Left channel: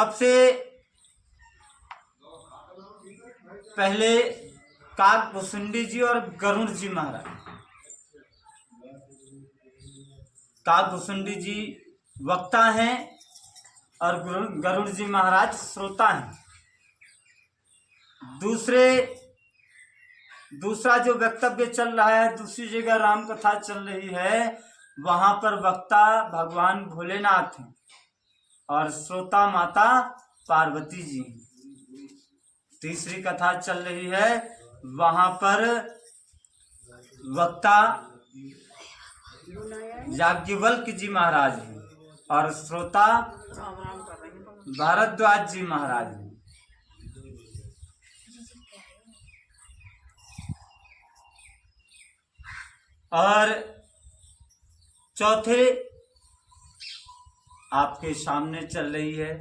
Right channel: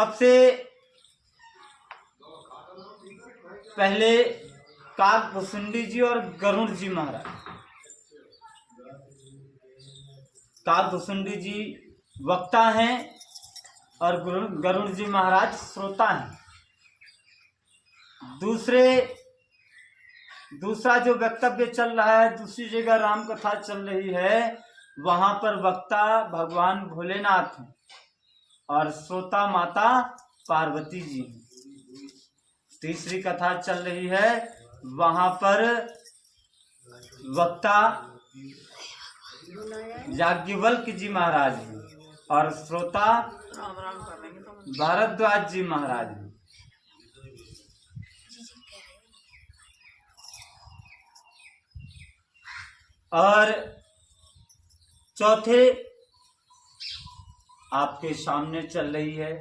सबसे पहले काकभूषुंडी जी और गरुड़ जी महाराज। काकभूषुंडी जी वक्ता हैं और गरुड़ जी महाराज श्रोता हैं। दूसरा जो वक्तव्य चल रहा है, दूसरी जगह राम कथा चल रही है, वहां पर वक्ता भगवान भोलेनाथ हैं और श्रोता माता पार्वती जी हैं। तीसरी कथा चल रही है, वहां पर वक्ता याज्ञवल्क्य जी महाराज हैं और श्रोता भारद्वाज जी महाराज हैं। और चौथे आपके सामने चल रही है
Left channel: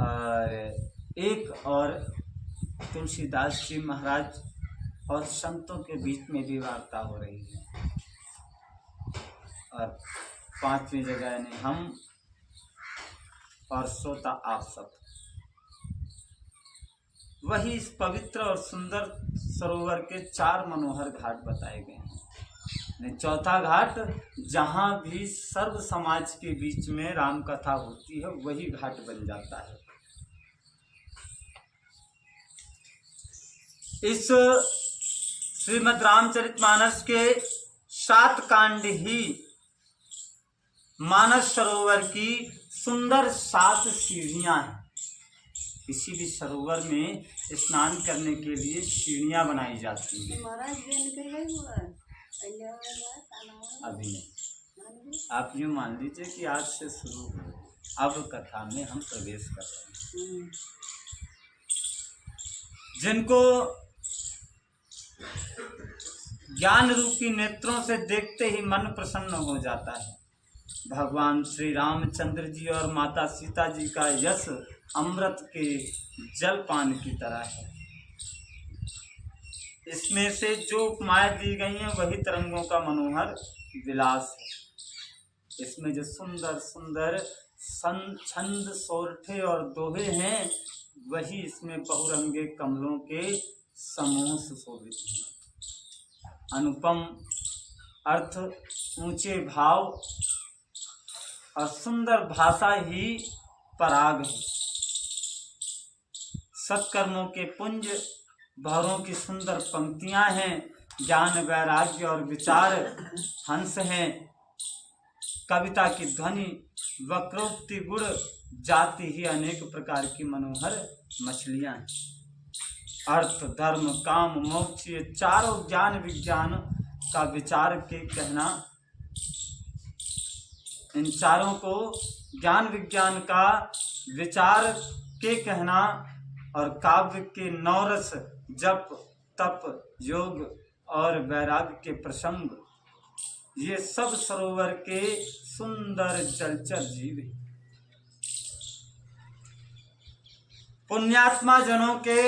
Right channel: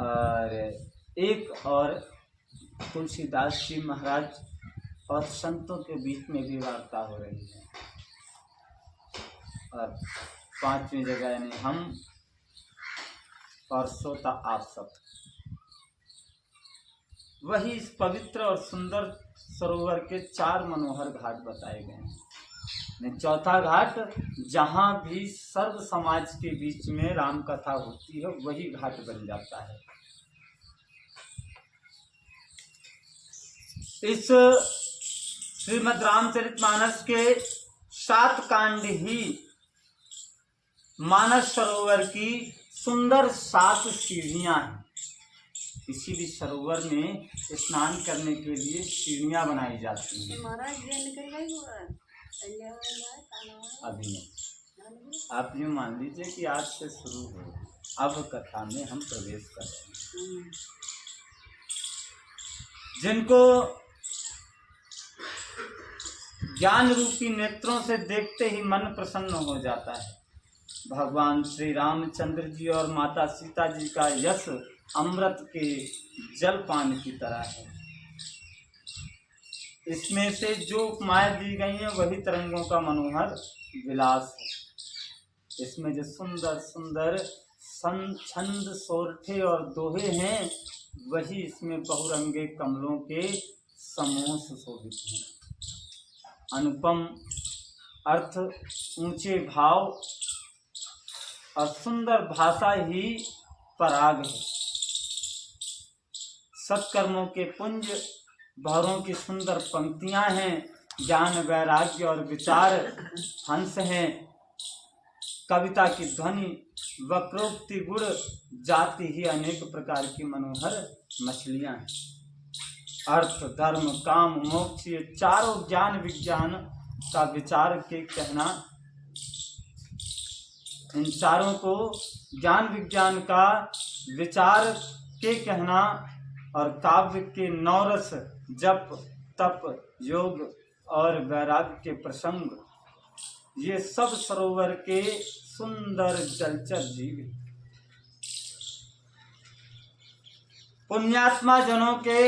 और एक और तुलसीदास जी महाराज और संतों के बीच में भी वार्ता हो रही है। और पांचवी जगह यानी हम और श्रोता आप सब। वही इस पवित्र और सुंदर सरोवर के 4 मनोहर घाट बताए गए हैं। चौथा घाट जहां भी सर्व समाज के बीच में राम कथा होती है, वही घाट बन जाता है। इस श्रीमद् रामचरितमानस के 7 कांड ही मानस सरोवर की सुंदर 7 सीढ़ियां हैं। किसी भी सरोवर में स्नान करने के लिए सीढ़ियां बनाई जाती हैं। अभी नहीं, आप यूँ मान लीजिए कि आज से शुरू हो, अब कथा में हम प्रवेश कर रहे हैं। जिनको ज्ञान रूपी नेत्रों से देखते ही मन प्रसन्न हो जाता है। भगवान श्री रामचंद्र जी और माता सीता जी का यश अमृत के जलपान की तरह है। इसमें से जो उपमाएं दी गई हैं वही तरंगों का मनोहर विलास है। इसमें जो सुंदर सुंदर छंद सोरठे और दोहे हैं, वही इसमें बहुरंगे कमलों के समूह सुशोभित हैं। अनुपम अर्थ, ऊंचे भाव और सुंदर भाषा ही पराग है। सत्कर्मों के पुंज भवरों की सुंदर पंक्तियां हैं। ज्ञान वैराग्य और विचार हंस हैं। कविता की ध्वनि वक्रोक्ति गुण जाति ही अनेक प्रकार की मनोहर मछलियां हैं। अर्थ धर्म काम मोक्ष ये चारों ज्ञान विज्ञान का विचार के कहना, इन चारों को ज्ञान विज्ञान का विचार के कहना और काव्य के नौरस जप तप योग और वैराग्य के प्रसंग, ये सब सरोवर के सुंदर जलचर जीव हैं। पुण्यात्मा जनों के,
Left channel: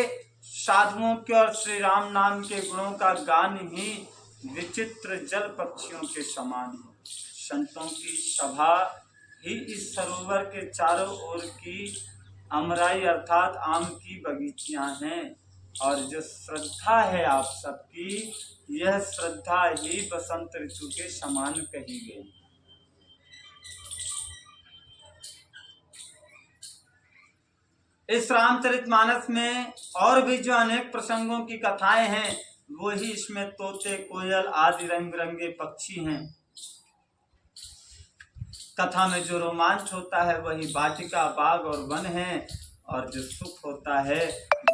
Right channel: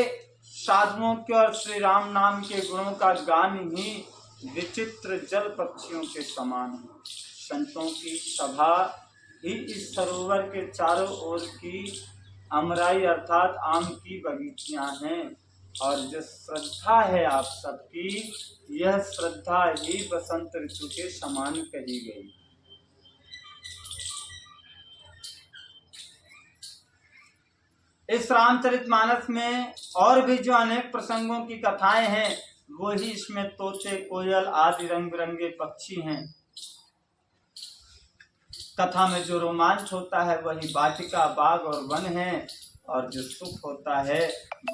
साधुओं के और श्री राम नाम के गुणों का गान ही विचित्र जल पक्षियों के समान है। संतों की सभा ही इस सरोवर के चारों ओर की अमराई अर्थात आम की बगीचियां हैं। और जो श्रद्धा है आप सबकी, यह श्रद्धा ही बसंत ऋतु के समान कही गई। इस रामचरितमानस में और भी जो अनेक प्रसंगों की कथाएं हैं, वो ही इसमें तोते कोयल आदि रंग बिरंगे पक्षी हैं। कथा में जो रोमांच होता है वही वाटिका बाग और वन है, और जो सुख होता है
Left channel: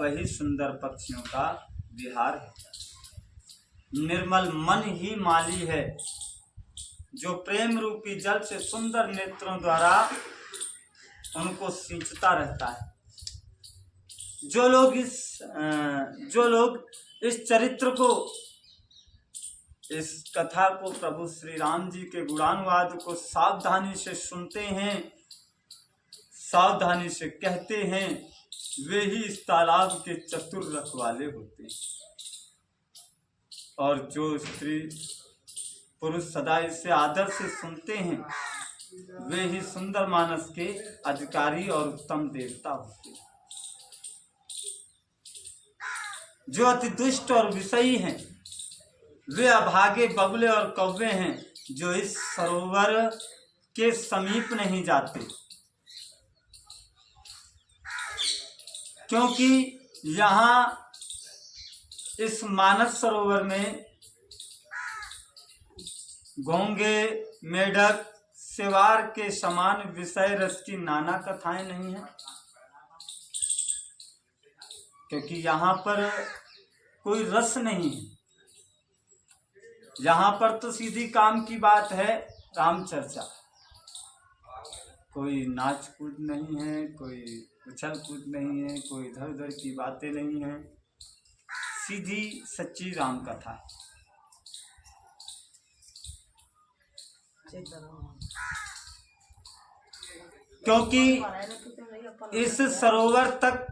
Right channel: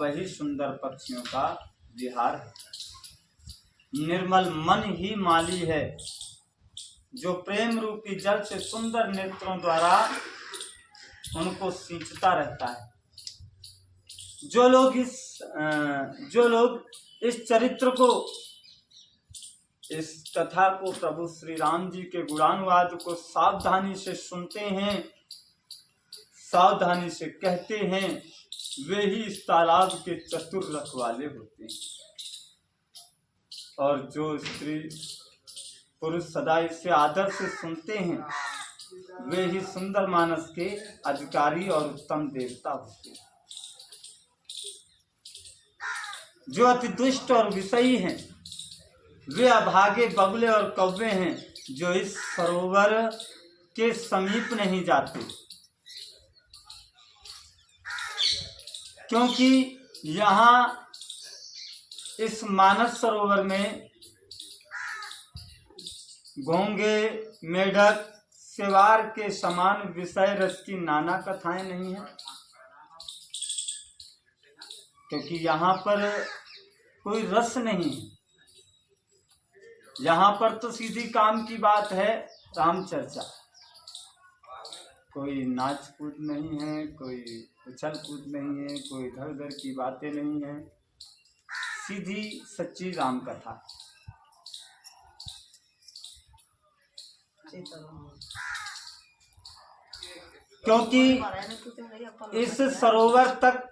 वही सुंदर पक्षियों का विहार है। निर्मल मन ही माली है, जो प्रेम रूपी जल से सुंदर नेत्रों द्वारा उनको सींचता रहता है। जो लोग इस चरित्र को, इस कथा को, प्रभु श्री राम जी के गुणानुवाद को सावधानी से सुनते हैं, सावधानी से कहते हैं, वे ही इस तालाब के चतुर रखवाले होते हैं। और जो स्त्री पुरुष सदा इसे आदर से सुनते हैं, वे ही सुंदर मानस के अधिकारी और उत्तम देवता होते हैं। जो अति दुष्ट और विषयी हैं वे अभागे बगुले और कौवे हैं, जो इस सरोवर के समीप नहीं जाते, क्योंकि यहाँ इस मानस सरोवर में घोंगे, मेढक, सेवार के समान विषय रस की नाना कथाएं नहीं हैं, क्योंकि यहाँ पर कोई रस नहीं है। यहाँ पर तो सीधी काम की बात है, राम चर्चा। कोई नाच कूद नहीं है, कोई उछल कूद नहीं है, कोई इधर उधर की बातें नहीं है, सीधी सच्ची राम कथा है। क्योंकि इस सरोवर तक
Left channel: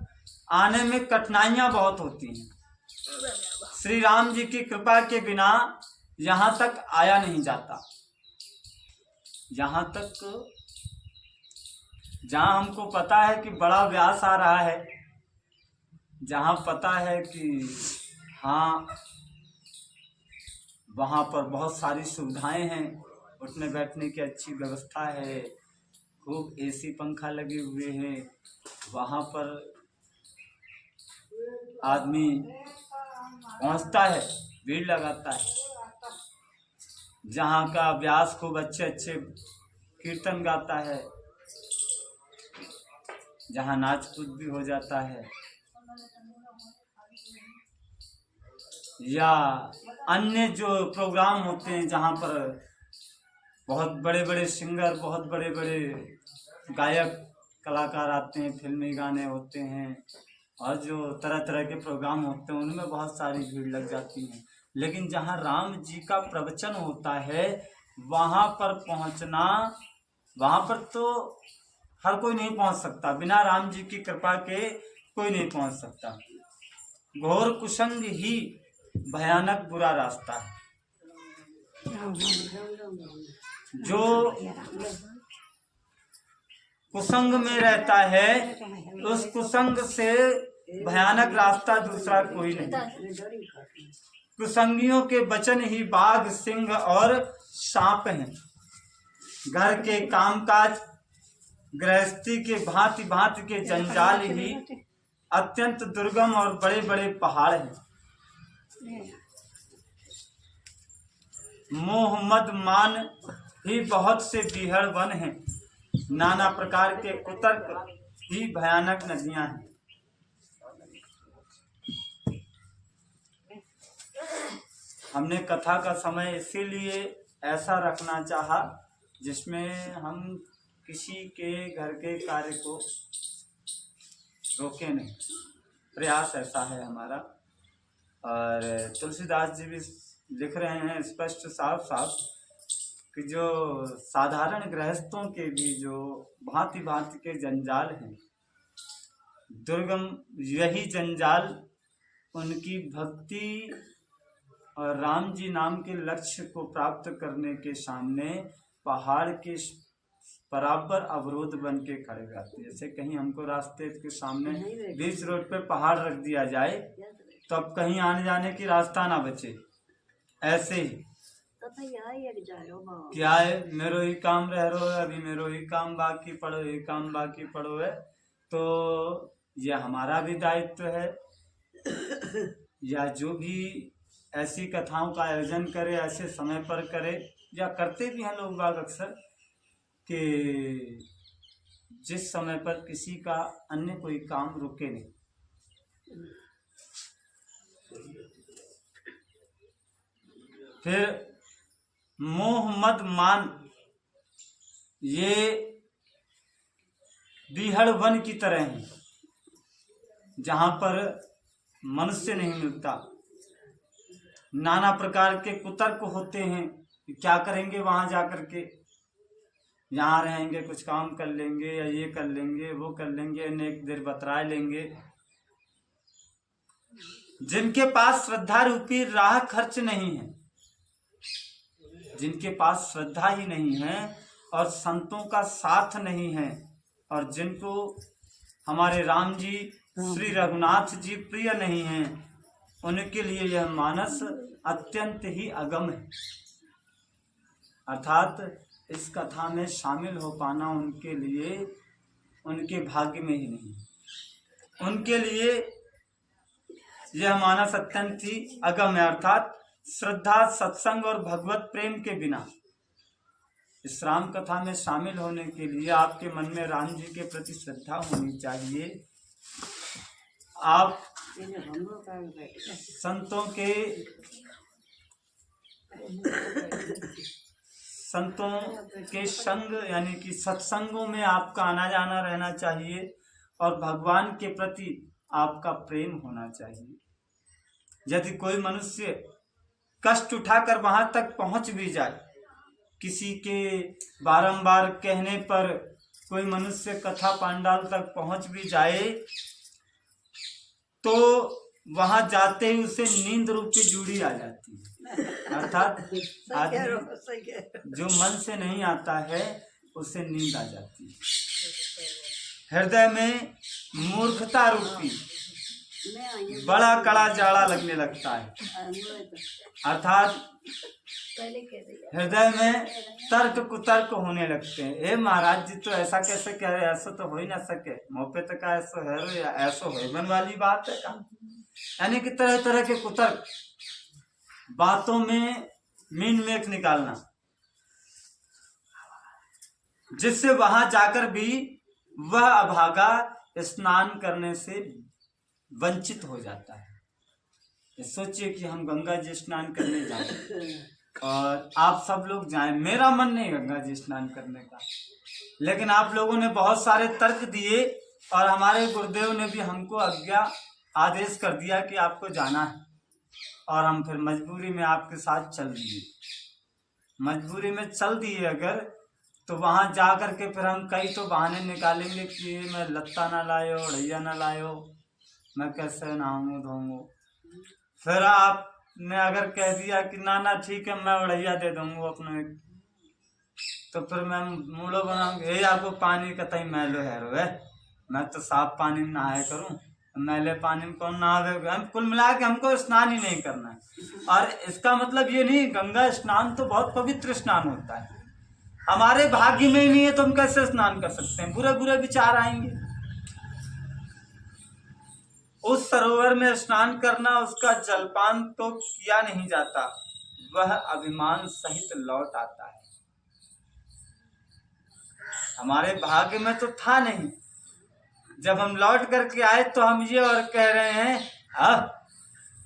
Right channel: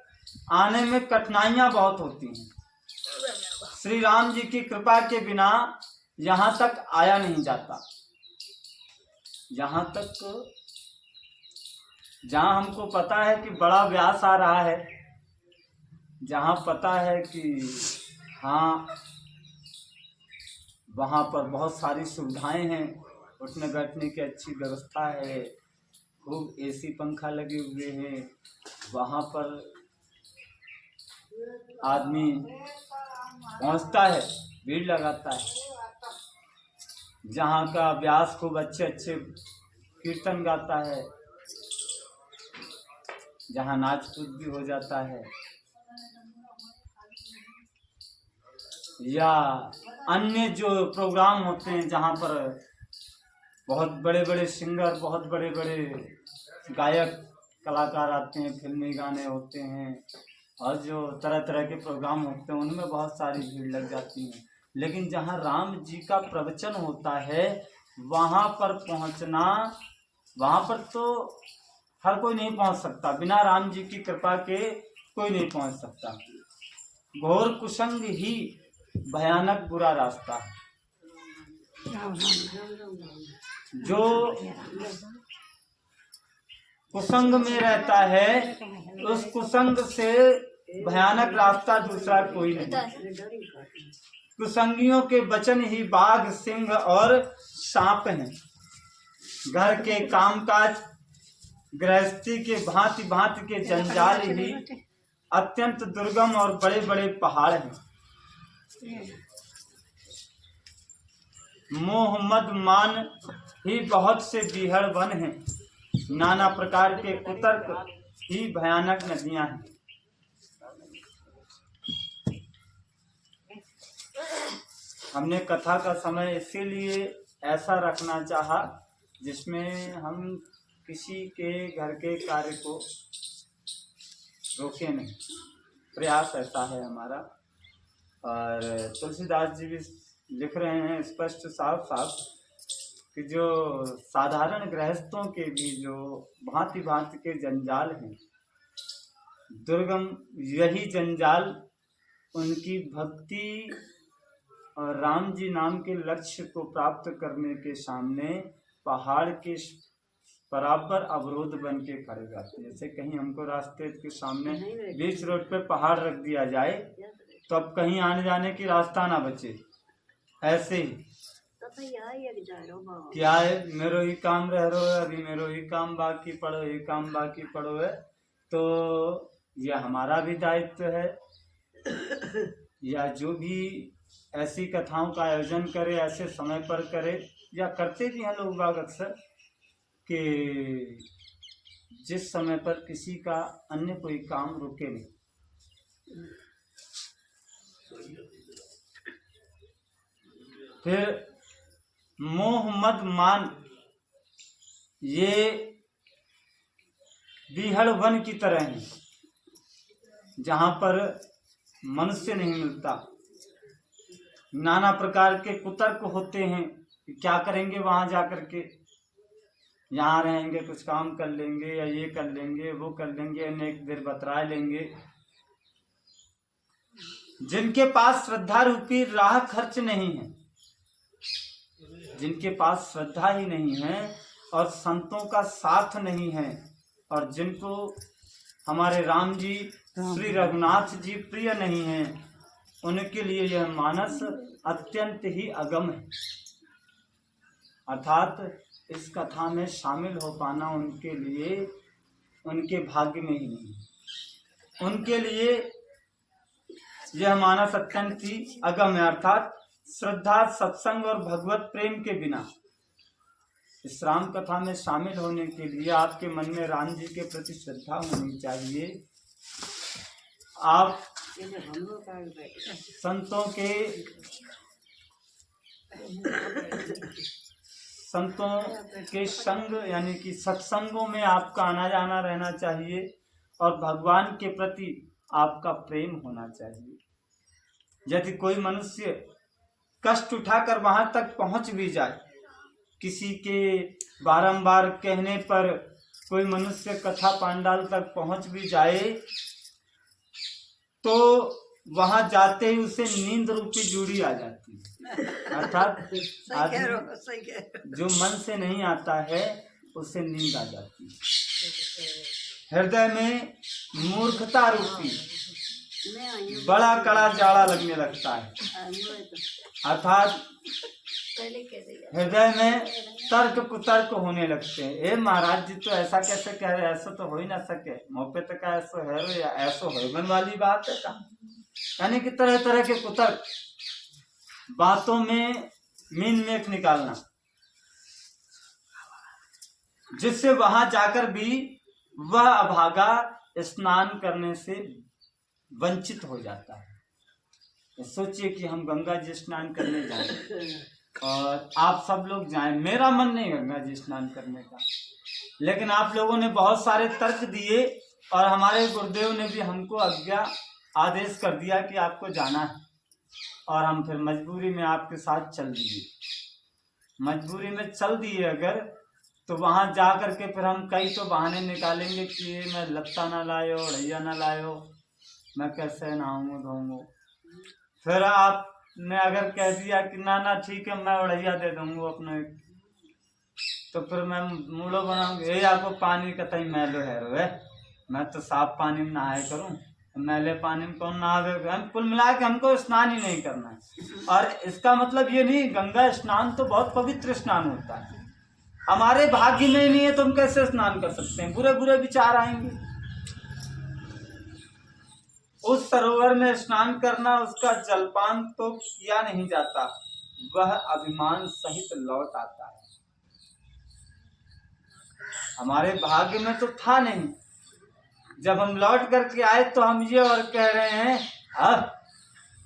आने में कठिनाइयां बहुत होती हैं। श्री राम जी की कृपा के बिना यहाँ तक आया नहीं जाता। यहाँ तक जहाँ हमको पता है कि बड़ा व्यास आ रहा है, जहाँ पता है कि हाँ वहाँ पर बहुत सारी सुविधाएं हैं, उठने बैठने की अच्छी व्यवस्था है, खूब एसी पंखा लगे हुए हैं, वहाँ पर आदमी पहुँचता है, भीड़ लगाता है। जहाँ का व्यास खूब अच्छे अच्छे कीर्तन गाता है, जहाँ नाच कूद भी हो जाता है, या अन्य जो प्रोग्राम होते हैं जहाँ पर बहुत बड़े बड़े सिंगर, बहुत बड़े बड़े गायक कलाकार आते हैं, फिल्मी गाने होते हैं, और जो तरह तरह के प्रोग्राम होते हैं उनमें बहुत सारी भीड़ लग जाती है। लेकिन जहाँ राम जी का प्रवचन होता है वहाँ पर पहुँचना, वहाँ पर तो हर कोई नहीं पहुँच सकता, बिना राम जी की कृपा के कोई नहीं पहुँच सकता। घोर कुसंग ही भयानक बुरा रास्ता है। जो कुसंग में रहता है उस कुसंग से भयानक रास्ता दूसरा कोई नहीं। कुसंगियों के वचन ही बाघ, सिंह और सांप हैं। घर के कामकाज, गृहस्थी के भांति भांति के जंजाल ही अत्यंत दुर्गम और बड़े बड़े पहाड़ हैं। मोह मद मान ही बहुत से बीहड़ वन हैं। नाना प्रकार के कुतर्क ही भयानक नदियां हैं। हमने कथा का समय इसीलिए ऐसा रखना चाहा जिसमें हम किसी के घर के कार्य को रोके नहीं। प्रयास ऐसा है हमारा। और तुलसीदास जी भी लिख रहे हैं स्पष्ट साफ साफ कि जो साधारण गृहस्थों के भी जो भांति भांति के जंजाल हैं, दुर्गम, यही जंजाल उनकी भक्ति और राम जी नाम के लक्ष्य को प्राप्त करने के सामने पहाड़ के बराबर अवरोध बन के खड़े रहते हैं। जैसे कहीं हमको रास्ते के सामने बीच रोड पे पहाड़ रख दिया जाए तो अब कहीं आने जाने की रास्ता ना बचे, ऐसे ही क्या है, मेरो ही काम रह रो है, अभी मेरो ही काम बाकी पड़ो, ही काम बाकी पड़ो है। तो यह हमारा भी दायित्व है, या जो भी ऐसी कथाओं का आयोजन करे ऐसे समय पर करे, या करते भी हैं लोग बाग अक्सर, कि जिस समय पर किसी का अन्य कोई काम रुके नहीं। फिर मोह मद मान, ये बीहड़ वन की तरह है जहाँ पर मनुष्य नहीं मिलता। नाना प्रकार के कुतर्क होते हैं कि क्या करेंगे वहाँ जा कर के, यहाँ रहेंगे कुछ काम कर लेंगे, या ये कर लेंगे वो कर लेंगे, अनेक देर बतरा लेंगे। जिनके पास श्रद्धा रूपी राह खर्च नहीं है, जिनके पास श्रद्धा ही नहीं है और संतों का साथ नहीं है, और जिनको हमारे राम जी श्री रघुनाथ जी प्रिय नहीं हैं, उनके लिए यह मानस अत्यंत ही अगम है। अर्थात इस कथा में शामिल हो पाना उनके लिए उनके भाग्य में ही नहीं, उनके लिए यह मानस अत्यंत ही अगम है। अर्थात श्रद्धा, सत्संग और भगवत प्रेम के बिना इस राम कथा में शामिल होने के लिए आपके मन में राम जी के प्रति श्रद्धा होनी चाहिए। आप संतों के संग यानी कि सत्संगों में आपका आना जाना रहना चाहिए, और भगवान के प्रति आपका प्रेम होना चाहिए। यदि कोई मनुष्य कष्ट उठाकर वहां तक पहुंच भी जाए, किसी के बारंबार कहने पर कोई मनुष्य कथा पांडाल तक पहुंच भी जाए, तो वहां जाते ही उसे नींद रूपी जूड़ी आ जाती है। अर्थात जो मन से नहीं आता है उसे नींद आ जाती है। हृदय में मूर्खता रूपी बड़ा कड़ा जाड़ा लगने लगता है। अर्थात हृदय में तर्क कुतर्क होने लगते हैं। ए महाराज जी तो ऐसा कैसे कह रहे, ऐसा तो हो ही ना सके, मौके तक ऐसा है रो या ऐसा होवन वाली बात है का। यानी कि तरह तरह के कुतर्क, बातों में मीन मेख निकालना, जिससे वहां जाकर भी वह अभागा स्नान करने से वंचित हो जाता है। सोचिए कि हम गंगा जी स्नान करने जाएं और आप सब लोग जाएं, मेरा मन नहीं गंगा जी स्नान करने का, लेकिन आप लोगों ने बहुत सारे तर्क दिए और हमारे गुरुदेव ने भी हमको आदेश कर दिया कि आपको जाना है, और हम फिर मजबूरी में आपके साथ चल दिए। मजबूरी में चल दिए अगर, तो वहां जा कर के फिर हम कई तो बहाने निकालेंगे कि ये मैं लत्ता ना लायो, ढैया ना लायो, मैं कैसे नहाऊंगा धोऊंगा। फिर आपने अगर कह दिया कि ना ना ठीक है मैं उड़ैया दे दूंगा अपने, तो फिर मैं मूड़ो बनाऊंगा, ये आपको पानी कतई मैलो है रो है, मैं तो साफ पानी में नहाए करूं, मैले पानी में कौन नहावे। हम कुल मिला के हमको स्नान ही नहीं करना है। और इसका मतलब ये नहीं, गंगा स्नान तो बहुत पवित्र स्नान होता है, हमारे भाग्य में ही नहीं है तो हम कैसे स्नान कर सकते हैं, बुरे बुरे विचार आएंगे। उस सरोवर में स्नान करना, उसका जलपान तो किया नहीं जाता, वह अभिमान सहित लौट आता है। हमारे भाग्य में तो था नहीं, जब हम लौट करके आए तो हम ये और कह रहे हैं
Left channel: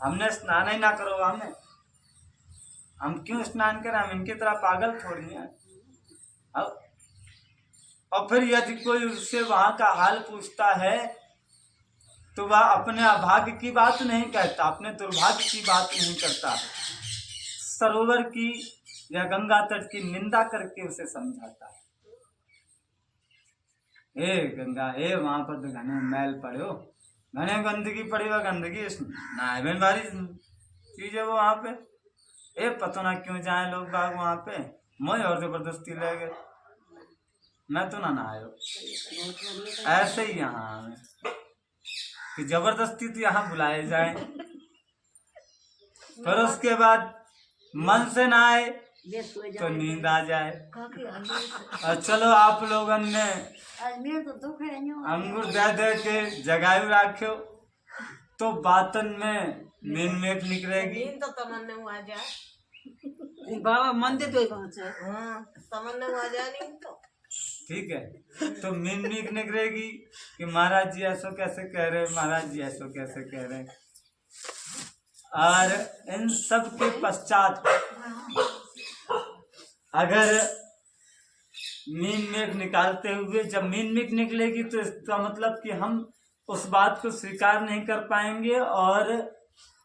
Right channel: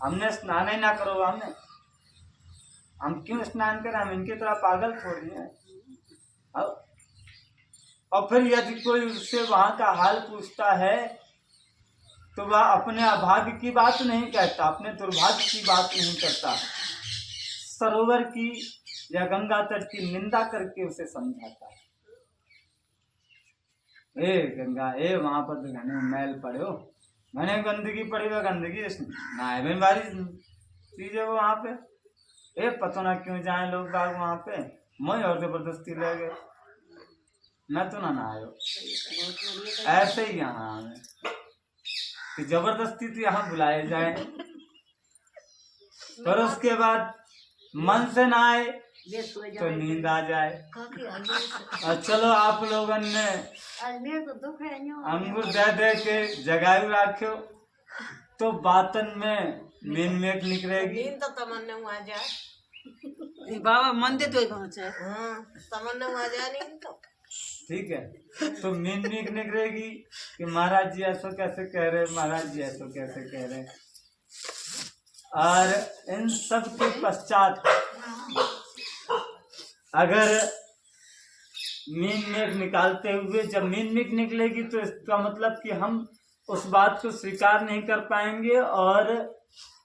हमने स्नान ही ना करो, हम क्यों स्नान करें, हम इनकी तरह पागल थोड़ी हैं। और फिर यदि कोई उससे वहां का हाल पूछता है तो वह अपने अभाग्य की बात नहीं कहता, अपने दुर्भाग्य की बात नहीं करता, सरोवर की या गंगा तट की निंदा करके उसे समझाता है। ए गंगा, ए वहां पर तो घने मैल पड़े हो, घने गंदगी पड़ी हुई, गंदगी नायबन बारी चीज है वो वहां पे। ए पता ना क्यों जाए लोग बाग वहां पे, मोह और जबरदस्ती ले गए, मैं तो ना नहायो। ऐसे ही यहाँ हमें कि जबरदस्ती तो यहाँ बुलाए जाए, पर उसके बाद मन से ना आए तो नींद आ जाए। और चलो आप लोगन ने अंगूर दे दे के जगायु राख्यो तो बातन में नींद मेघ निकलेगी। तो तमन्ना आ जाए बाबा मंदिर तो पहुंचे, तमन्ना आ जाए नहीं तो ठीक है, तो नींद मेघ निकलेगी कि महाराज जी ऐसा कैसे कह रहे, महाराज जी ऐसा कैसे कह रहे। और इन सब के पश्चात अगर नींद मेघ निकालते हुए जब नींद मेघ निकलेगी तो इसका मतलब कि हम उस बात को स्वीकार नहीं कर पाएंगे और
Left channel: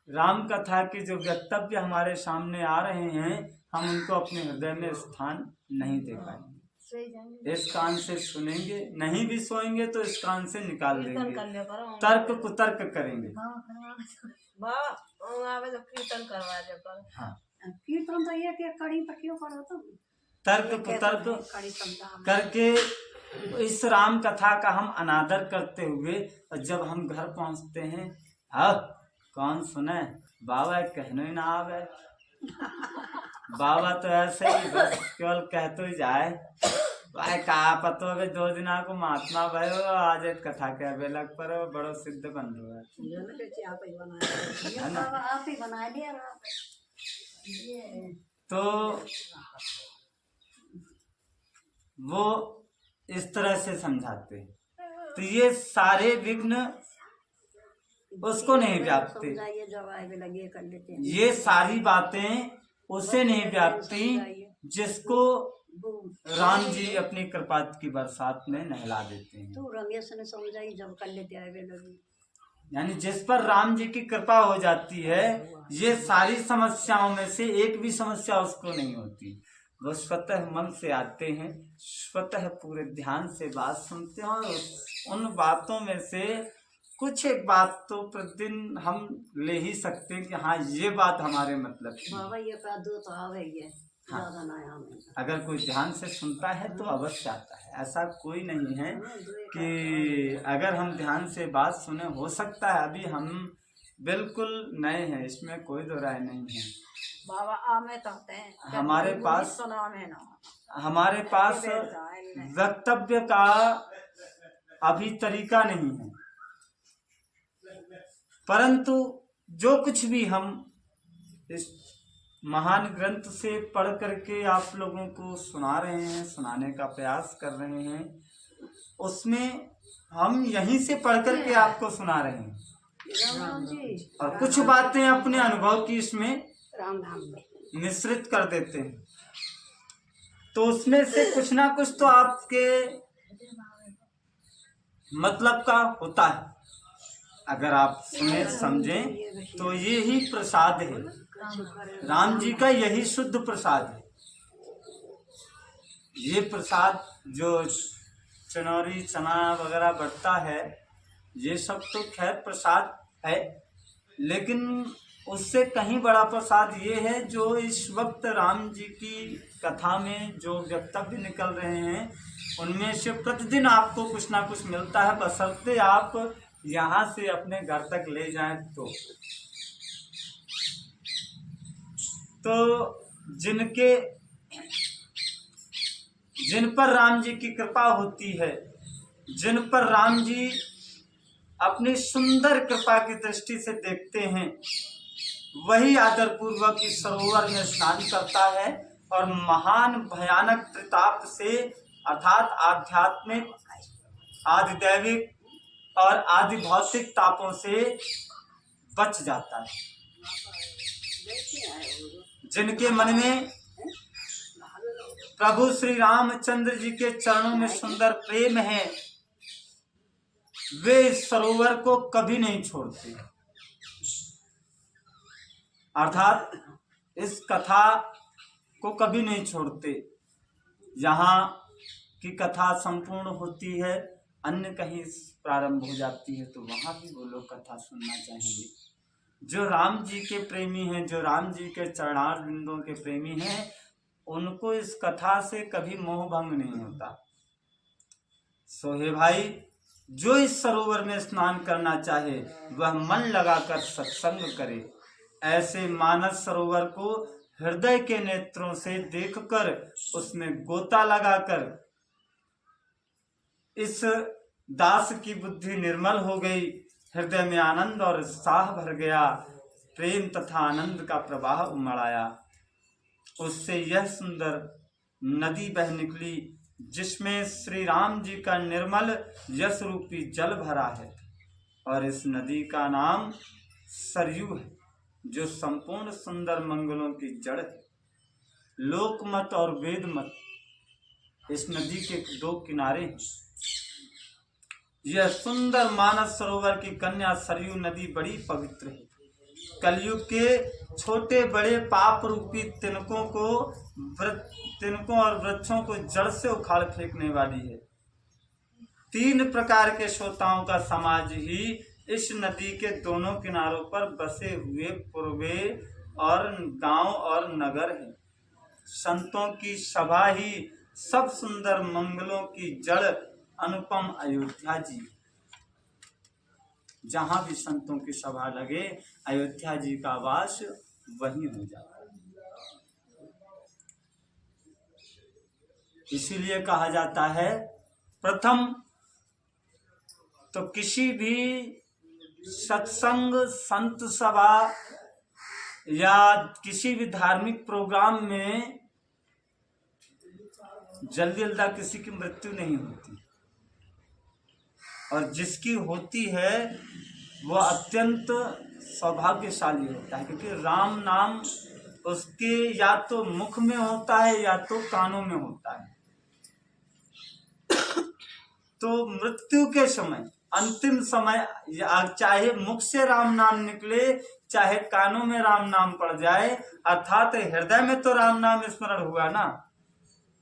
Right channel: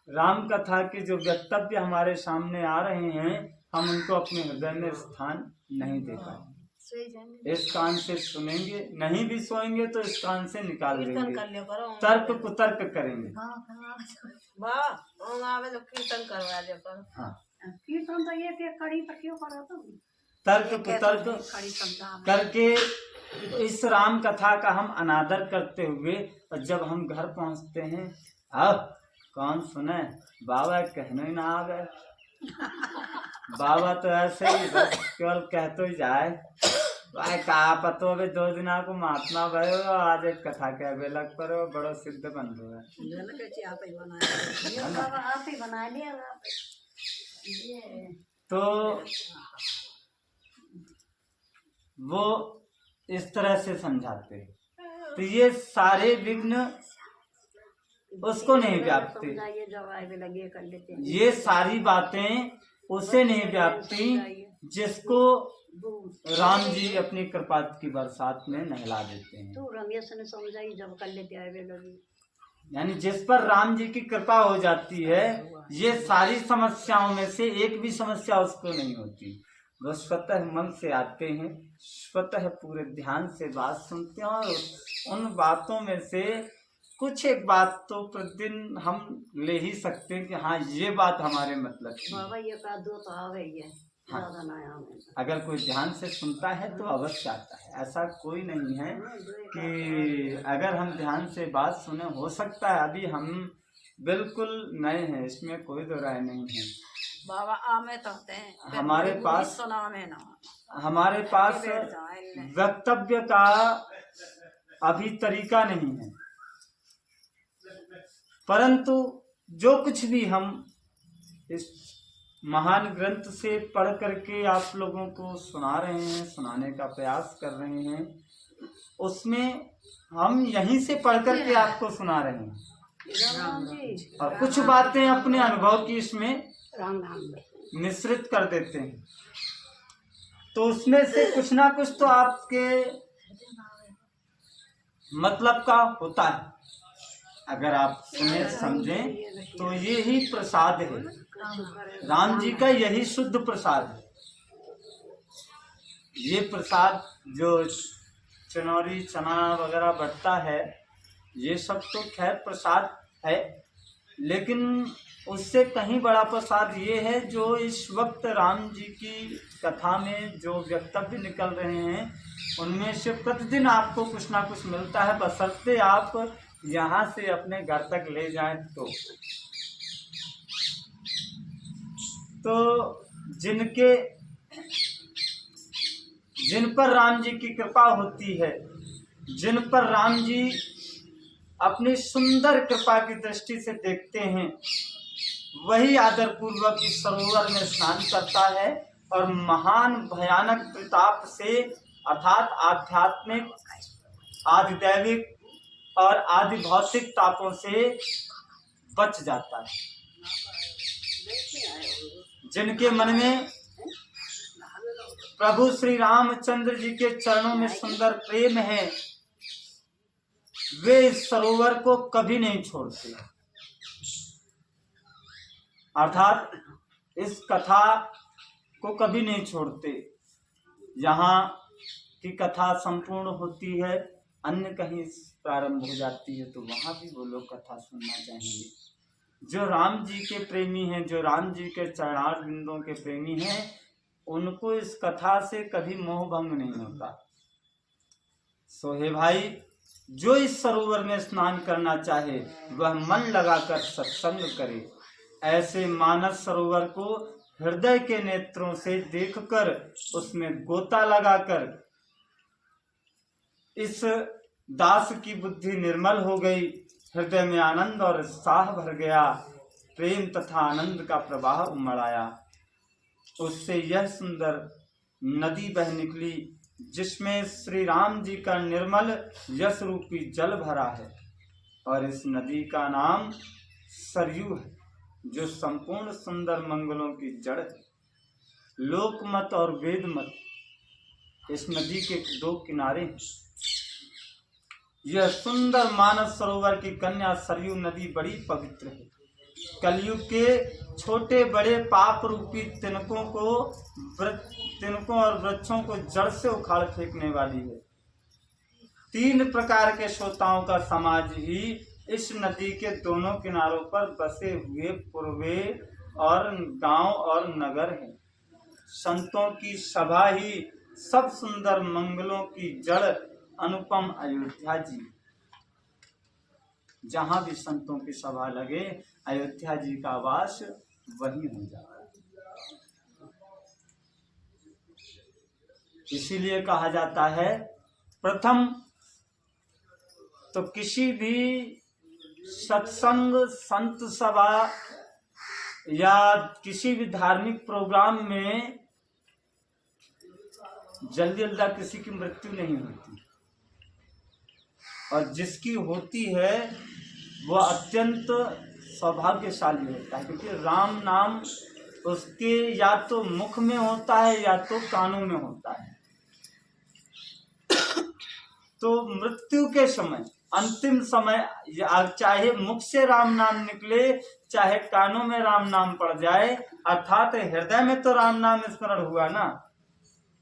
राम कथा के जो वक्तव्य हमारे सामने आ रहे हैं हम उनको अपने हृदय में स्थान नहीं दे पाएंगे। इस कान से सुनेंगे, नहीं भी सोएंगे तो इस कान से निकाल देंगे, तर्क कुतर्क करेंगे। कीर्तन करवा दे पर। हाँ कीर्तन तो ये कड़ी पर क्यों करो तुम? तर्क कुतर्क करके इस राम कथा का हम अनादर करते हुए, और जब हम घर पहुंचते हैं, अब कौन सुने, बाबा कहने ही ना आवे। बाबा तो ऐसे ही बस केवल कह तो ही जाए, भाई का पतो अभी 2 दिन को महात्मा भाई आज एक कथा के बेलक पर बड़ो सिद्ध बंधु है ना। तो वो इस तरह से समझाते हैं, तो ये सारे विघ्न उसको नहीं व्यापते, ये सारी बातें उसे नहीं व्यापती जिसको राम जी अपनी कृपा की बरसात में नहला देते हैं। तो रमेश ने समझाई जब कर लेते आए लगी, यानी जिस पर राम जी की कृपा हो जाती है, ये सारी समस्याओं में से एक भी समस्या उसको नहीं होती। वो स्वतः मन से आते हैं, स्वतः पूरे ध्यान से बात सुनते हैं, और उन बातों में से कुछ एक बात तो प्रतिदिन हम ले ही सकते हैं कि हाँ ये बात हमारे मतलब की बाबा ये का दो तो आ गई है। हाँ, ज्यादा ना आवे। अगर कोई ध्यान से सुनता है तो अवश्य आता है। ऐसा कोई नहीं है कि अगर हम ध्यान से बात सुने, हो सकता है अभी हम बिल्कुल नए हैं, इसमें कोई दो राय नहीं है। बाबा आमे तो होते हैं हमारे पास हमारे पास वक्तव्य का अभी तरीका नहीं है, परंतु जो कुछ भी हम इस महान ग्रंथ से पढ़ करके आप लोगों को सुना रहे हैं, सुनाने का प्रयास कर रहे हैं, उसमें हम यहीं से पढ़ करके आपको सुना रहे हैं, और कुछ बातें अपने अनुभव की इसमें मिश्रित कर देते हैं, तो उसमें से कुछ ना कुछ तो आपके मतलब का होता है। अगर आप सुने समझें तो ये ही प्रसाद है, राम जी का यही शुद्ध प्रसाद है। ये प्रसाद जो चनौरी चना वगैरह बढ़ता है, ये सब तो खैर प्रसाद है, लेकिन उससे कहीं बड़ा प्रसाद ये है जो इस वक्त राम जी की कथा में जो वक्तव्य निकल रहे हैं, उनमें से प्रतिदिन आपको कुछ ना कुछ मिलता है, बशर्ते आप यहाँ से अपने घर तक ले जाएं। तो जिन पर राम जी की कृपा होती है, जिन पर राम जी अपनी सुंदर कृपा की दृष्टि से देखते हैं, वही आदर पूर्वक इस सरोवर में स्नान करता है और महान भयानक त्रिताप से अर्थात आध्यात्मिक, आधिदैविक और आदि भौतिक तापों से बच जाता है। जिनके मन में प्रभु श्री रामचंद्र जी के चरणों में सुंदर प्रेम है, वे इस सरोवर को कभी नहीं छोड़ते, अर्थात इस कथा को कभी नहीं छोड़ते। यहाँ की कथा संपूर्ण होती है, अन्य कहीं प्रारंभ हो जाती है, तो वहाँ भी वो लोग कथा सुनना चाहेंगे। जो राम जी के प्रेमी हैं, जो राम जी के चरणार बिंदों के प्रेमी हैं, उनको इस कथा से कभी मोह भंग नहीं होता। सो हे भाई, जो इस सरोवर में स्नान करना चाहे वह मन लगाकर सत्संग करे। ऐसे मानस सरोवर को हृदय के नेत्रों से देखकर उसमें गोता लगाकर इस दास की बुद्धि निर्मल हो गई, हृदय में आनंद और उत्साह भर गया, प्रेम तथा आनंद का प्रवाह उमड़ आया। उससे यह सुंदर नदी बह निकली जिसमें श्री राम जी का निर्मल यश रूपी जल भरा है, और इस नदी का नाम सरयू है, जो संपूर्ण सुंदर मंगलों की जड़ है। लोकमत और वेदमत इस नदी के 2 किनारे हैं। यह सुंदर मानस सरोवर की कन्या सरयू नदी बड़ी पवित्र है। कलयुग के छोटे बड़े पाप रूपी तिनकों और वृक्षों को जड़ से उखाड़ फेंकने वाली है। 3 प्रकार के श्रोताओं का समाज ही इस नदी के दोनों किनारों पर बसे हुए पूर्वे और गांव और नगर हैं। संतों की सभा ही सब सुंदर मंगलों की जड़ अनुपम अयोध्या जी। जहां भी संतों की सभा लगे अयोध्या जी का वास वहीं हो जाता है। इसीलिए कहा जाता है प्रथम तो किसी भी सत्संग संत सभा या किसी भी धार्मिक प्रोग्राम में जल्दी जल्दी किसी की मृत्यु नहीं होती, और जिसकी होती है वह अत्यंत सौभाग्यशाली होता है, क्योंकि राम नाम उसके या तो मुख में होता है या तो कानों में होता है। तो मृत्यु के समय, अंतिम समय, चाहे मुख से राम नाम निकले चाहे कानों में राम नाम पड़ जाए, अर्थात हृदय में तो राम नाम स्मरण हुआ ना,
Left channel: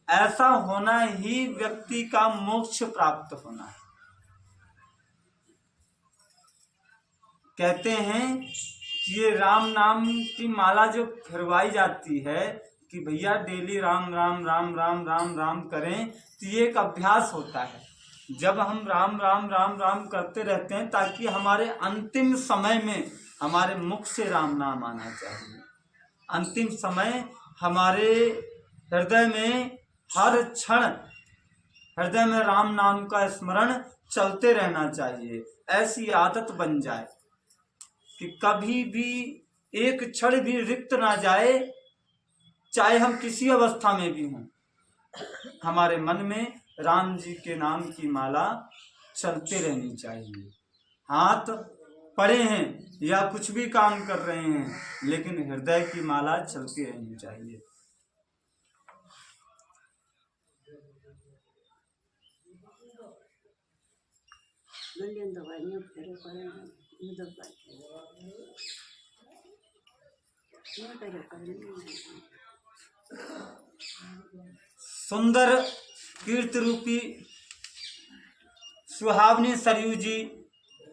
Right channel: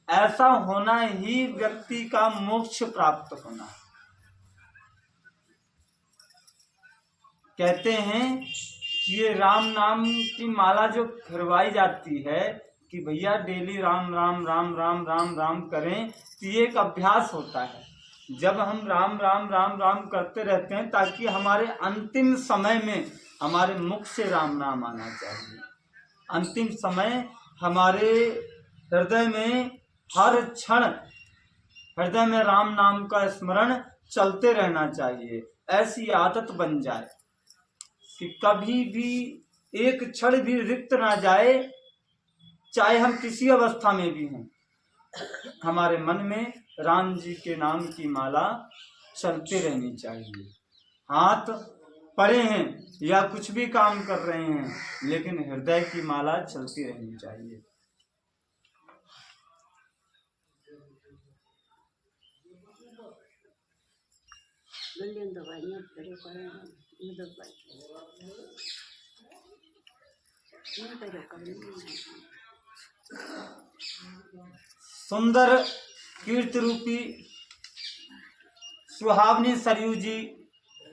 ऐसा होना ही व्यक्ति का मोक्ष प्राप्त होना है। कहते हैं कि ये राम नाम की माला जो फिरवाई जाती है कि भैया डेली राम राम राम राम राम राम करें, तो ये एक अभ्यास होता है। जब हम राम राम राम राम करते रहते हैं ताकि हमारे अंतिम समय में हमारे मुख से राम नाम आना चाहिए। अंतिम समय हमारे हृदय में हर क्षण हृदय में राम नाम का स्मरण चलते रहना चाहिए। ऐसी आदत बन जाए कि कभी भी एक क्षण भी रिक्त ना जाए, चाहे हम किसी अवस्था में भी हों, हमारे मन में राम जी के नाम की माला चलते रहनी चाहिए। हाथ पड़े हैं या कुछ भी काम कर रहे हैं, लेकिन हृदय की माला चलती रहनी चाहिए। सुंदर कीर्ति रूपी सुहावनी सरयू जी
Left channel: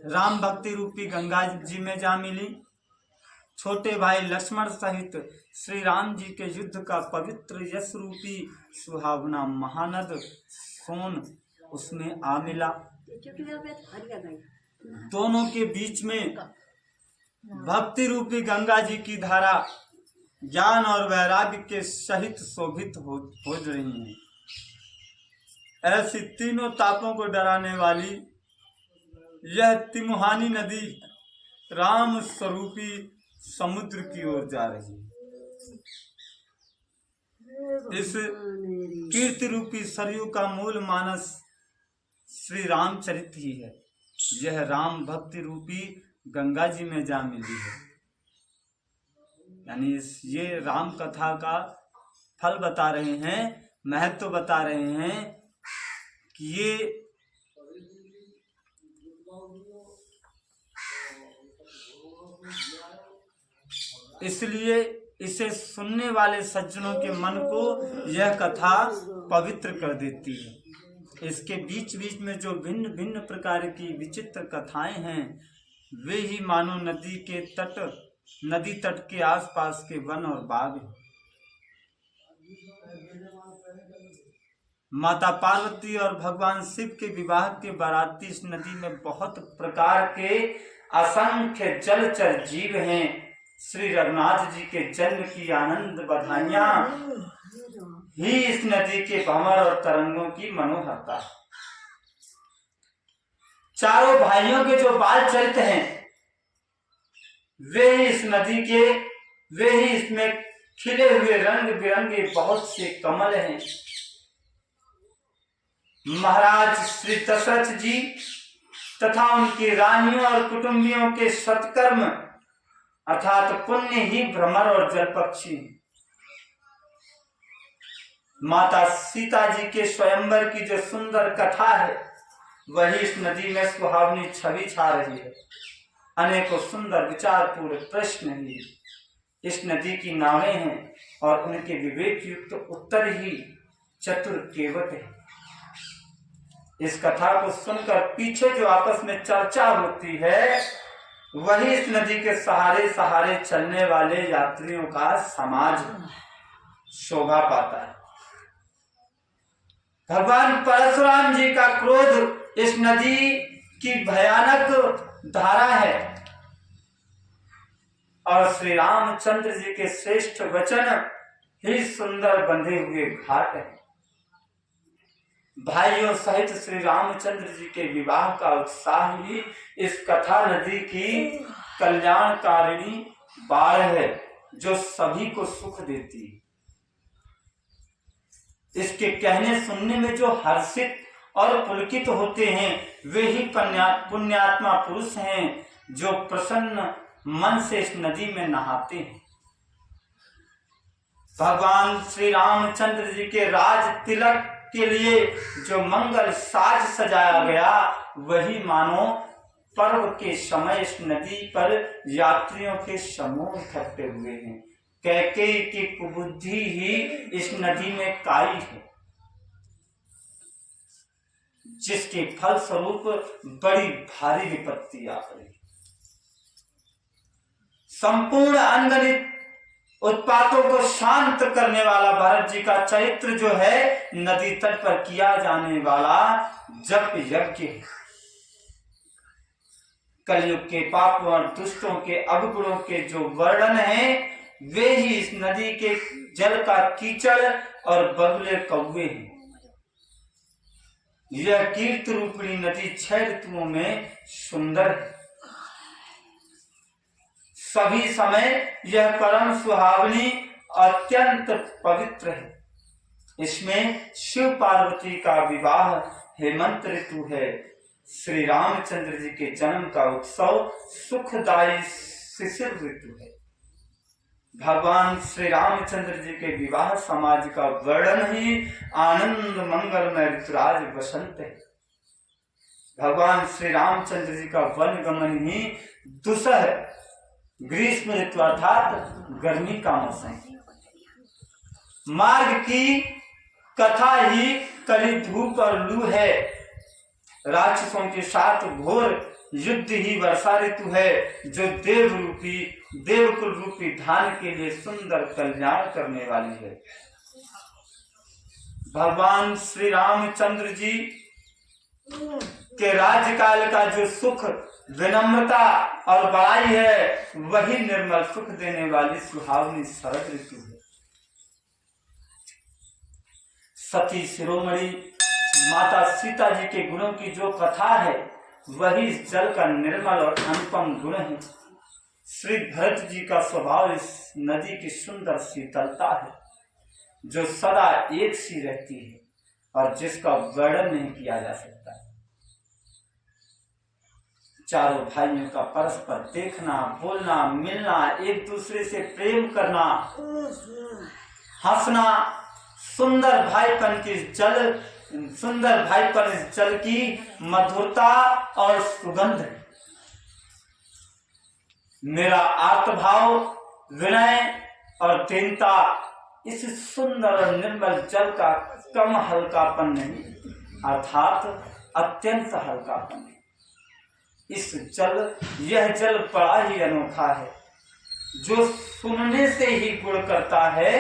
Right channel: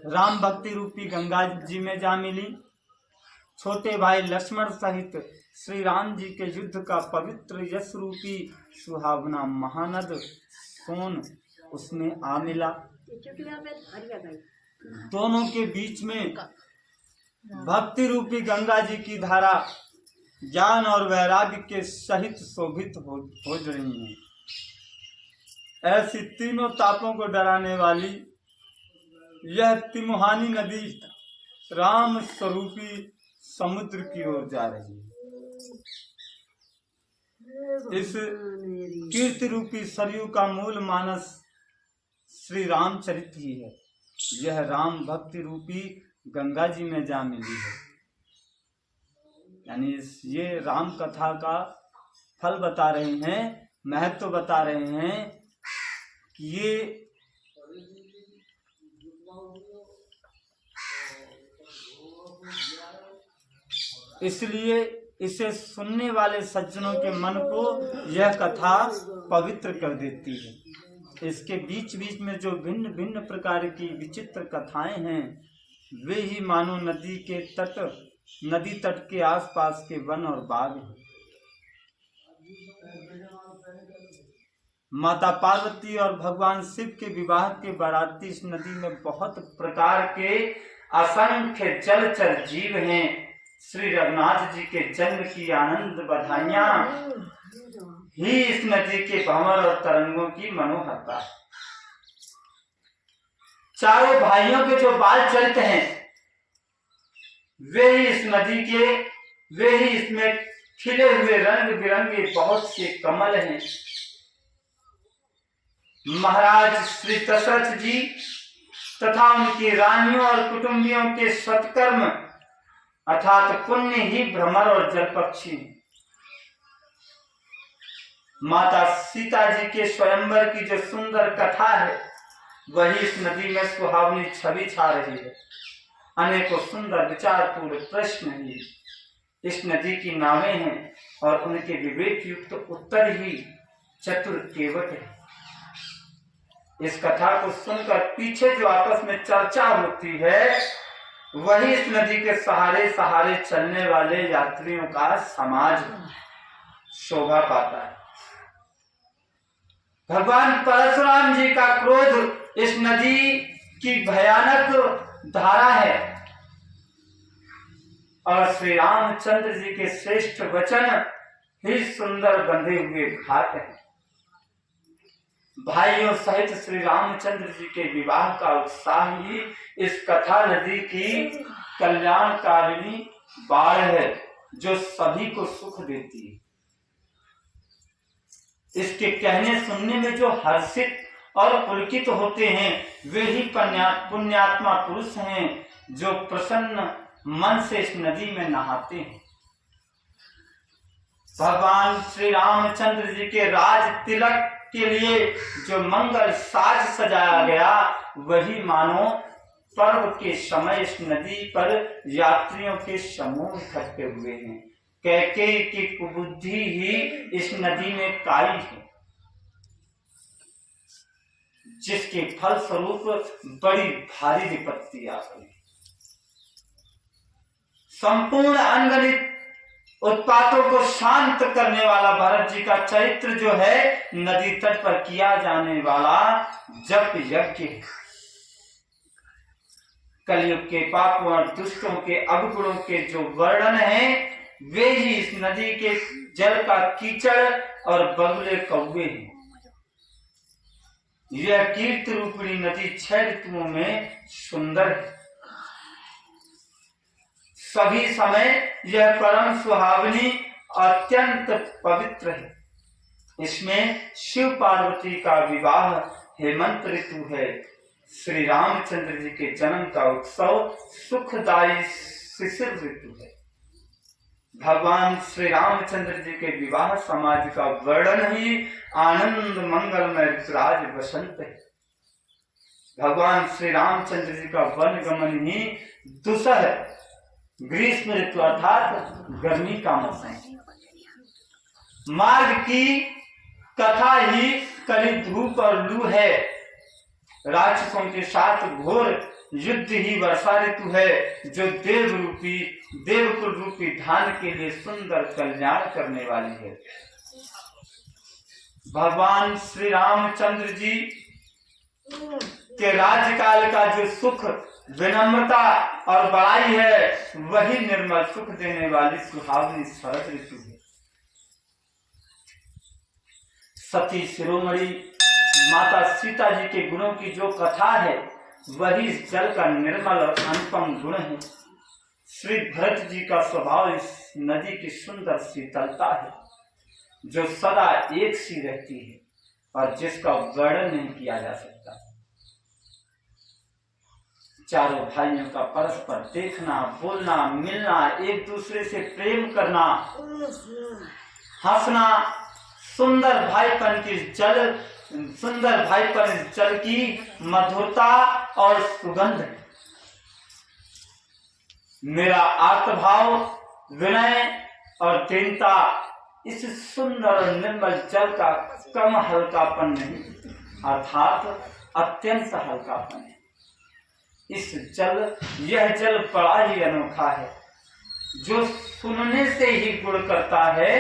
राम भक्ति रूपी गंगा जी में जा मिली। छोटे भाई लक्ष्मण सहित श्री राम जी के युद्ध का पवित्र यश रूपी सुहावना महानद सोन उसमें आ मिला। दोनों के बीच में भक्ति रूपी गंगा जी की धारा ज्ञान और वैराग्य के सहित शोभित हो रही है। ऐसी तीनों तापों को डराने वाली यह तिमुहानी नदी राम स्वरूपी समुद्र की ओर जा रही है। इस कीर्ति रूपी सरयू का मूल मानस श्री रामचरित ही है। यह राम भक्ति रूपी गंगा जी में जा मिली है। यानी ये राम कथा का फल बता रहे हैं, महत्व बता रहे हैं कि ये इसलिए इसे सुनने वाले सज्जनों के मन को यह कथा पवित्र कर देती है। इसके बीच बीच में जो भिन्न भिन्न प्रकार की विचित्र कथाएं हैं, वे ही मानो नदी तट के आसपास के वन और बाग हैं। माता पार्वती और भगवान शिव के विवाह के बाराती इस नदी में बहुत प्रकार के असंख्य जलचर जीव हैं। श्री रघुनाथ जी के जन्म की आनंद बधाइयां ही इस नदी के भंवर और तरंगों की मनोहरता है। चारों भाइयों के जो बाल चरित हैं, वे ही इस नदी के, वे ही इसमें खिले हुए रंग बिरंगे बहुत से कमल हैं। महाराज श्री दशरथ जी तथा उनकी रानियों और कुटुंबियों के सत्कर्म अर्थात पुण्य ही भ्रमर और जलपक्षी। माता सीता जी के स्वयंवर की जो सुंदर कथा है, वही इस नदी में सुहावनी छवि छा रही है। अनेकों सुंदर विचारपूर्ण प्रश्न ही इस नदी की नावें हैं और उनके विवेक युक्त उत्तर ही चतुर केवट है। इस कथा को सुनकर पीछे जो आपस में चर्चा होती है, वही इस नदी के सहारे सहारे चलने वाले यात्रियों का समाज है। शोभा पाता है। भगवान परशुराम जी का क्रोध इस नदी की भयानक धारा है और श्री रामचंद्र जी के श्रेष्ठ वचन ही सुंदर बंधे हुए घाट है। भाइयों सहित श्री रामचंद्र जी के विवाह का उत्साह ही इस कथा नदी की कल्याणकारिणी बाढ़ है जो सभी को सुख देती है। इसके कहने सुनने में जो हर्षित और पुलकित होते हैं वे ही पुण्यात्मा पुरुष हैं जो प्रसन्न मन से इस नदी में नहाते हैं। भगवान श्री रामचंद्र जी के राज तिलक के लिए जो मंगल साज सजाया गया वही मानो पर्व के समय इस नदी पर यात्रियों के समूह इकट्ठे हुए हैं। कैकेयी की कुबुद्धि ही इस नदी में काई है जिसके फल स्वरूप बड़ी भारी विपत्ति आ गई। संपूर्ण अनगणित उत्पातों को शांत करने वाला भरत जी का चरित्र जो है नदी तट पर किया जाने वाला जप यज्ञ, कलयुग के पापों और दुष्टों के अवगुणों के जो वर्णन है वे ही इस नदी के जल का कीचड़ और बगुले कौवे हैं। यह कीर्ति रूपिणी नदी 6 ऋतुओं में सुंदर है। सभी समय यह परम सुहावनी अत्यंत पवित्र है। इसमें शिव पार्वती का विवाह हेमंत ऋतु है। श्री रामचंद्र जी के जन्म का उत्सव सुखदायी शिशिर ऋतु है। भगवान श्री रामचंद्र जी के विवाह समाज का वर्णन ही आनंद मंगलमय ऋतुराज बसंत है। भगवान श्री रामचंद्र जी का वन गमन ही दुसह ग्रीष्म ऋतु अर्थात गर्मी का मौसम। मार्ग की कथा ही कली धूप और लू है। राक्षसों के साथ घोर युद्ध ही वर्षा ऋतु है जो देवकुल रूपी धान के लिए सुंदर कल्याण करने वाली है। भगवान श्री रामचंद्र जी के राज्यकाल का जो सुख, विनम्रता और बड़ाई है वही निर्मल सुख देने वाली सुहावनी शरद ऋतु है। सती शिरोमणि माता सीता जी के गुणों की जो कथा है वही इस जल का निर्मल और अनुपम गुण है। श्री भरत जी का स्वभाव इस नदी की सुंदर शीतलता है जो सदा एक सी रहती है और जिसका वर्णन नहीं किया जा सकता। चारों भाइयों का परस्पर देखना, बोलना, मिलना, एक दूसरे से प्रेम करना, हंसना, सुंदर भाईपन इस जल की मधुरता और सुगंध। मेरा आर्तभाव, विनय और दीनता इस सुंदर और निर्मल जल का कम हल्कापन नहीं अर्थात अत्यंत हल्कापन है। यह जल बड़ा ही अनोखा है जो सुनने से ही गुण करता है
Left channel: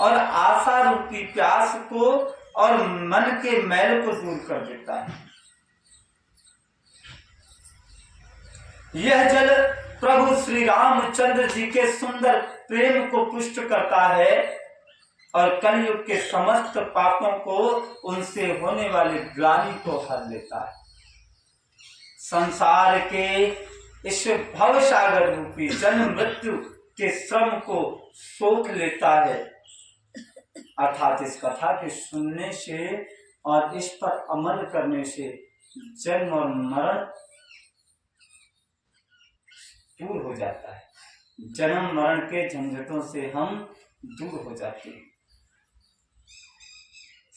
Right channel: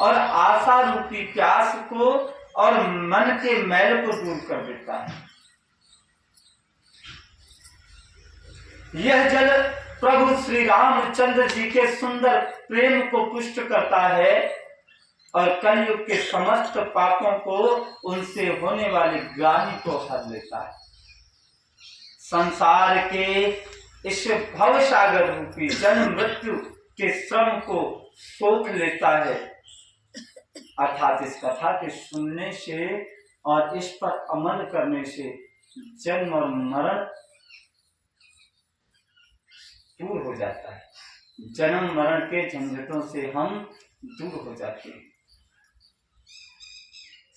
और आशा रूपी प्यास को और मन के मैल को दूर कर देता है। यह जल प्रभु श्री रामचंद्र जी के सुंदर प्रेम को पुष्ट करता है और कलयुग के समस्त पापों को, उनसे होने वाली ग्लानि को हर लेता है। संसार के इस भवसागर रूपी जन्म मृत्यु के श्रम को सोख लेता है अर्थात इस कथा के सुनने से और इस पर अमल करने से जन्म और मरण दूर हो जाता है। जन्म मरण के झंझटों से हम दूर हो जाते हैं।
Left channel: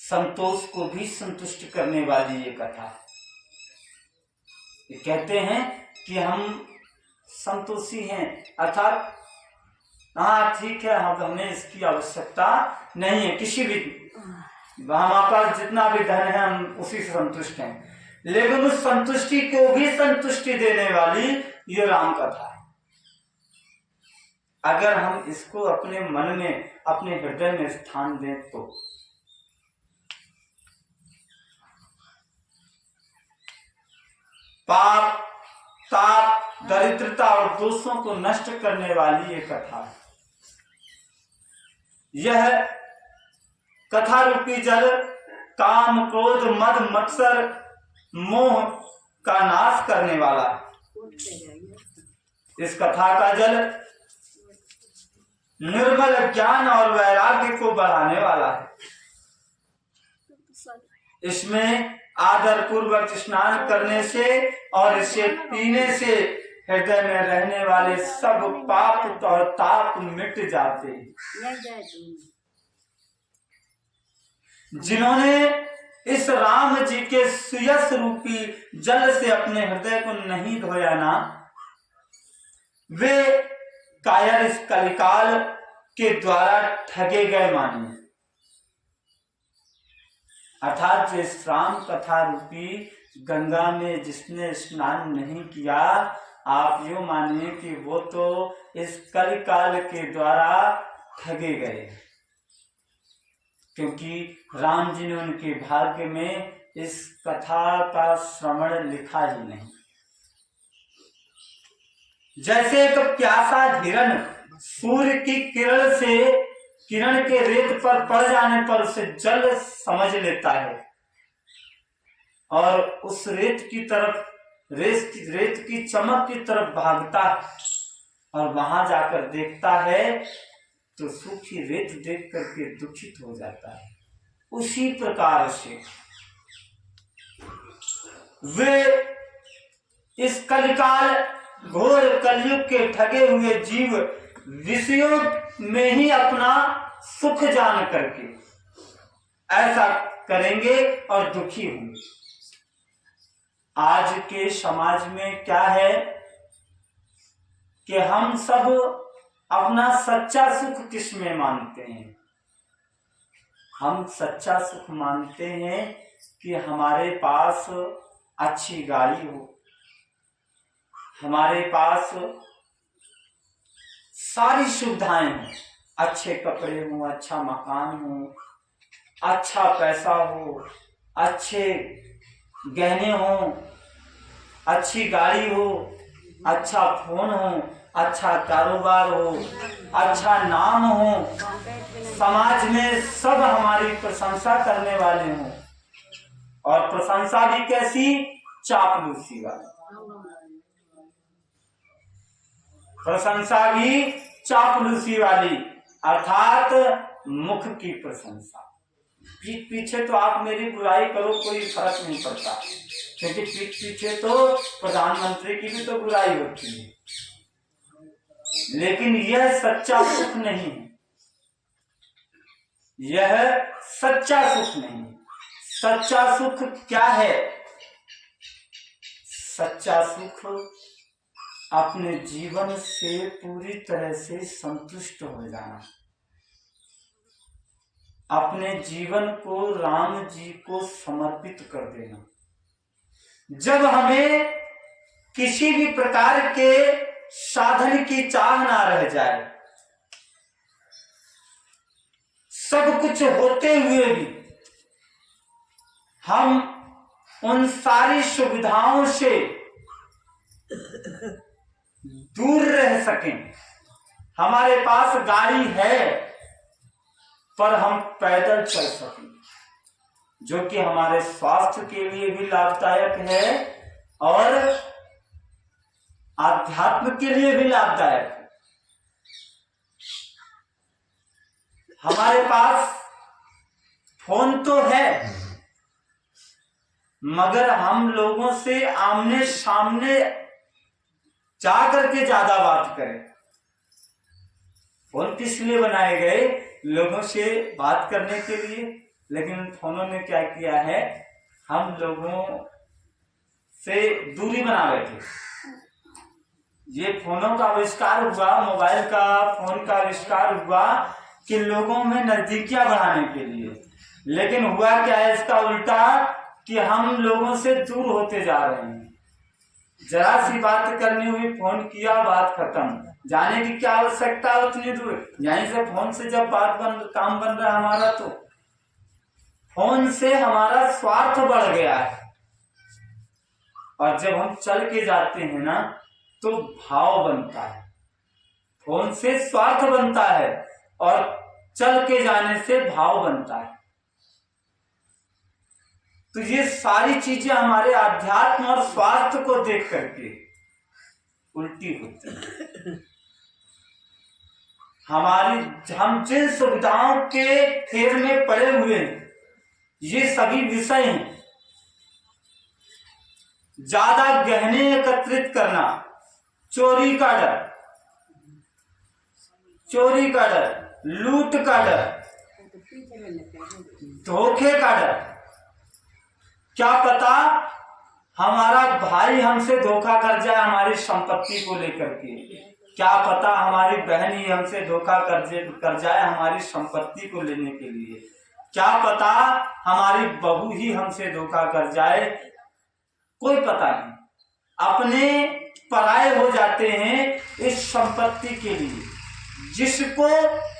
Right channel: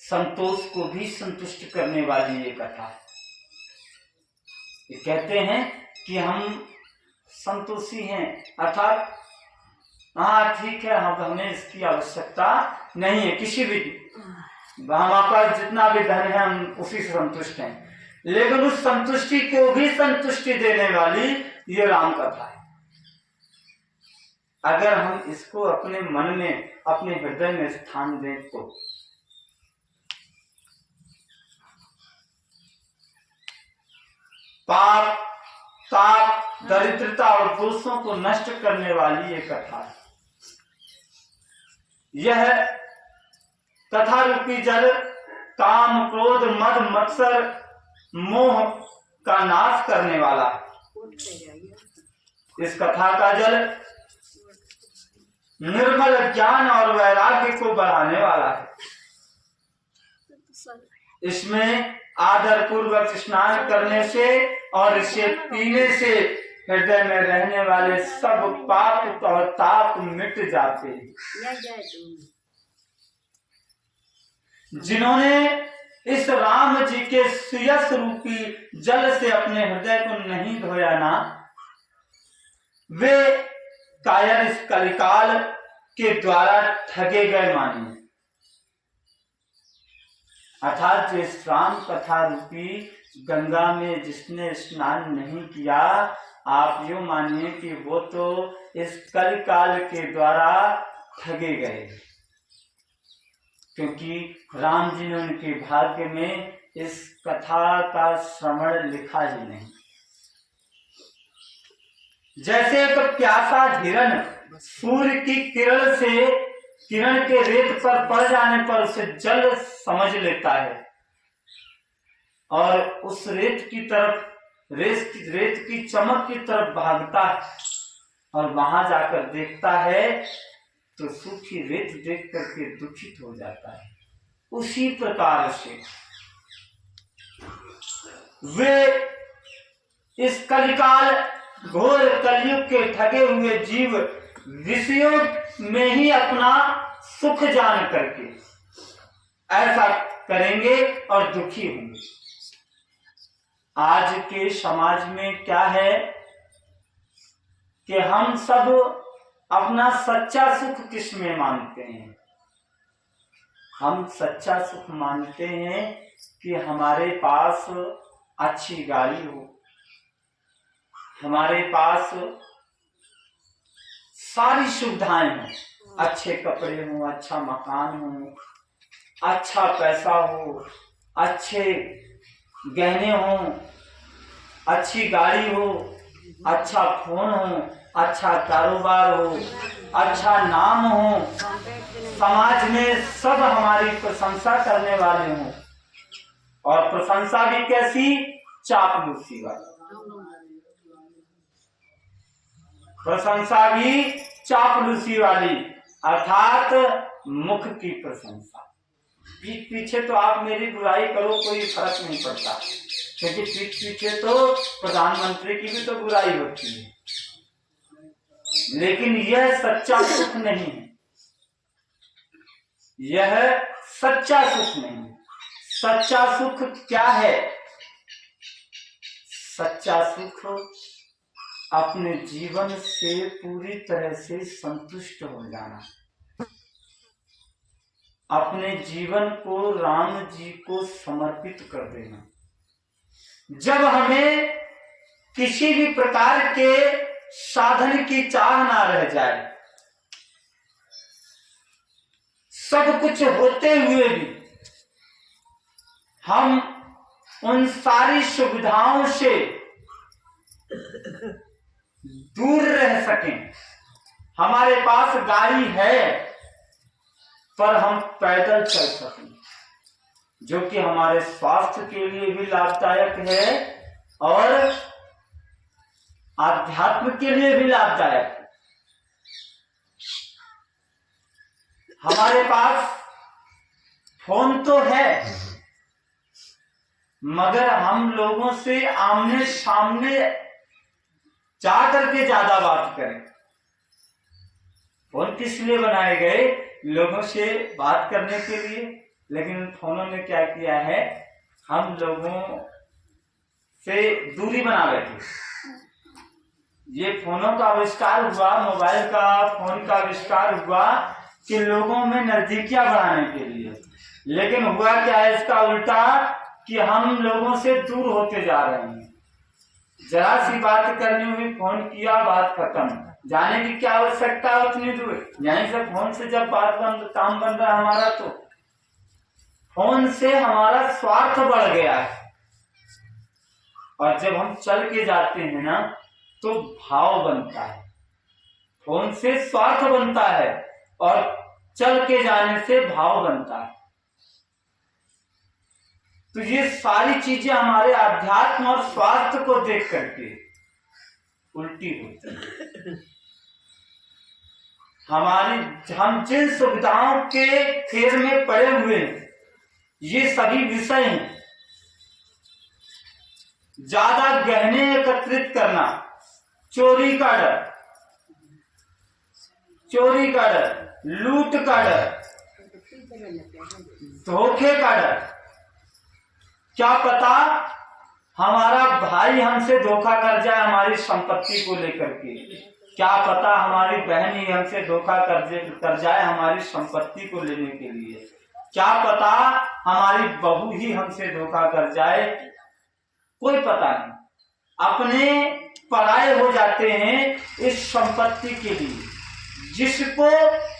संतोष को भी संतुष्ट करने वाली ये कथा है। ये कहते हैं कि हम संतोषी हैं अर्थात हाँ ठीक है, हमें इसकी आवश्यकता नहीं है किसी भी, हमारे पास जितना भी धन है हम उसी से संतुष्ट हैं। लेकिन उस संतुष्टि को भी संतुष्टि देने वाली ये राम कथा है। अगर हम इसको अपने मन में, अपने हृदय में स्थान दें तो पाप, ताप, दरिद्रता और दोषों को नष्ट करने वाली ये कथा है। यह कथा रूपी जल काम, क्रोध, मद, मत्सर, मोह का नाश करने वाला है। इस कथा का जल निर्मल ज्ञान और वैराग्य को बढ़ाने वाला है। इसमें आदर पूर्वक स्नान करने से और इसे पीने से हृदय में रहने वाले सब पाप और ताप मिट जाते हैं। जिन्होंने इस राम जी के सुयस रूपी जल से अपने हृदय को नहीं धोया ना, वे कायर इस कलिकाल के द्वारा ठगे गए मानिए। अर्थात इस राम कथा रूपी गंगा में जिसने स्नान नहीं किया, आप यूं मानिए कि वो तो इस कलिकाल के द्वारा ठगे गए, क्योंकि राम जी ने उनके भाग्य में इस कथा का श्रवण लिखा ही नहीं। जैसे एक प्यासा हिरण सूर्य की किरण के रेत पर पड़ जाने पर उसे जल समझ लेता है और उस रेत की चमक की तरफ भागता है और वहां जाकर देखता है तो सूखी रेत देख करके दुखित हो जाता है। उसी प्रकार से वे इस कलिकाल घोर कलयुग के ठगे हुए जीव विषयों में ही अपना सुख जान करके ऐसा करेंगे और दुखी होंगे। आज के समाज में क्या है कि हम सब अपना सच्चा सुख किस में मानते हैं? हम सच्चा सुख मानते हैं कि हमारे पास अच्छी गाड़ी हो, हमारे पास सारी सुविधाएं हों, अच्छे कपड़े हो, अच्छा मकान हो, अच्छा पैसा हो, अच्छे गहने हो, अच्छी गाड़ी हो, अच्छा फोन हो, अच्छा कारोबार हो, अच्छा नाम हो, समाज में सब हमारी प्रशंसा करने वाले हों, और प्रशंसा भी कैसी? चापलूसी वाली प्रशंसा भी, चापलूसी वाली, अर्थात मुख की प्रशंसा। पीठ पीछे तो आप मेरी बुराई करो, कोई फर्क नहीं पड़ता, क्योंकि पीठ पीछे तो प्रधानमंत्री की भी तो बुराई होती है, लेकिन यह सच्चा सुख नहीं है। यह सच्चा सुख नहीं। सच्चा सुख क्या है? सच्चा सुख अपने जीवन से पूरी तरह से संतुष्ट हो जाना, अपने जीवन को राम जी को समर्पित कर देना। जब हमें किसी भी प्रकार के साधन की चाह ना रह जाए, सब कुछ होते हुए भी हम उन सारी सुविधाओं से दूर रह सकें। हमारे पास गाड़ी है पर हम पैदल चल सकें, जो कि हमारे स्वास्थ्य के लिए भी लाभदायक है और आध्यात्म के लिए भी लाभदायक है। हमारे पास फोन तो है, मगर हम लोगों से आमने सामने जा करके ज्यादा बात करें। फोन किस लिए बनाए गए? लोगों से बात करने के लिए, लेकिन फोनों ने क्या किया है, हम लोगों से दूरी बना बैठे। ये फोनों का आविष्कार हुआ, मोबाइल का, फोन का आविष्कार हुआ कि लोगों में नजदीकियां बढ़ाने के लिए, लेकिन हुआ क्या है इसका उल्टा, कि हम लोगों से दूर होते जा रहे हैं। जरा सी बात करनी हुई, फोन किया, बात खत्म। जाने की क्या आवश्यकता है उतनी दूर? यहीं से फोन से जब काम बन रहा है हमारा, तो फोन से हमारा स्वार्थ बढ़ गया है। और जब हम चल के जाते हैं ना, तो भाव बनता है। फोन से स्वार्थ बनता है और चल के जाने से भाव बनता है। तो ये सारी चीजें हमारे आध्यात्म और स्वास्थ्य को देख करके उल्टी होती है। हम जिन सुविधाओं के फेर में पड़े हुए हैं, ये सभी विषय हैं। ज्यादा गहने एकत्रित करना, चोरी का डर, लूट का डर, धोखे का डर। क्या पता हमारा भाई हमसे धोखा कर जाए हमारी संपत्ति को लेकर के, क्या पता हमारी बहन ही हमसे धोखा कर जाए हमारी संपत्ति को लेने के लिए, क्या पता हमारी बहू ही हमसे धोखा कर जाए, कोई पता नहीं। अपने पराये हो जाते हैं इस संपत्ति के लिए, जिसको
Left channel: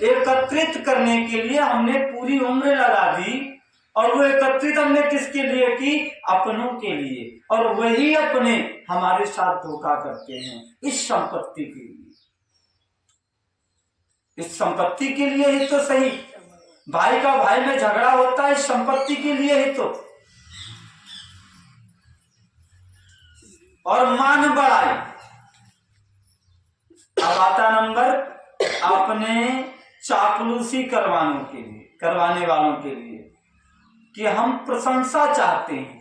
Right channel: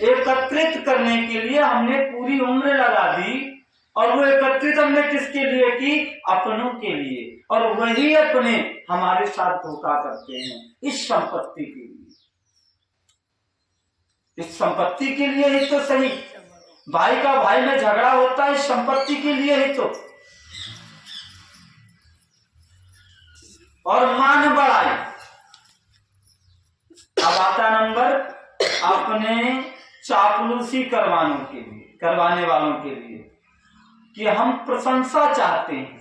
एकत्रित करने के लिए हमने पूरी उम्र लगा दी। और वो एकत्रित हमने किसके लिए की? अपनों के लिए। और वही अपने हमारे साथ धोखा करते हैं इस संपत्ति के लिए। इस संपत्ति के लिए ही तो सही, भाई का भाई में झगड़ा होता है इस संपत्ति के लिए ही तो। और मान बढ़ाई। अब आता नंबर अपने चापलूसी करवाने वालों के लिए, कि हम प्रशंसा चाहते हैं,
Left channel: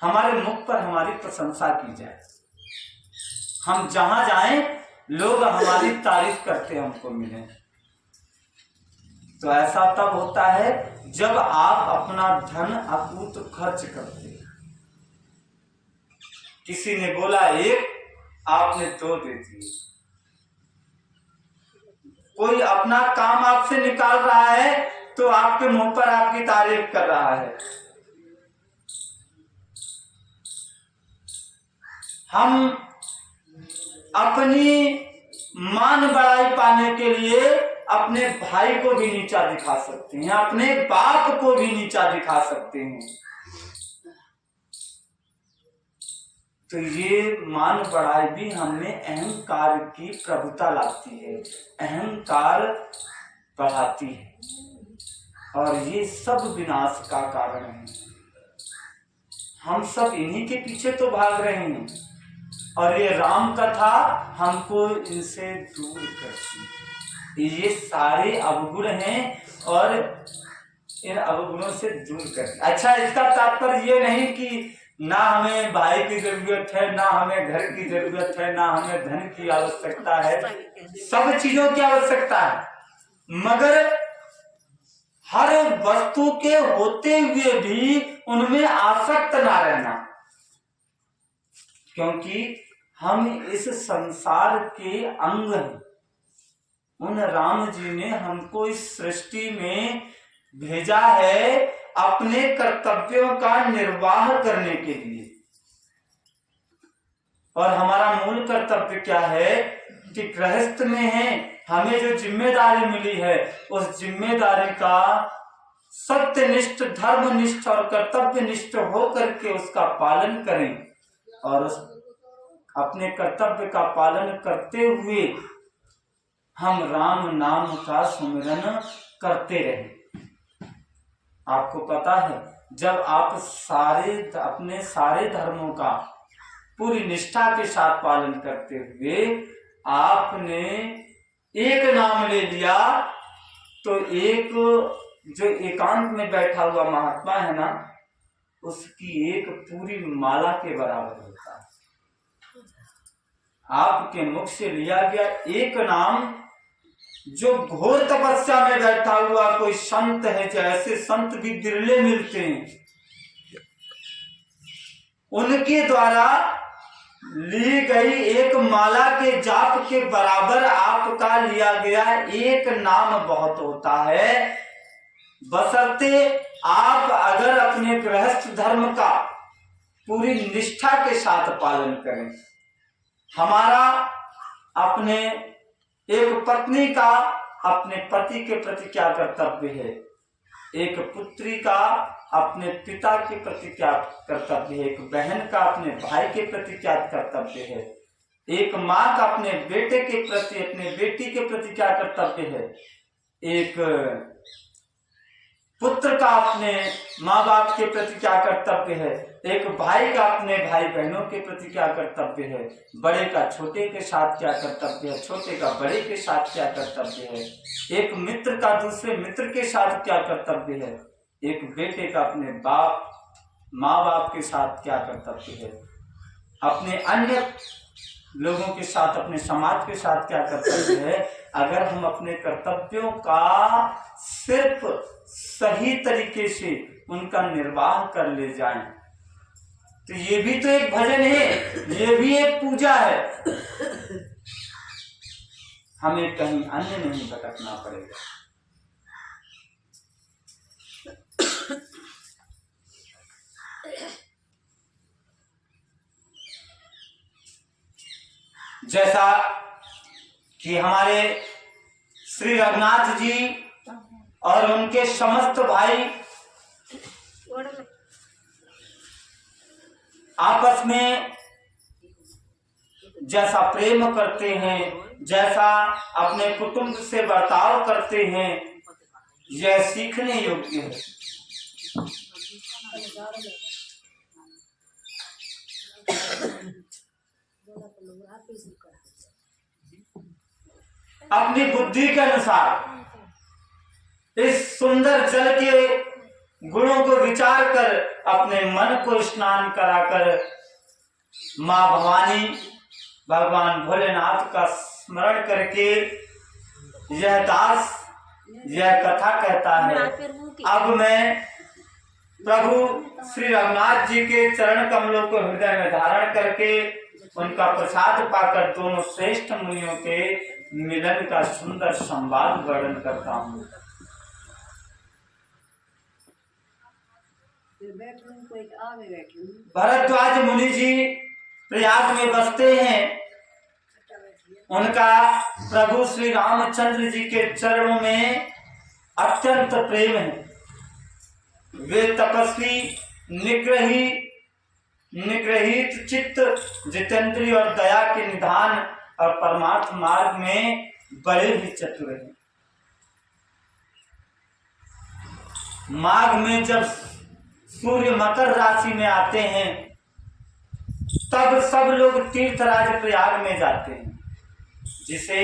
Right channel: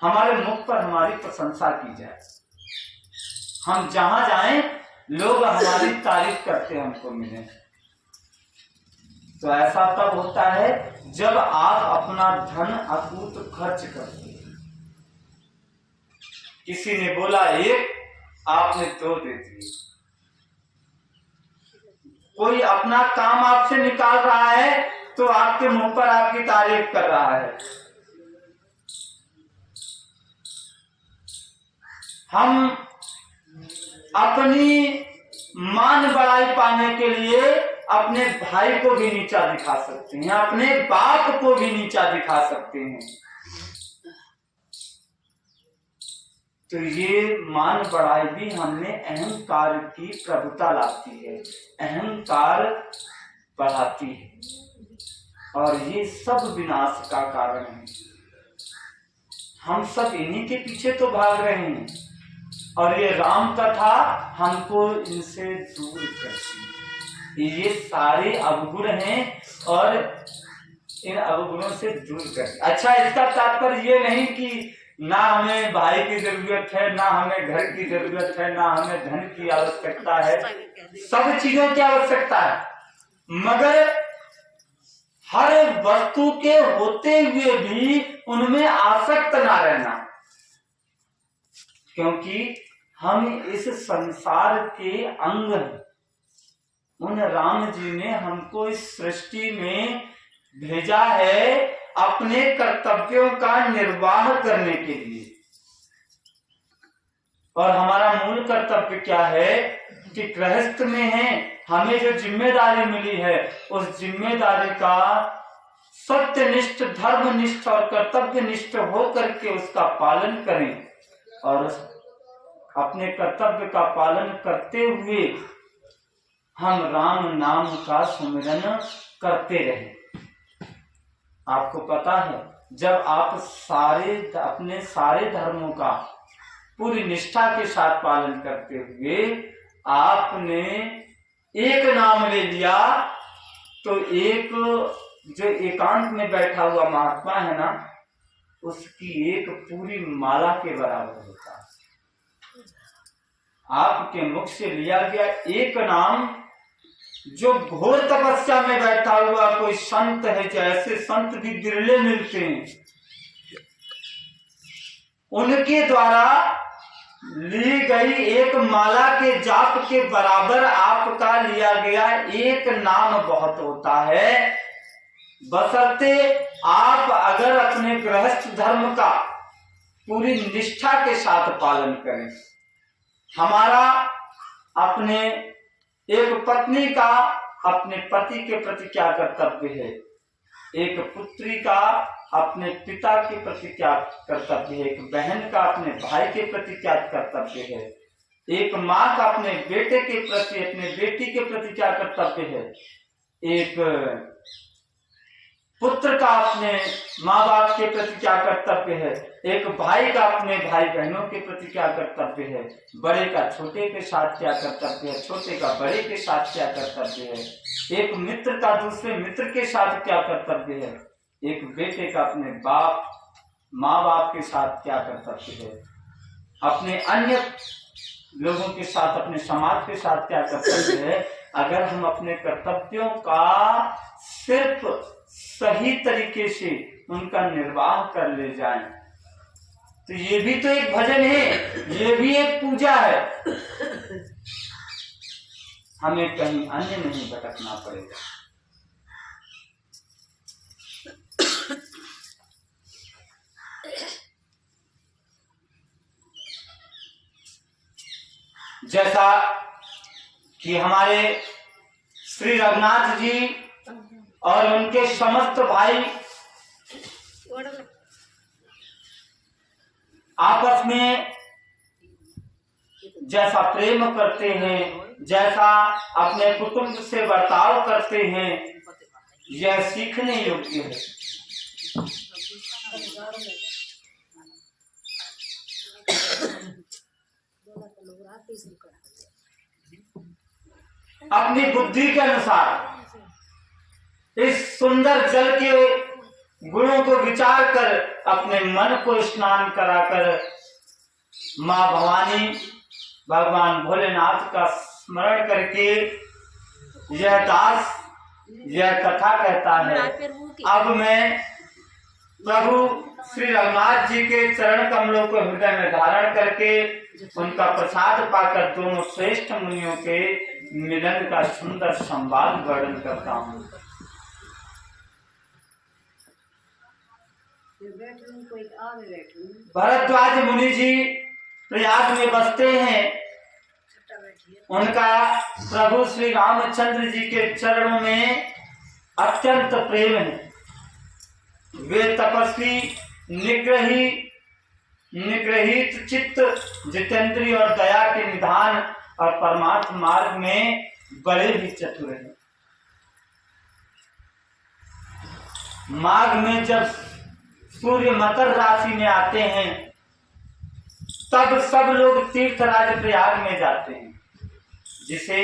हमारे मुख पर हमारी प्रशंसा की जाए। हम जहां जाएं लोग हमारी तारीफ करते हमको मिले। तो ऐसा तब होता है जब आप अपना धन अकूत खर्च करते हैं। किसी ने बोला 1, आपने 2 दे दिए। कोई अपना काम आपसे निकाल रहा है तो आपके मुंह पर आपकी तारीफ कर रहा है। हम अपनी मान बढ़ाई पाने के लिए अपने भाई को भी नीचा दिखा सकते हैं, अपने बाप को भी नीचा दिखा सकते हैं। तो ये मान बढ़ाई भी हमने अहंकार की प्रभुता लाती है, अहंकार बढ़ाती है, और ये सब विनाश का कारण है। हम सब इन्हीं के पीछे तो भाग रहे हैं, और ये राम कथा हमको इनसे दूर करती है। ये सारे अवगुण हैं और इन अवगुणों से दूर करती। अच्छा, इसका तात्पर्य ये नहीं कि ना हमें भाई की जरूरत है, ना हमें घर की जरूरत है, ना हमें धन की आवश्यकता है, सब चीजों की आवश्यकता है, मगर हर वस्तु के होते हुए भी उनमें आसक्त ना रहना। क्योंकि हम इस संसार के अंग हैं। उन राम जी ने हमको इस सृष्टि में भेजा है अपने कर्तव्यों का निर्वाह करने के लिए। और हमारा मूल कर्तव्य क्या है कि गृहस्थ में है, हमें जो जिम्मेदारी मिली है उस जिम्मेदारी का सत्यनिष्ठ, धर्मनिष्ठ और कर्तव्यनिष्ठ होकर के उसका पालन करें, और अपने कर्तव्य का पालन करते हुए हम राम नाम का सुमिरन करते रहें। आपको पता है, जब आप अपने सारे धर्मों का पूरी निष्ठा के साथ पालन करते हुए आपने एक नाम ले लिया, तो एक जो एकांत में बैठा हुआ महात्मा है ना, उसकी एक पूरी माला के बराबर होता है। आपके मुख से लिया गया एक नाम, जो घोर तपस्या में बैठा हुआ कोई संत है, जैसे संत भी बिरले मिलते हैं, उनके द्वारा ली गई एक माला के जाप के बराबर आपका लिया गया एक नाम बहुत होता है, बशर्ते आप अगर अपने गृहस्थ धर्म का पूरी निष्ठा के साथ पालन करें। हमारा अपने एक पत्नी का अपने पति के प्रति क्या कर्तव्य है, एक पुत्री का अपने पिता के प्रति क्या कर्तव्य है, एक बहन का अपने भाई के प्रति क्या कर्तव्य है, एक माँ का अपने बेटे के प्रति, अपने बेटी के प्रति क्या कर्तव्य है, एक पुत्र का अपने माँ बाप के प्रति क्या कर्तव्य है, एक भाई का अपने भाई बहनों के प्रति क्या कर्तव्य है, बड़े का छोटे के साथ क्या कर्तव्य है, छोटे का बड़े के साथ क्या कर्तव्य है, एक मित्र का दूसरे मित्र के साथ क्या कर्तव्य है, एक बेटे का अपने बाप माँ बाप के साथ क्या कर्तव्य है, अपने अन्य लोगों के साथ, अपने समाज के साथ क्या कर्तव्य है। अगर हम अपने कर्तव्यों का सिर्फ सही तरीके से उनका निर्वाह कर ले जाएं, तो ये भी तो एक भजन है, ये भी एक पूजा है। हमें कहीं अन्य नहीं भटकना पड़ेगा। जैसा कि हमारे श्री रघुनाथ जी और उनके समस्त भाई आपस में जैसा प्रेम करते हैं, जैसा अपने कुटुंब से बर्ताव करते हैं, यह सीखने योग्य है। अपनी बुद्धि के अनुसार इस सुंदर जल के गुणों को विचार कर अपने मन को स्नान कराकर माँ भवानी भगवान भोलेनाथ का स्मरण करके यह दास यह कथा कहता है। अब मैं प्रभु श्री रघुनाथ जी के चरण कमलों को हृदय में धारण करके उनका प्रसाद पाकर दोनों श्रेष्ठ मुनियों के मिलन का सुंदर संवाद वर्णन करता हूँ। भरद्वाज मुनि जी प्रयाग में बसते हैं। उनका प्रभु श्री रामचंद्र जी के चरणों में अत्यंत प्रेम है। वे तपस्वी, निग्रहित चित्त, जितेंद्रिय और दया के निधान और परमार्थ मार्ग में बड़े ही चतुर हैं। माघ में जब सूर्य मकर राशि में आते हैं तब सब लोग तीर्थराज प्रयाग में जाते हैं, जिसे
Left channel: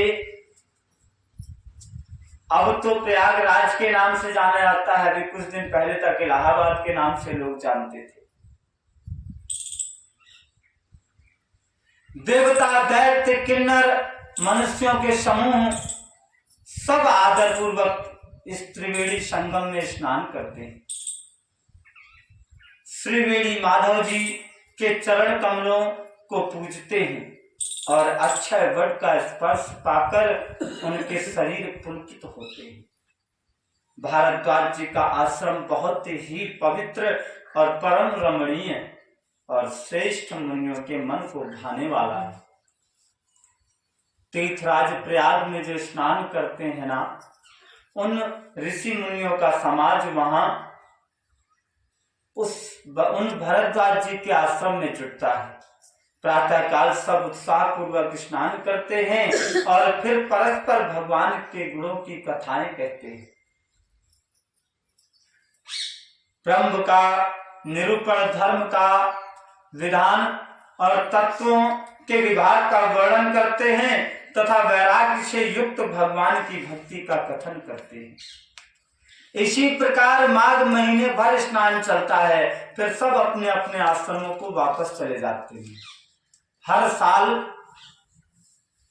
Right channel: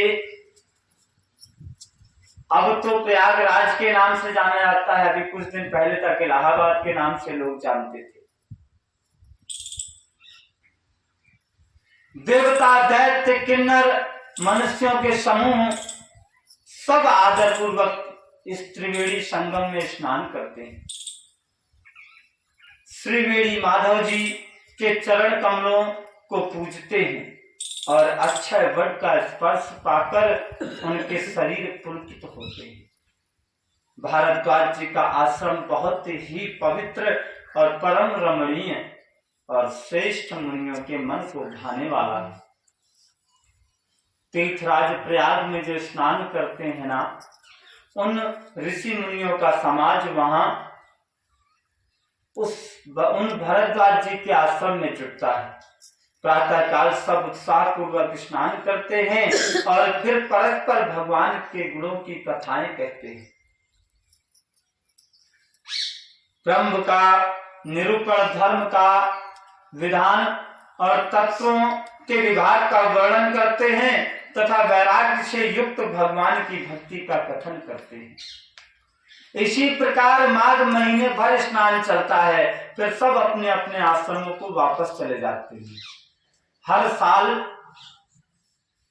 अब तो प्रयागराज के नाम से जाना जाता है। अभी कुछ दिन पहले तक इलाहाबाद के नाम से लोग जानते थे। देवता, दैत्य, किन्नर, मनुष्यों के समूह सब आदर पूर्वक इस त्रिवेणी संगम में स्नान करते हैं। श्री वेणी माधव जी के चरण कमलों को पूजते हैं और अक्षय वट का स्पर्श पाकर उनके शरीर पुलकित होते हैं। भारद्वाज जी का आश्रम बहुत ही पवित्र और परम रमणीय और श्रेष्ठ मुनियों के मन को भाने वाला है। तीर्थराज प्रयाग में जो स्नान करते हैं ना, उन ऋषि मुनियों का समाज वहां उन भरद्वाज जी के आश्रम में जुटता है। प्रातः काल सब उत्साह पूर्वक स्नान करते हैं और फिर परस्पर भगवान के गुणों की कथाएं कहते हैं। ब्रह्म का निरूपण, धर्म का विधान और तत्वों के विभाग का वर्णन करते हैं तथा वैराग्य से युक्त भगवान की भक्ति का कथन करते हैं। इसी प्रकार माघ महीने भर स्नान चलता है, फिर सब अपने अपने आश्रमों को वापस चले जाते हैं। हर साल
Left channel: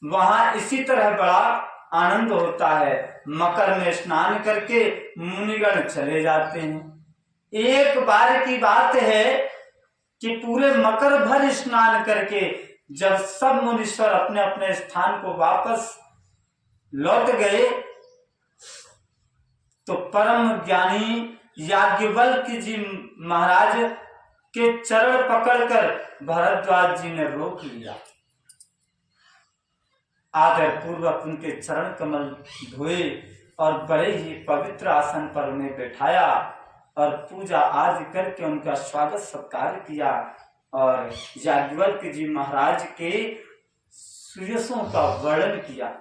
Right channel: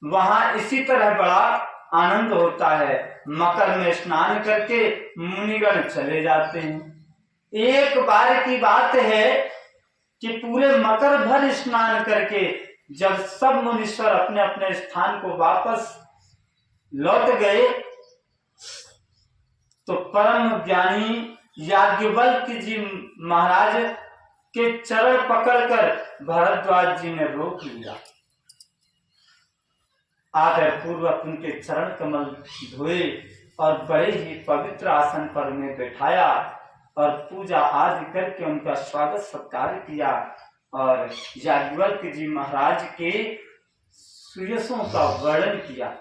वहां इसी तरह बड़ा आनंद होता है। मकर में स्नान करके मुनिगण चले जाते हैं। एक बार की बात है कि पूरे मकर भर स्नान करके जब सब मुनीश्वर अपने अपने स्थान को वापस लौट गए तो परम ज्ञानी याज्ञवल्क्य जी महाराज के चरण पकड़कर भारद्वाज जी ने रोक लिया। आदर पूर्वक उनके चरण कमल धोए और बड़े ही पवित्र आसन पर उन्हें बैठाया और पूजा आदि करके उनका स्वागत सत्कार किया और याज्ञवल्क्य जी महाराज के सुयशों का वर्णन किया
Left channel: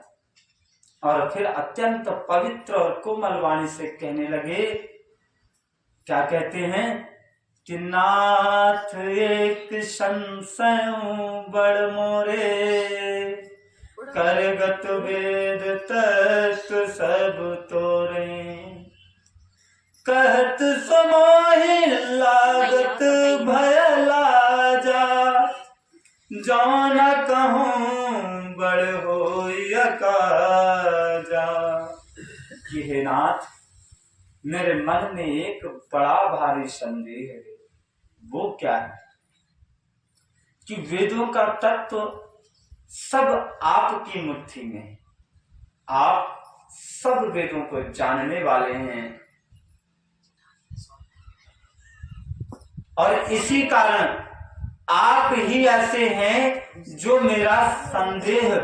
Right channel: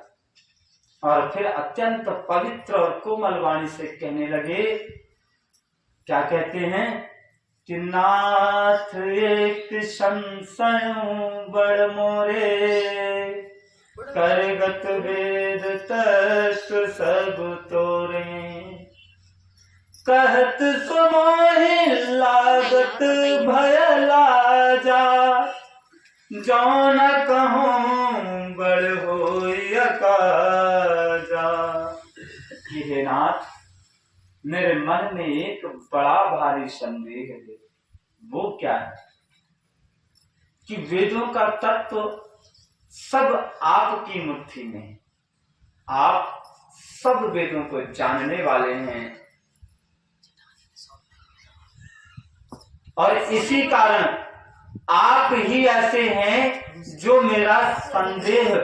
और फिर अत्यंत पवित्र और कोमल वाणी से कहने लगे। क्या कहते हैं कि नाथ एक संशय बड़ मोरे, करगत वेद तत्व सब तोरे, कहत समोहि लागत भय लाजा, जो न कहूँ बड़ होई अकाजा। कि हे नाथ, मेरे मन में एक बड़ा भारी संदेह है। वो क्या है कि वेदों का तत्व सब आपकी मुट्ठी में है। आप सब वेदों को जानने वाले हैं और इसी कारण आप ही ऐसे हैं जो मेरा संदेह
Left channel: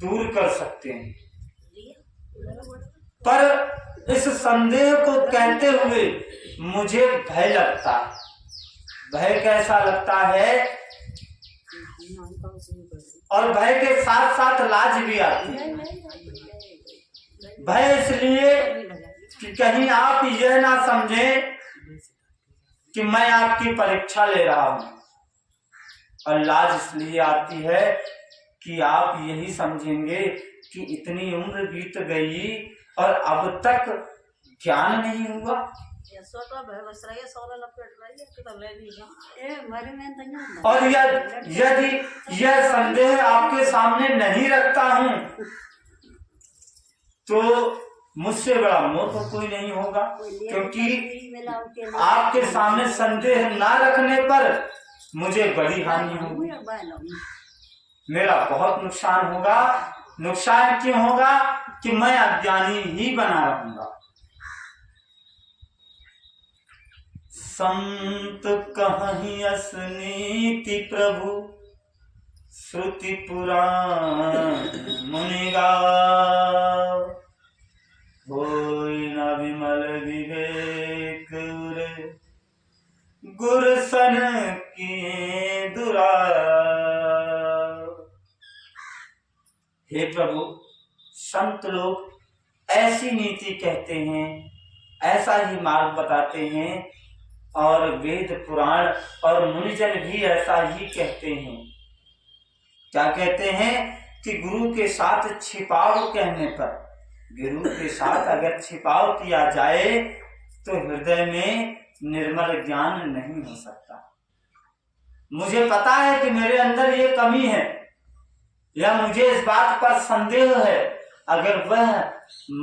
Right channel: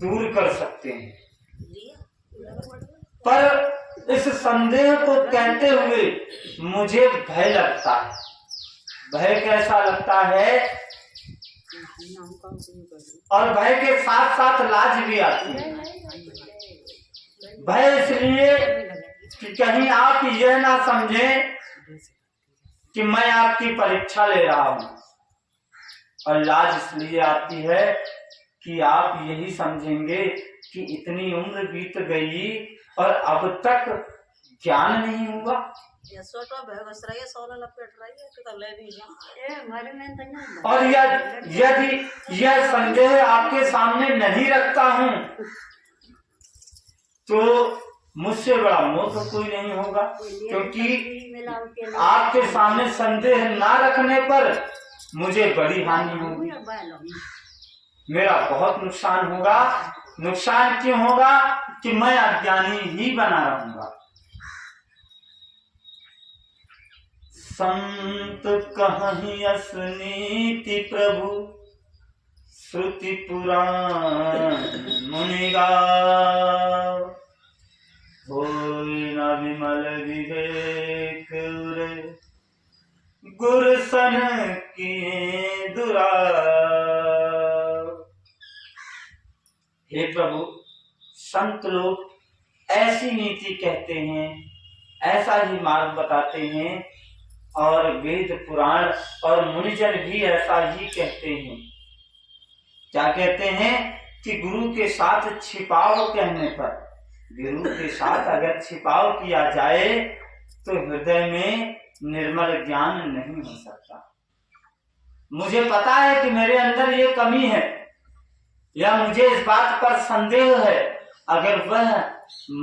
दूर कर सकते हैं। पर इस संदेह को कहते हुए मुझे भय लगता है। भय कैसा लगता है? और भय के साथ साथ लाज भी आती है। भय इसलिए कि कहीं आप यह ना समझें कि मैं आपकी परीक्षा ले रहा हूं, और लाज इसलिए आती है कि आप यही समझेंगे कि इतनी उम्र बीत गई और अब तक ज्ञान नहीं हुआ। और यदि यह संदेह आपके सामने नहीं रखता हूं तो मुझसे बड़ा मोह तो कोई नहीं होगा, क्योंकि आपके सामने संदेह ना रखने पर मुझे बड़ी हानि होगी, मेरा बहुत नुकसान होगा। नुकसान क्यों होगा? कि मैं अज्ञानी ही बना रहूंगा। संत कहीं असनीति प्रभु, श्रुति पुराण मुनिगा, होई न विमल विवेक उरे, गुरसन किए दुरा। हे प्रभु, संत लोग ऐसी नीति कहते हैं, ऐसा ही मार्ग बताते हैं, और वेद पुराण और मुनिजन भी ऐसा ही कहते हैं। क्या कहते हैं कि गुरु के साथ छिपाव कहने पर, गुरु के साथ अगर छिपाव किया जाए तो हृदय में निर्मल ज्ञान नहीं हो सकता। मुझे पता है कि मेरे अंदर ये कमी है या मुझे इस बात पर संदेह है, अगर वह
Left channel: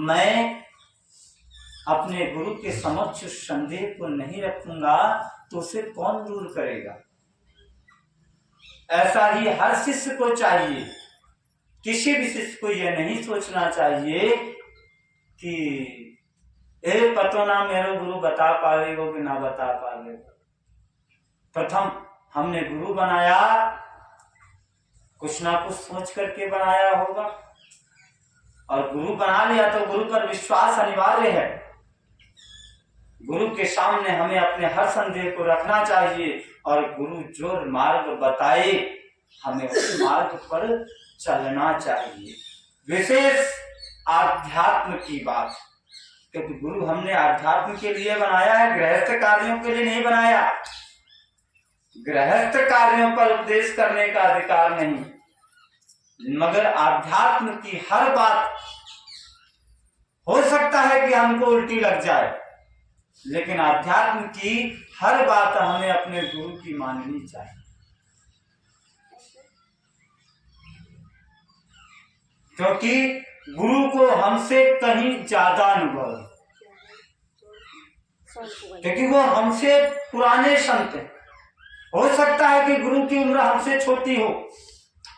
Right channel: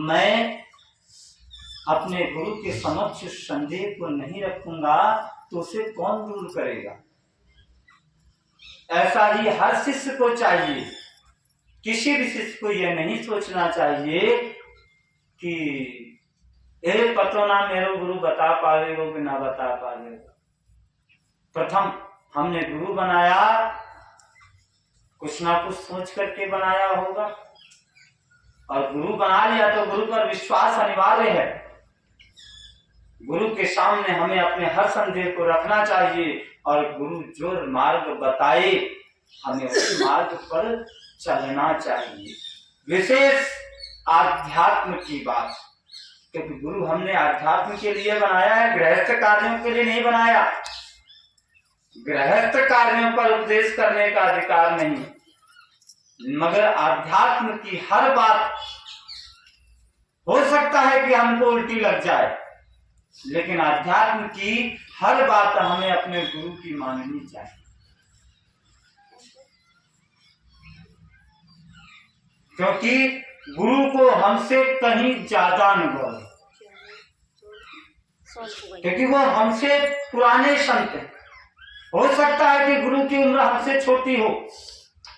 मैं अपने गुरु के समक्ष संदेह को नहीं रखूंगा तो उसे कौन दूर करेगा। ऐसा ही हर शिष्य को चाहिए। किसी भी शिष्य को यह नहीं सोचना चाहिए कि ए पतो ना मेरो गुरु बता पाएगा कि ना बता पाएगा। प्रथम हमने गुरु बनाया, कुछ ना कुछ सोच करके बनाया होगा, और गुरु बना लिया तो गुरु पर विश्वास अनिवार्य है। गुरु के सामने हमें अपने हर संदेह को रखना चाहिए और गुरु जो मार्ग बताए हमें उस मार्ग पर चलना चाहिए। विशेष आध्यात्म की बात, क्योंकि गुरु हमने आध्यात्म के लिए बनाया है, गृहस्थ कार्यों के लिए नहीं बनाया। गृहस्थ कार्यों पर उपदेश करने का अधिकार नहीं, मगर आध्यात्म की हर बात हो सकता है कि हमको उल्टी लग जाए, लेकिन आध्यात्म की हर बात हमें अपने गुरु की माननी चाहिए। क्योंकि गुरु को हमसे कहीं ज्यादा अनुभव है, क्योंकि वो हमसे पुराने संत हैं। हो सकता है कि गुरु की उम्र हमसे छोटी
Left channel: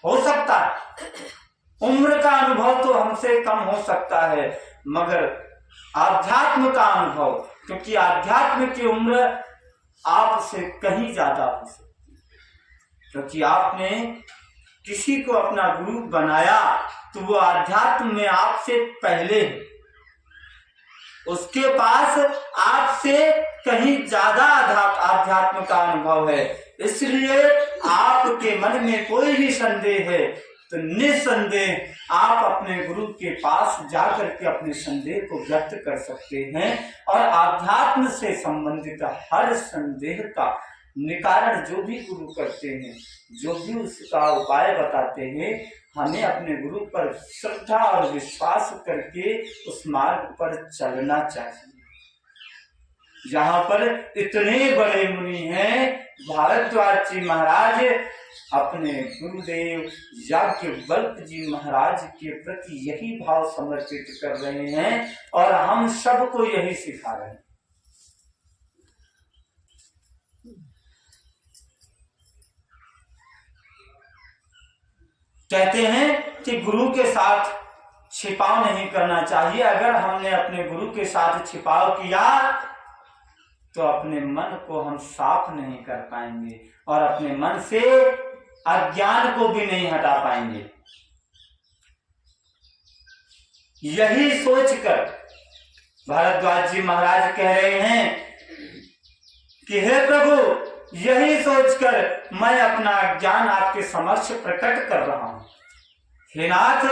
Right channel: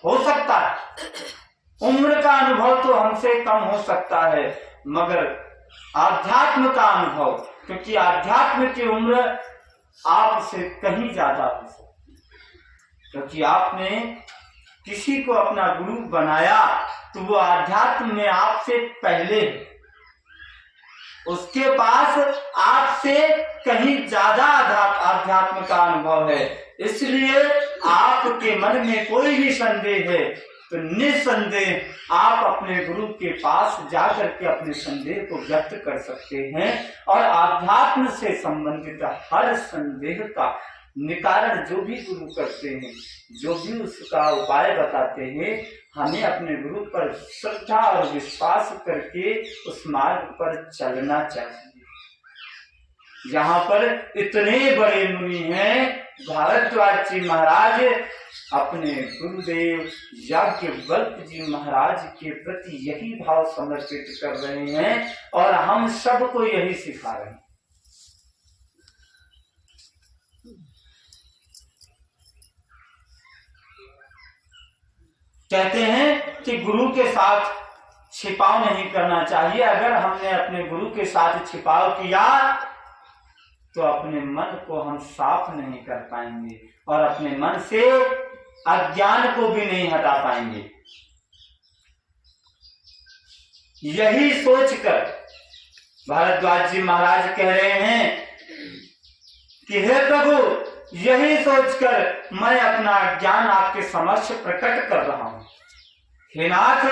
हो सकता है, उम्र का अनुभव तो हमसे कम हो सकता है, मगर आध्यात्म का अनुभव, क्योंकि आध्यात्म की उम्र आपसे कहीं ज्यादा हो सकती है। क्योंकि आपने किसी को अपना गुरु बनाया तो वो आध्यात्म में आपसे पहले है, उसके पास आपसे कहीं ज्यादा आध्यात्म का अनुभव है। इसलिए आपके मन में कोई भी संदेह है तो निसंदेह आप अपने गुरु के पास जाकर के अपने संदेह को व्यक्त कर सकते हैं और आध्यात्म से संबंधित हर संदेह का निवारण जो भी गुरु करते हैं, जो भी उसका उपाय बताते हैं, हमें अपने गुरु पर श्रद्धा और विश्वास करके उस मार्ग पर चलना चाहिए। यहाँ पर इतने बड़े मुनि हैं, भारद्वाज जी महाराज अपने गुरुदेव याज्ञवल्क्य जी महाराज के प्रति यही भाव समर्पित कर रहे हैं और हम सबको यही सिखा रहे हैं। कहते हैं कि गुरु के साथ छिपाव नहीं करना चाहिए। अगर हमने अपने गुरु के साथ छिपाव किया तो अपने मन को हम साफ नहीं कर पाएंगे और अपने मन से अज्ञान को भी नहीं हटा पाएंगे। यही सोचकर भारद्वाज जी महाराज कह रहे हैं कि हे प्रभु, यही सोचकर मैं अपना ज्ञान आपके समक्ष प्रकट कर रहा हूं। हे नाथ,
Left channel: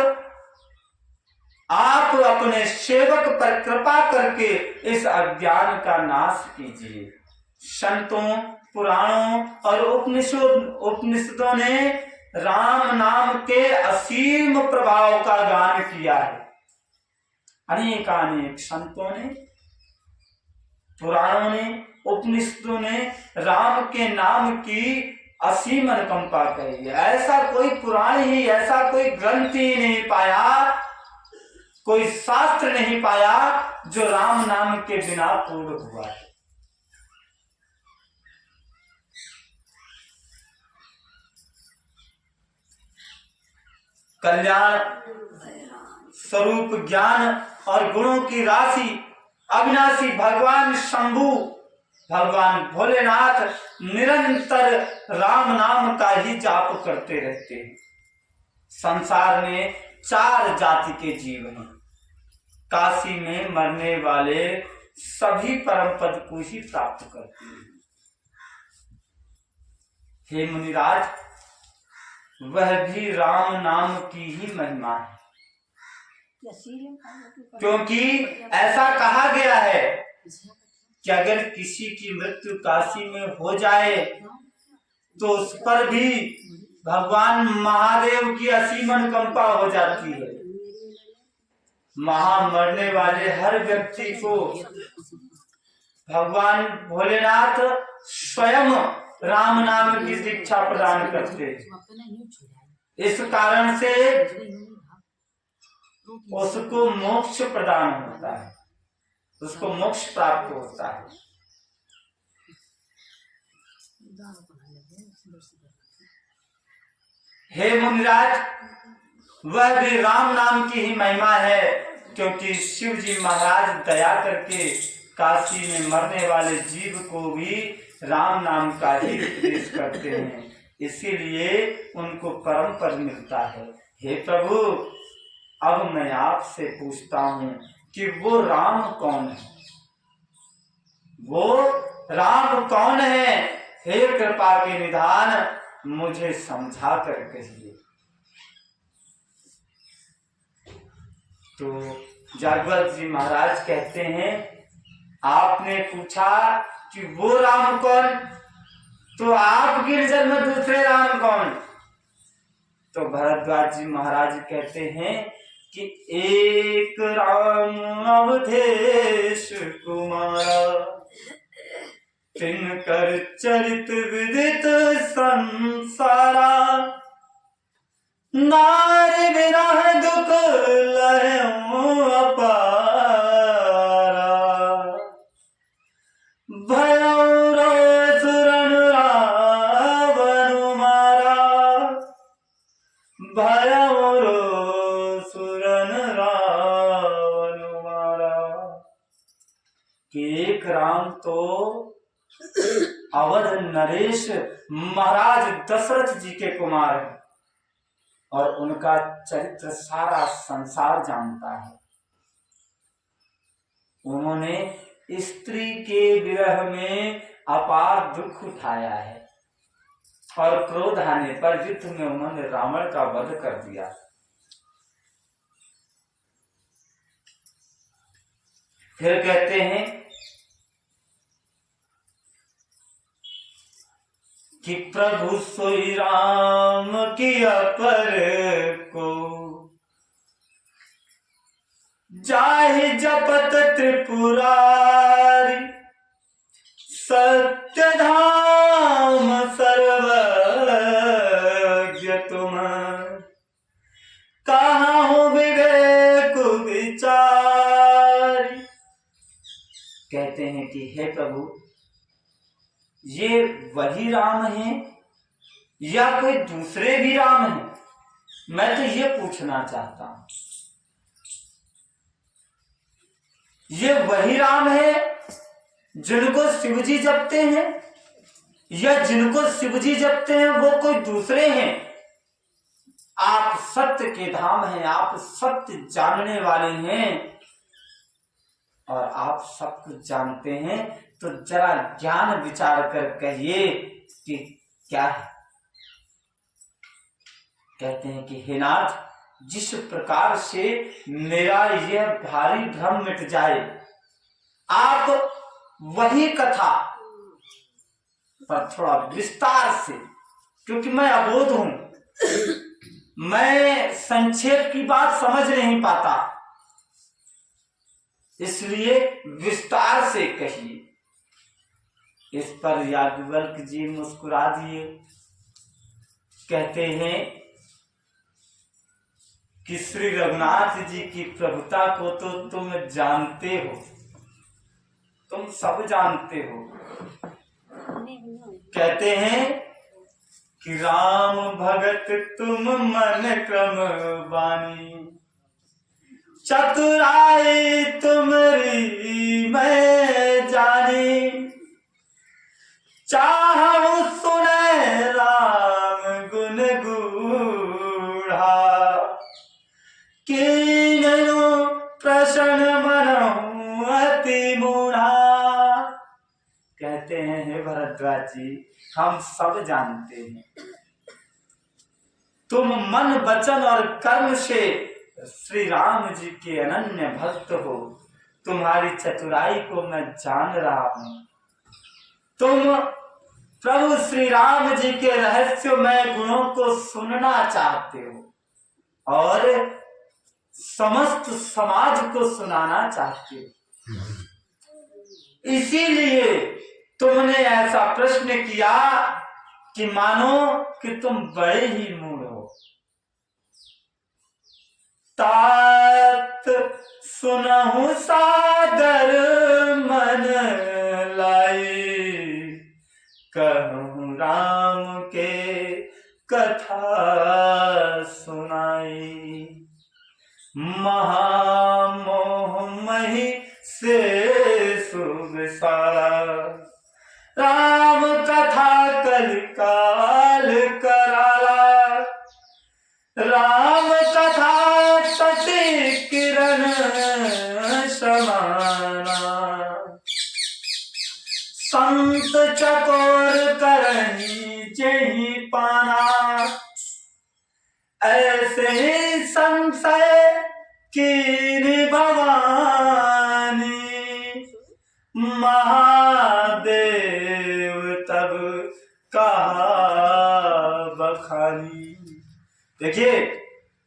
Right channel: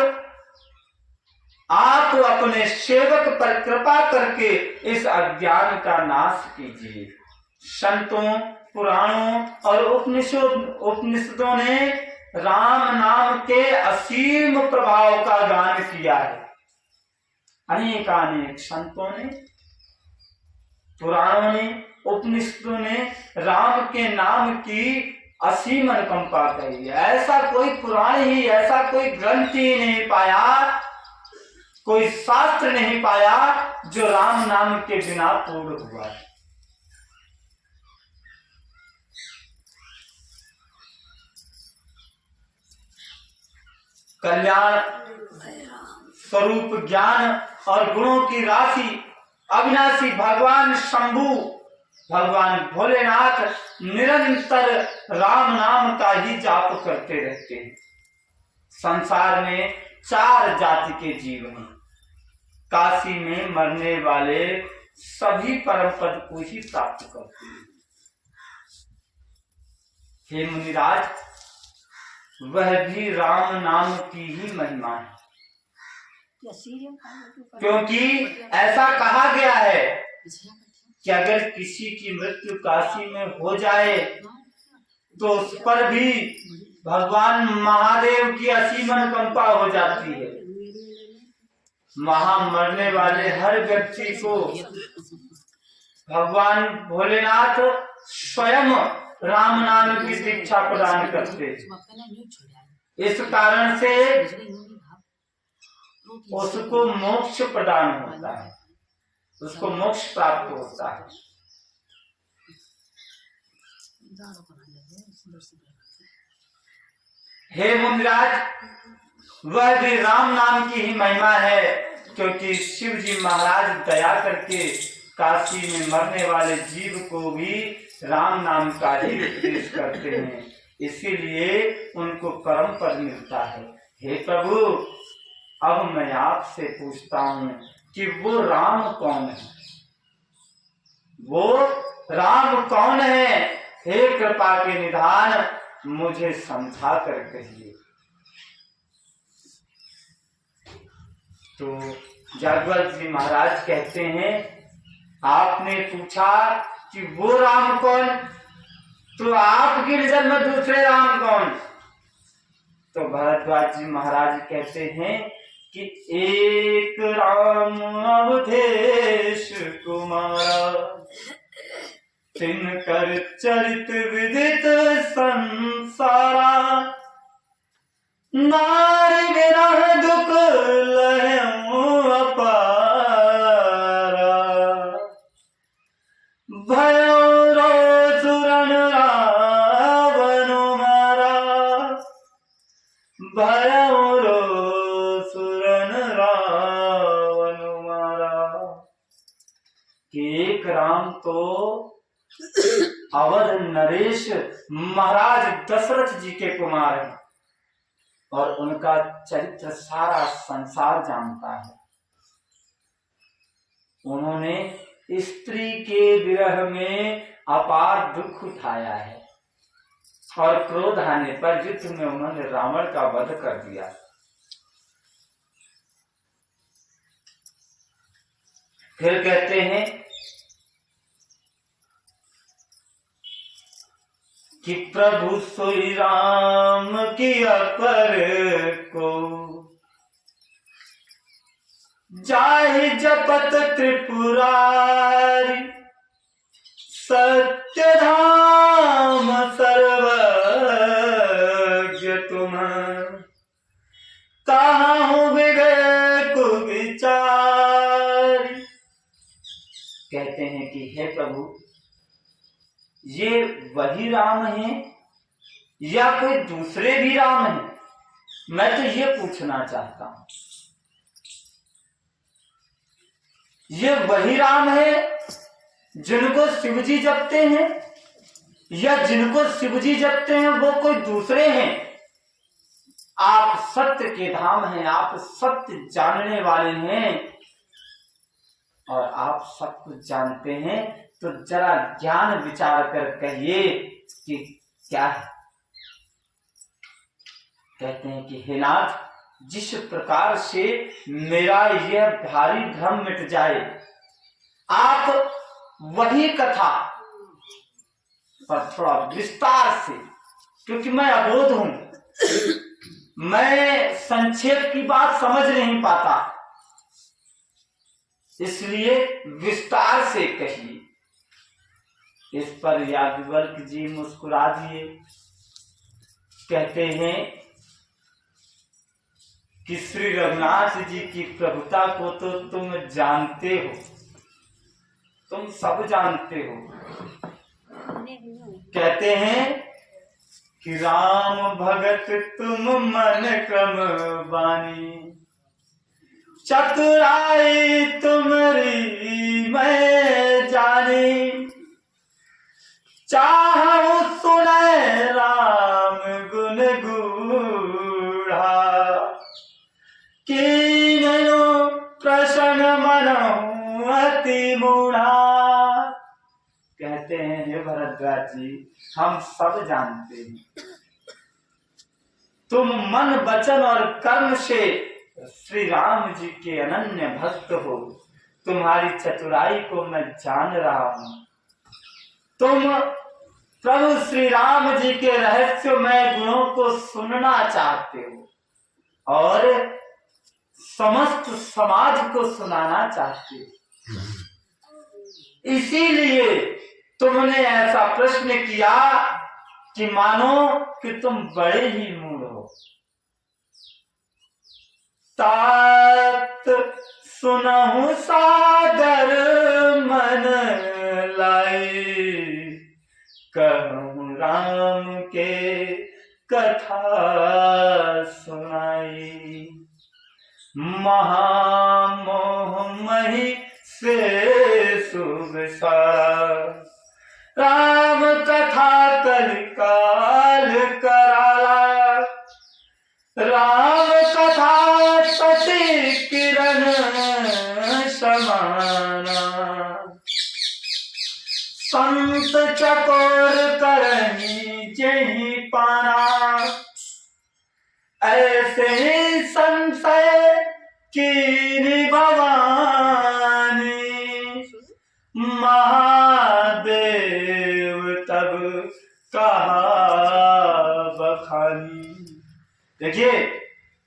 आप अपने सेवक पर कृपा करके इस अज्ञान का नाश कीजिए। संतों, पुराणों और उपनिषदों ने राम नाम के असीम प्रभाव का गान किया है। अनेकानेक संतों ने, पुराणों ने, उपनिषदों ने राम के नाम की असीम अनुकंपा कही है। ऐसा कोई पुराण ही, ऐसा कोई ग्रंथ ही नहीं पाया, कोई शास्त्र नहीं पाया जो राम नाम के बिना पूर्ण हुआ है। कल्याण स्वरूप ज्ञान और गुणों की राशि अविनाशी भगवान शंभु, भगवान भोलेनाथ निरंतर राम नाम का ही जाप करते रहते हैं। संसार में 4 जाति के जीव हैं। काशी में मरने वाले सभी परम पद को ही प्राप्त करते हैं। हे मुनिराज, वह भी राम नाम की ही महिमा है, क्योंकि ऐसा कहा गया है कि अगर किसी की मृत्यु काशी में हो जाए तो उस पर भी भगवान महादेव की असीम अनुकंपा हो जाती है। वहां मरने वाले हर व्यक्ति को भगवान भोलेनाथ स्वयं राम नाम की दीक्षा प्रदान करते हैं। इस कारण से उसको मोक्ष प्रदान होता है, उसको मोक्ष प्राप्त होता है। हे मुनिराज, वह भी राम नाम की ही महिमा है, क्योंकि शिव जी महाराज दया करके काशी में मरने वाले जीव को भी राम नाम का ही उपदेश करते हैं, इसीलिए उनको परम पद मिलता है। हे प्रभु, अब मैं आपसे पूछता हूँ कि वो राम कौन है? वो राम कौन है? हे कृपा के निधान, मुझे समझा कर कहिए। तो जागवत जी महाराज कहते हैं, आपने पूछा कि वो राम कौन, तो आप गिरजन में दूसरे राम कौन? तो भारद्वाज जी महाराज कहते हैं कि एक राम अवधेश कुमार, तिनकर चरित विदित संसारा, नारी विरह दुख लहू अपारा, भयो रो सुरन रावण मारा, भयो रो सुरन रावण मारा। एक राम तो अवध नरेश महाराज दशरथ जी के कुमार हैं और उनका चरित्र सारा संसार जानता है। उन्होंने स्त्री के विरह में अपार दुख उठाया है और क्रोध आने पर युद्ध में उन्होंने रावण का वध कर दिया। फिर कहते हैं कि प्रभु सोई राम की अपर को जाहि जपत त्रिपुरारी सत्य धाम सर्वज्ञ तुम कहाँ हो विवेक विचारी। कहते हैं कि हे प्रभु, ये वही राम हैं या कोई दूसरे भी राम हैं? मैं तो ये पूछना चाहता हूं, ये वही राम है जिनको शिवजी जपते हैं या जिनको शिवजी जपते हैं वो कोई दूसरे हैं? आप सत्य के धाम हैं, आप सत्य जानने वाले हैं और आप सब कुछ जानते हैं, तो जरा ज्ञान विचार कर कहिए कि क्या है। कहते हैं कि हे नाथ, जिस प्रकार से मेरा यह भारी भ्रम मिट जाए, आप वही कथा पर थोड़ा विस्तार से, क्योंकि मैं अबोध हूं, मैं संक्षेप की बात समझ नहीं पाता, इसलिए विस्तार से कहिए। इस पर याज्ञवल्क्य जी मुस्कुरा दिए। कहते हैं कि श्री रघुनाथ जी की प्रभुता को तो तुम जानते हो, तुम सब जानते हो। कहते हैं कि राम भगत तुम मन क्रम बानी, चतुराई तुम्हारी मैं जानी, चाहूं सुने राम गुण गूढ़ा, कीन्हु प्रसन्न मनहु अति मूढ़ा। कहते हैं हे भरद्वाज जी, हम सब जानते हैं, तुम मन वचन और कर्म से श्री राम जी के अनन्य भक्त हो। तुम्हारी चतुराई को मैं जान रहा हूं। तुम प्रभु श्री राम जी के रहस्यमय गुणों को सुनना चाहते हो और समस्त समाज को सुनाना चाहते हो, इसीलिए तुमने ऐसा प्रश्न किया कि मानो कि तुम बड़े ही मूढ़ हो। तात सुनहु सादर मन लाई, कहूं राम के कथा सुनाई, महामोह मही से सुबसारा, राम कथा कलिकाल कराला, राम कथा सती किरण समाना, संत चकोर करही जेहि पाना, ऐसे ही संशय कीन्हि भवानी, महादेव तब कहा बखानी। देखिए,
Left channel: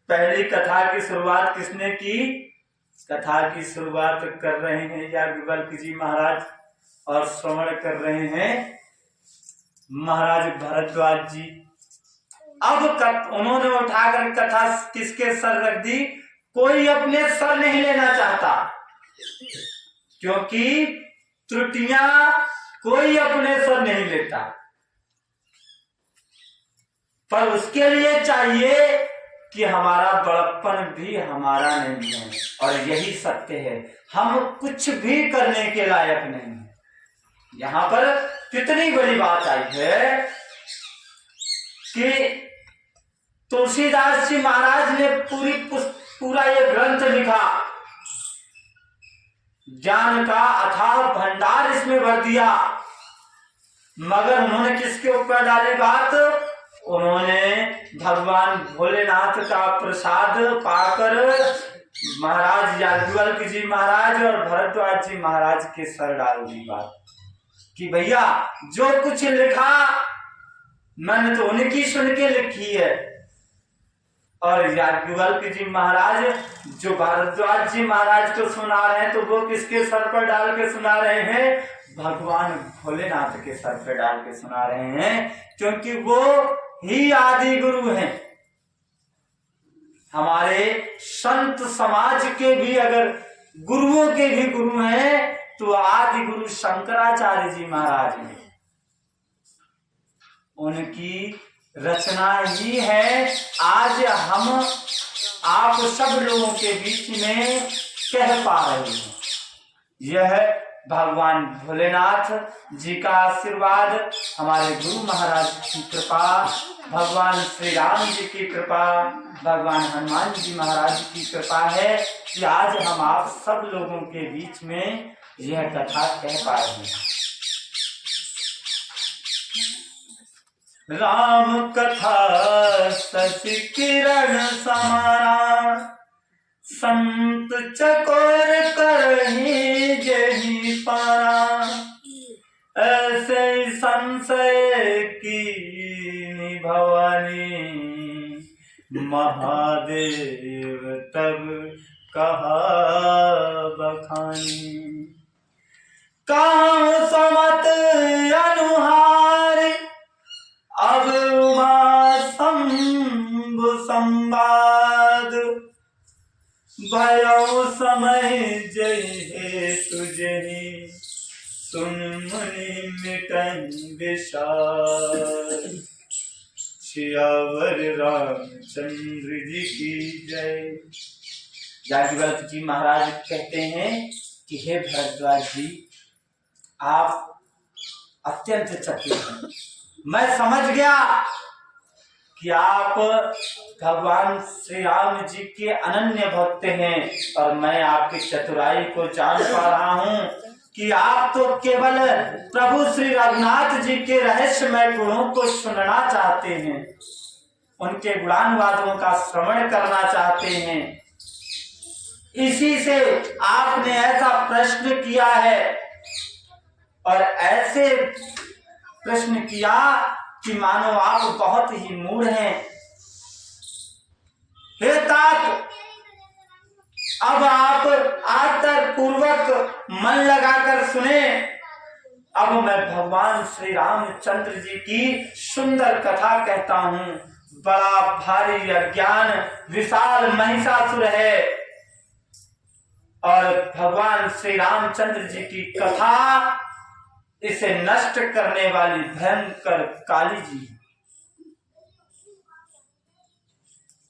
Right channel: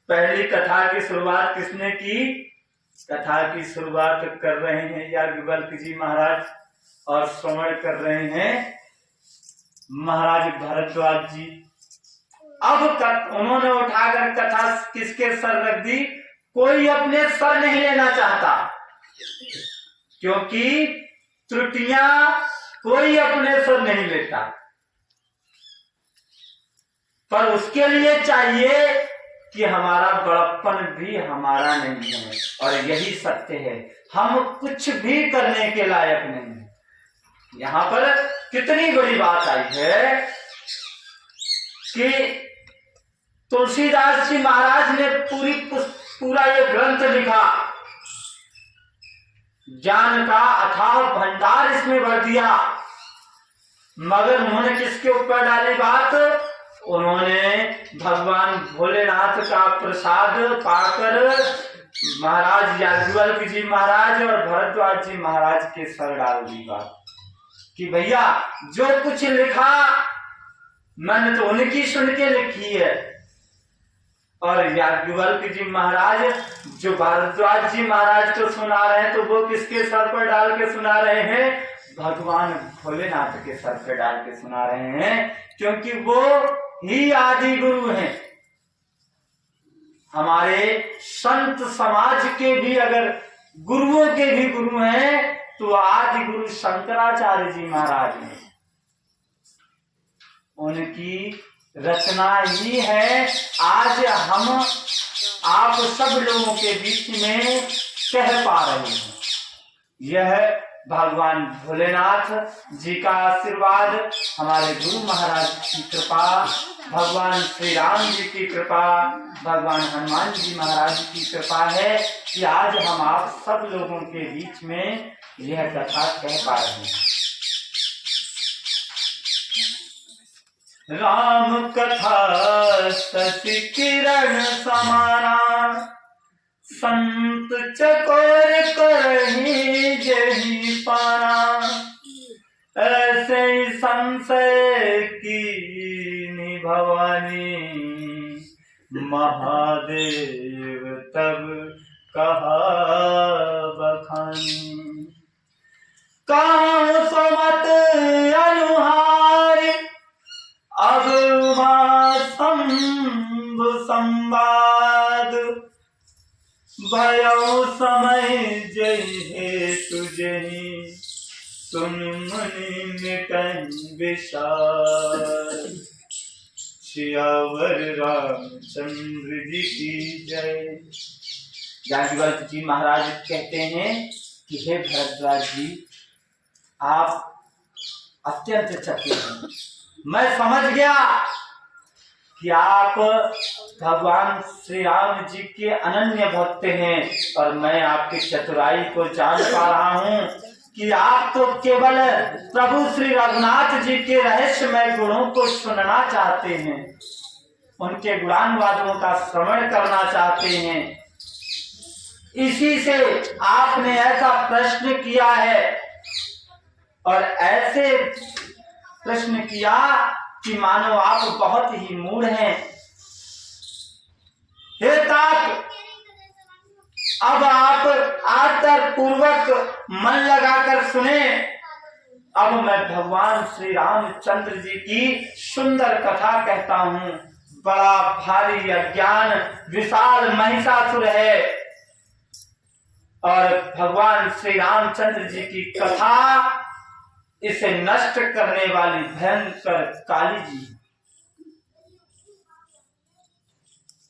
पहली कथा की शुरुआत किसने की? कथा की शुरुआत कर रहे हैं याज्ञवल्क्य जी महाराज और श्रवण कर रहे हैं महाराज भरद्वाज जी। अब उन्होंने उठाकर कथा किसके सर रख दी? कोई अपने सर नहीं लेना चाहता, क्योंकि त्रुटियां कोई अपने सर नहीं लेता, पर उसके लिए चाहिए कि हमारा बड़प्पन भी हमारा नहीं है, और यही सत्य है। हम कुछ भी करने के लायक नहीं। यहाँ पर कितनी बड़ी बात आई है कि तुलसीदास जी महाराज ने पूरा ये ग्रंथ लिखा, ज्ञान का अथाह भंडार इसमें भर दिया, मगर उन्होंने किसके ऊपर डाली बात? उन्होंने भगवान भोलेनाथ का प्रसाद पाकर महाराज याज्ञवल्क्य जी महाराज और भरद्वाज जी महाराज के सर डाल दी बात कि भैया जो कुछ लिखा मैंने तो उनकी सुन के लिखी है। और याज्ञवल्क्य जी महाराज जो भारद्वाज जी महाराज को सुना रहे हैं तो वो किसके सर पर डाल के सुना रहे हैं? भगवान भोलेनाथ के सर पर डाल के सुना रहे हैं, क्योंकि वो ही आदि गुरु हैं। हमारे संत समाज के भी अगर गुरुओं के भी गुरु हैं तो आदि गुरु शंकराचार्य जी महाराज हैं। उनकी रचना ही है आज हम आप सब लोगों के बीच में कह पा रहे हैं। यह भगवान भोलेनाथ जी का आशीर्वाद, हमारे गुरु महाराज की कृपा, भगवान श्री राम जी की कृपा, भगवान हनुमान जी महाराज की कृपा है कि आज हम आप सब लोगों के बीच में यह कथा कह पा रहे हैं। राम कथा शशि किरण समाना, संत चकोर करही जही पाना, ऐसे संशय की भवानी, महादेव तब कहा बखानी। काम समत अनुहार, अब उमा शंभु संवाद, भयो समय जय हे तुझे, सुन मुनि मिटन विषाद। सियावर रामचंद्र जी की जय। याज्ञवल्क्य जी महाराज कहते हैं कि हे भरद्वाज जी, आप अत्यंत चतुर हैं। मैं समझ गया कि आप भगवान श्री राम जी के अनन्य भक्त हैं, और मैं आपकी चतुराई को जान पा रहा हूँ कि आप तो केवल प्रभु श्री रघुनाथ जी के रहस्यमय गुणों को सुनना चाहते हैं, उनके गुणानुवादों का श्रवण करना चाहते हैं। इसी से आपने ऐसा प्रश्न किया है, और ऐसे प्रश्न किया कि मानो आप बहुत ही मूढ़ हैं। हे तात, अब आप आदर पूर्वक मन लगाकर सुने। अब मैं भगवान श्री रामचंद्र जी की सुंदर कथा कहता हूँ। बड़ा भारी अज्ञान विशाल महिषासुर है, और भगवान श्री रामचंद्र जी की कथा इसे नष्ट करने वाली भयंकर काली जी।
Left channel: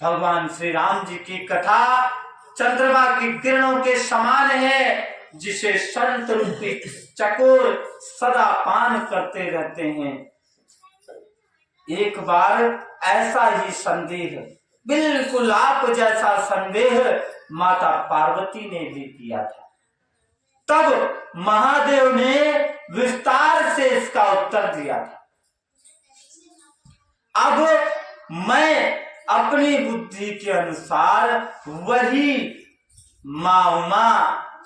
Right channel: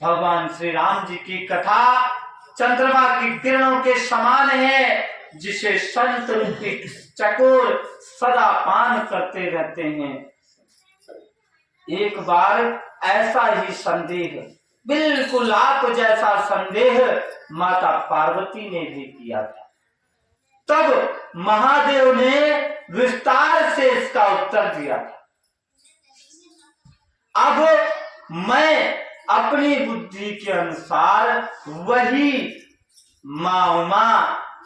भगवान श्री राम जी की कथा चंद्रमा की किरणों के समान है, जिसे संत रूपी चकोर सदा पान करते रहते हैं। एक बार ऐसा ही संदेह, बिल्कुल आप जैसा संदेह माता पार्वती ने भी किया था। तब महादेव ने विस्तार से इसका उत्तर दिया था। अब मैं अपनी बुद्धि के अनुसार वही मां उमा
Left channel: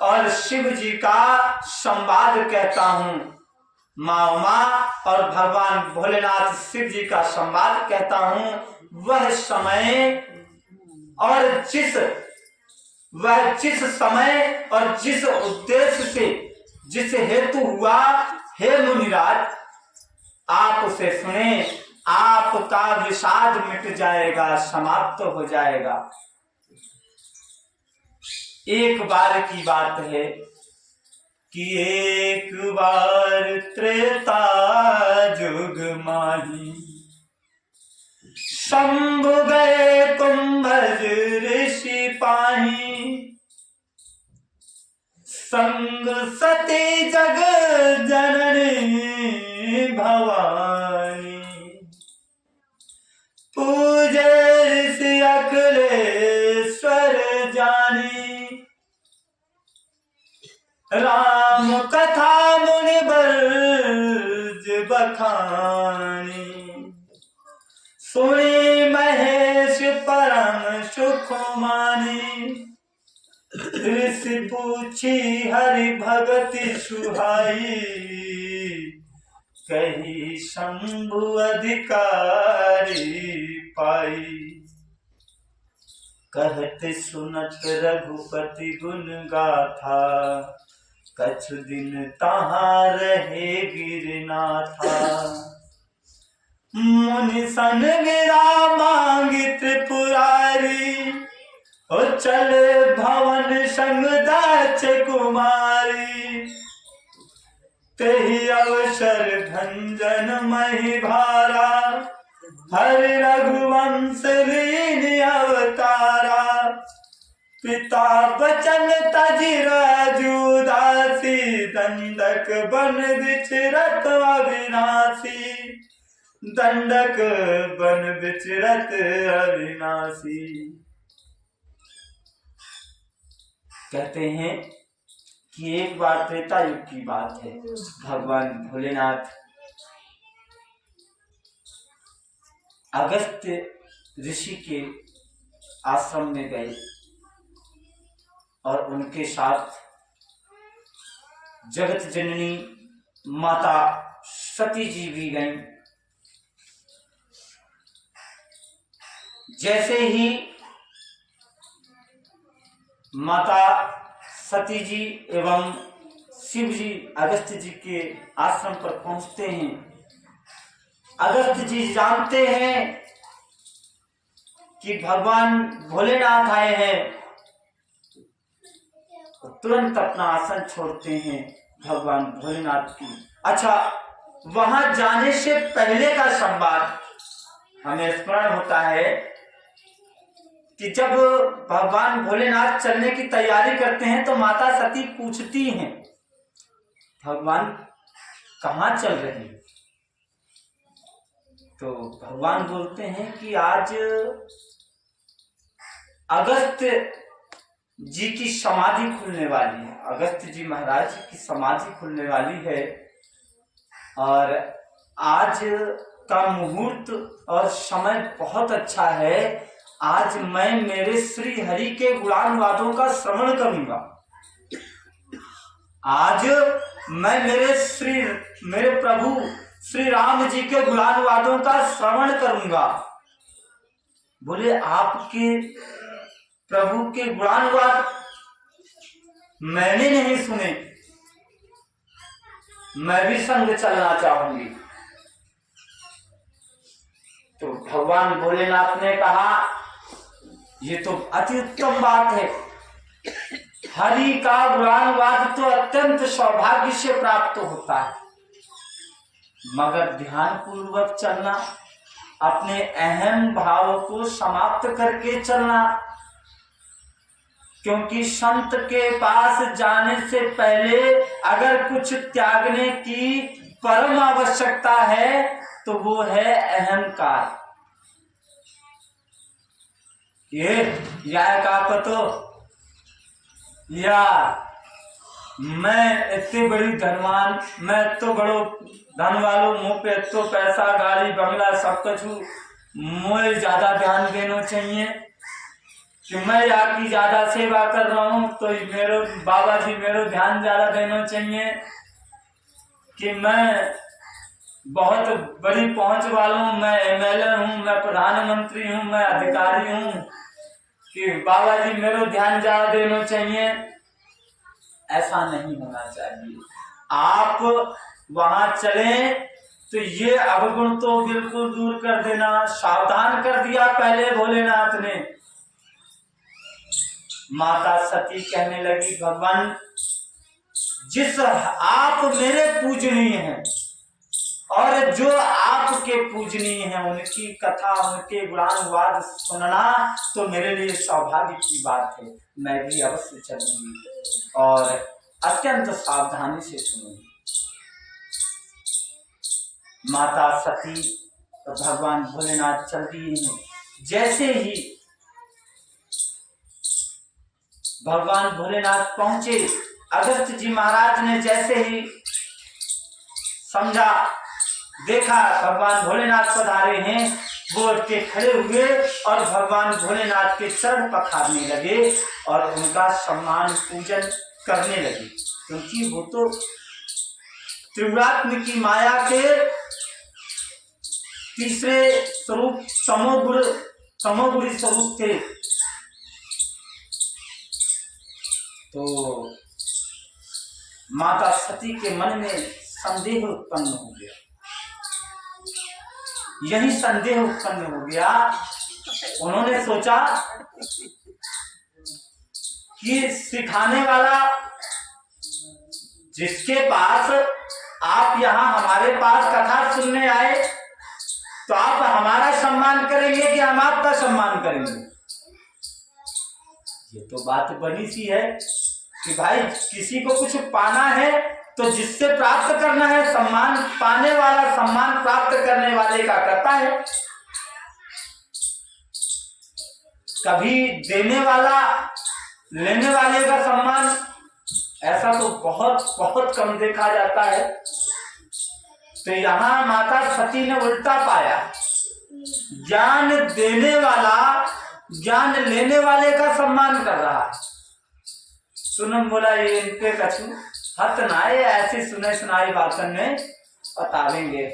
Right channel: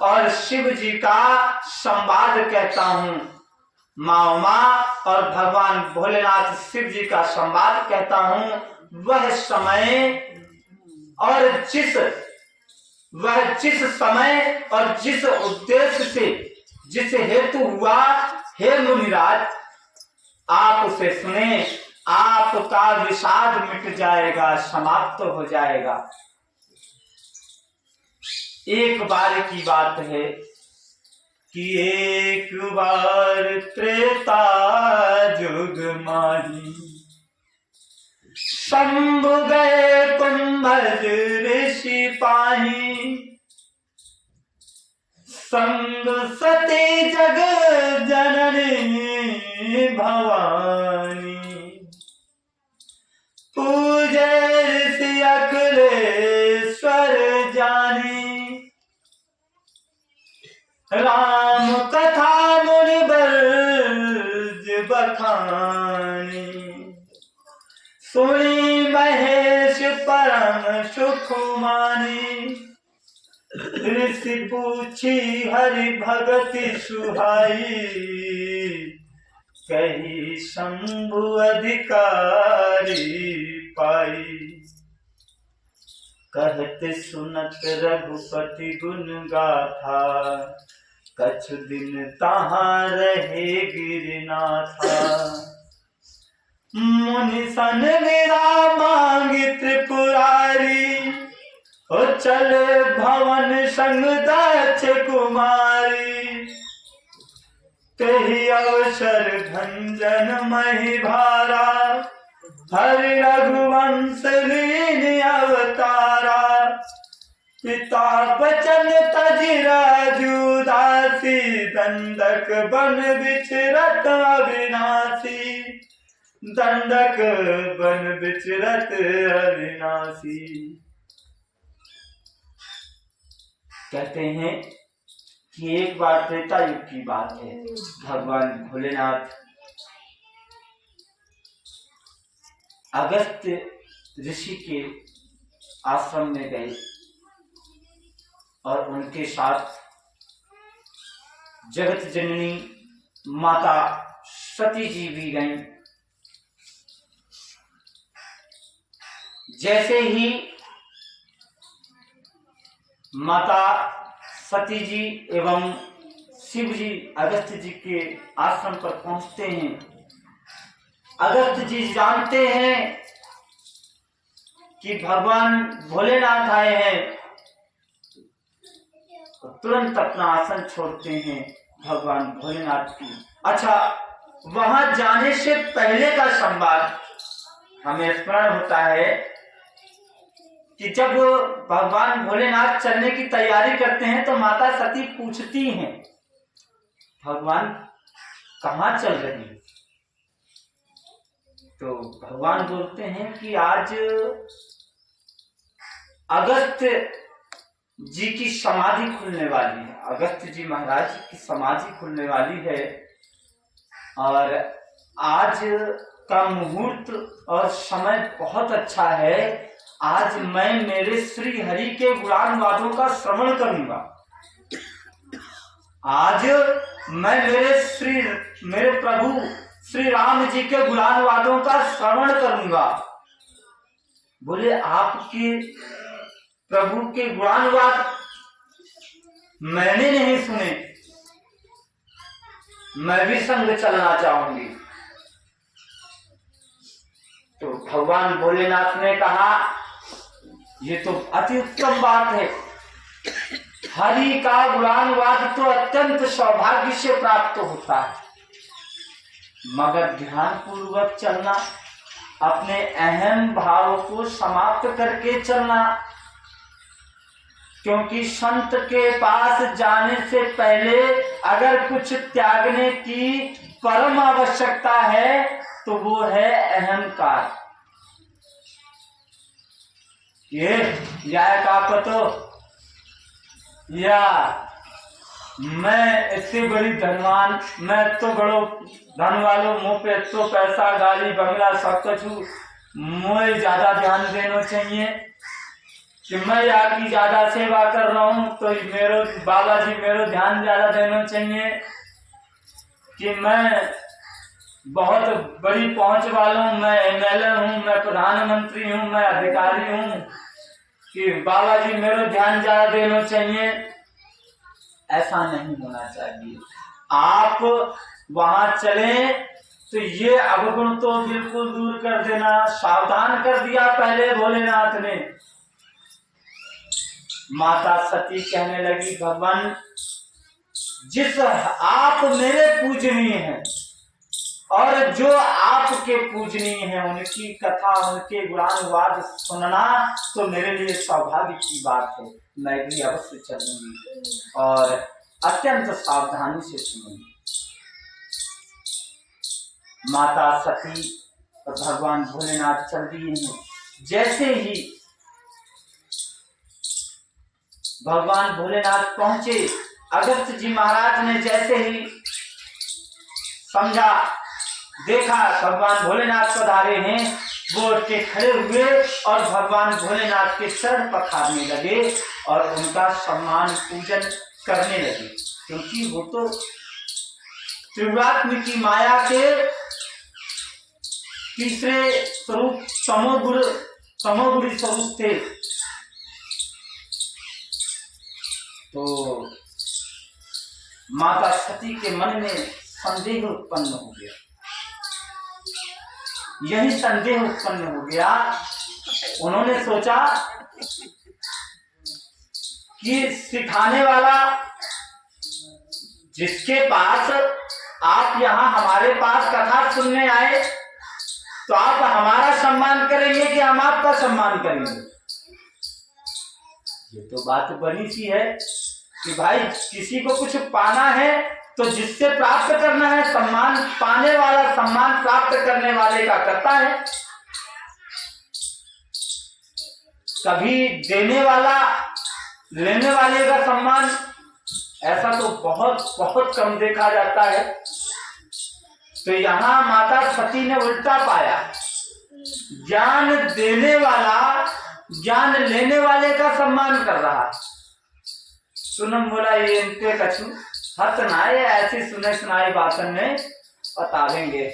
और शिव जी का संवाद कहता हूं। मां उमा और भगवान भोलेनाथ शिव जी का संवाद कहता हूं। वह समय और जिस समय और जिस उद्देश्य से, जिस हेतु हुआ, हे मुनिराज आप उसे सुने, आपका विषाद मिट जाएगा, समाप्त हो जाएगा। एक बार की बात है कि एक बार त्रेता जुग माही, शंभु गए कुंभज ऋषि पाही, संग सती जग जननी भवानी, पूजे ऋषि अखिलेश्वर जानी, राम कथा मुनि बरज बखानी, सुनी महेश परम सुख मानी, ऋषि पूछी हरि भगति सुहाई, कही शंभु अधिकारी पाई, कहते सुनत रघुपति गुण गाथा, कछु दिन तहाँ रहे गिरनाथा, मुनि सन गिरा मांगी त्रिपुरारी, ओ चले भवन संग दाच कुमारी, तेहि अवसर भंजन मही भारा, हरि रघुवंश लीन अवतारा, पिता बचन तजि राजू दासी, दंडक बन विचरत अविनाशी, दंडक बन विचरत अविनाशी। कहते हैं कि एक बार त्रेता युग की बात है, भगवान भोलेनाथ अगस्त्य ऋषि के आश्रम में गए और उनके साथ जगत जननी माता सती जी भी गईं। जैसे ही माता सती जी एवं शिव जी अगस्त्य जी के आश्रम पर पहुंचते हैं, अगस्त्य जी जानते हैं कि भगवान भोलेनाथ आए हैं, तो तुरंत अपना आसन छोड़ते हैं भगवान भोलेनाथ की। अच्छा, वहां जाने से पहले का संवाद हमें स्मरण होता है कि जब भगवान भोलेनाथ चलने की तैयारी करते हैं तो माता सती पूछती हैं, भगवान कहाँ चल रहे हैं? तो भगवान बोलते हैं कि आज अगस्त्य जी की समाधि खुलने वाली है, अगस्त्य जी महाराज की समाधि खुलने वाली है, और आज का मुहूर्त और समय बहुत अच्छा है। आज मैं मेरे श्री हरि के गुणानुवादों का श्रवण करूंगा। आज मैं मेरे प्रभु श्री राम जी के गुणानुवादों का श्रवण करूंगा। बोले, आपके प्रभु के गुणानुवाद मैंने नहीं सुने, मैं भी संग चलना चाहूंगी। तो भगवान भोलेनाथ ने कहा, ये तो अति उत्तम बात है, हरि का गुणानुवाद तो अत्यंत सौभाग्य से प्राप्त होता है, मगर ध्यान पूर्वक चलना, अपने अहम भाव को समाप्त करके चलना, क्योंकि संत के पास जाने से पहले अगर कुछ त्यागने की परम आवश्यकता है तो वो है अहंकार। या का पतो, या मैं इतनी बड़ी धनवान, मैं तो बड़ो धन वालों, मुँह पे तो पैसा, गाड़ी बंगला सब कुछ, मुझे ज्यादा ध्यान देना चाहिए कि मैं आपकी ज्यादा सेवा कर रहा हूँ, तो मेरो बाबा जी मेरो ध्यान ज्यादा देना चाहिए कि मैं बहुत बड़ी पहुंच वाला हूँ, मैं एमएलए हूँ, मैं प्रधानमंत्री हूँ, मैं अधिकारी हूँ, कि बाबा जी मेरा ध्यान ज्यादा देना चाहिए। ऐसा नहीं होना चाहिए। आप वहां चलें तो ये अवगुण तो बिल्कुल दूर कर देना, सावधान कर दिया पहले भोलेनाथ ने। माता सती कहने लगी, भगवान जिस आप मेरे पूजनीय हैं और जो आपके पूजनीय हैं, उनकी कथा, उनके गुणानुवाद सुनना तो मेरे लिए सौभाग्य की बात है, मैं भी अवश्य चलूंगी। और अत्यंत सावधानी से सुनिए। माता सती और भगवान भोलेनाथ चल दिए हैं। जैसे ही भगवान भोलेनाथ पहुंचे, अगस्त जी महाराज ने जैसे ही समझा, देखा भगवान भोलेनाथ पधारे हैं, वो उठ के खड़े हुए और भगवान भोलेनाथ के चरण पखारने लगे और उनका सम्मान पूजन करने लगे, क्योंकि वो तो त्रिगुणात्म की माया के तीसरे स्वरूप तमोगुणी स्वरूप थे। तो माता सती के मन में संदेह उत्पन्न हो गया। यही संदेह उत्पन्न हो गया, उन्होंने सोचा कि सिखाने वाला जिसके पास आप यहाँ हमारे पास कथा सुनने आए, तो आप हमारा सम्मान करेंगे कि हम आपका सम्मान करेंगे? ये तो बात बनी सी है कि भाई किसी को कुछ पाना है तो जिससे प्राप्त करना है, सम्मान पाने वाला सम्मान प्राप्त करने वाले का करता है। कभी देने वाला लेने वाले का सम्मान ऐसा तो बहुत बहुत कम देखा जाता है। तो यहाँ माता सती ने उल्टा पाया, ज्ञान देने वाला ज्ञान लेने वाले का सम्मान कर रहा। सुनम बोला ये इनके कछु हत नाए, ऐसी सुने सुनाई बातन ने बतावेंगे,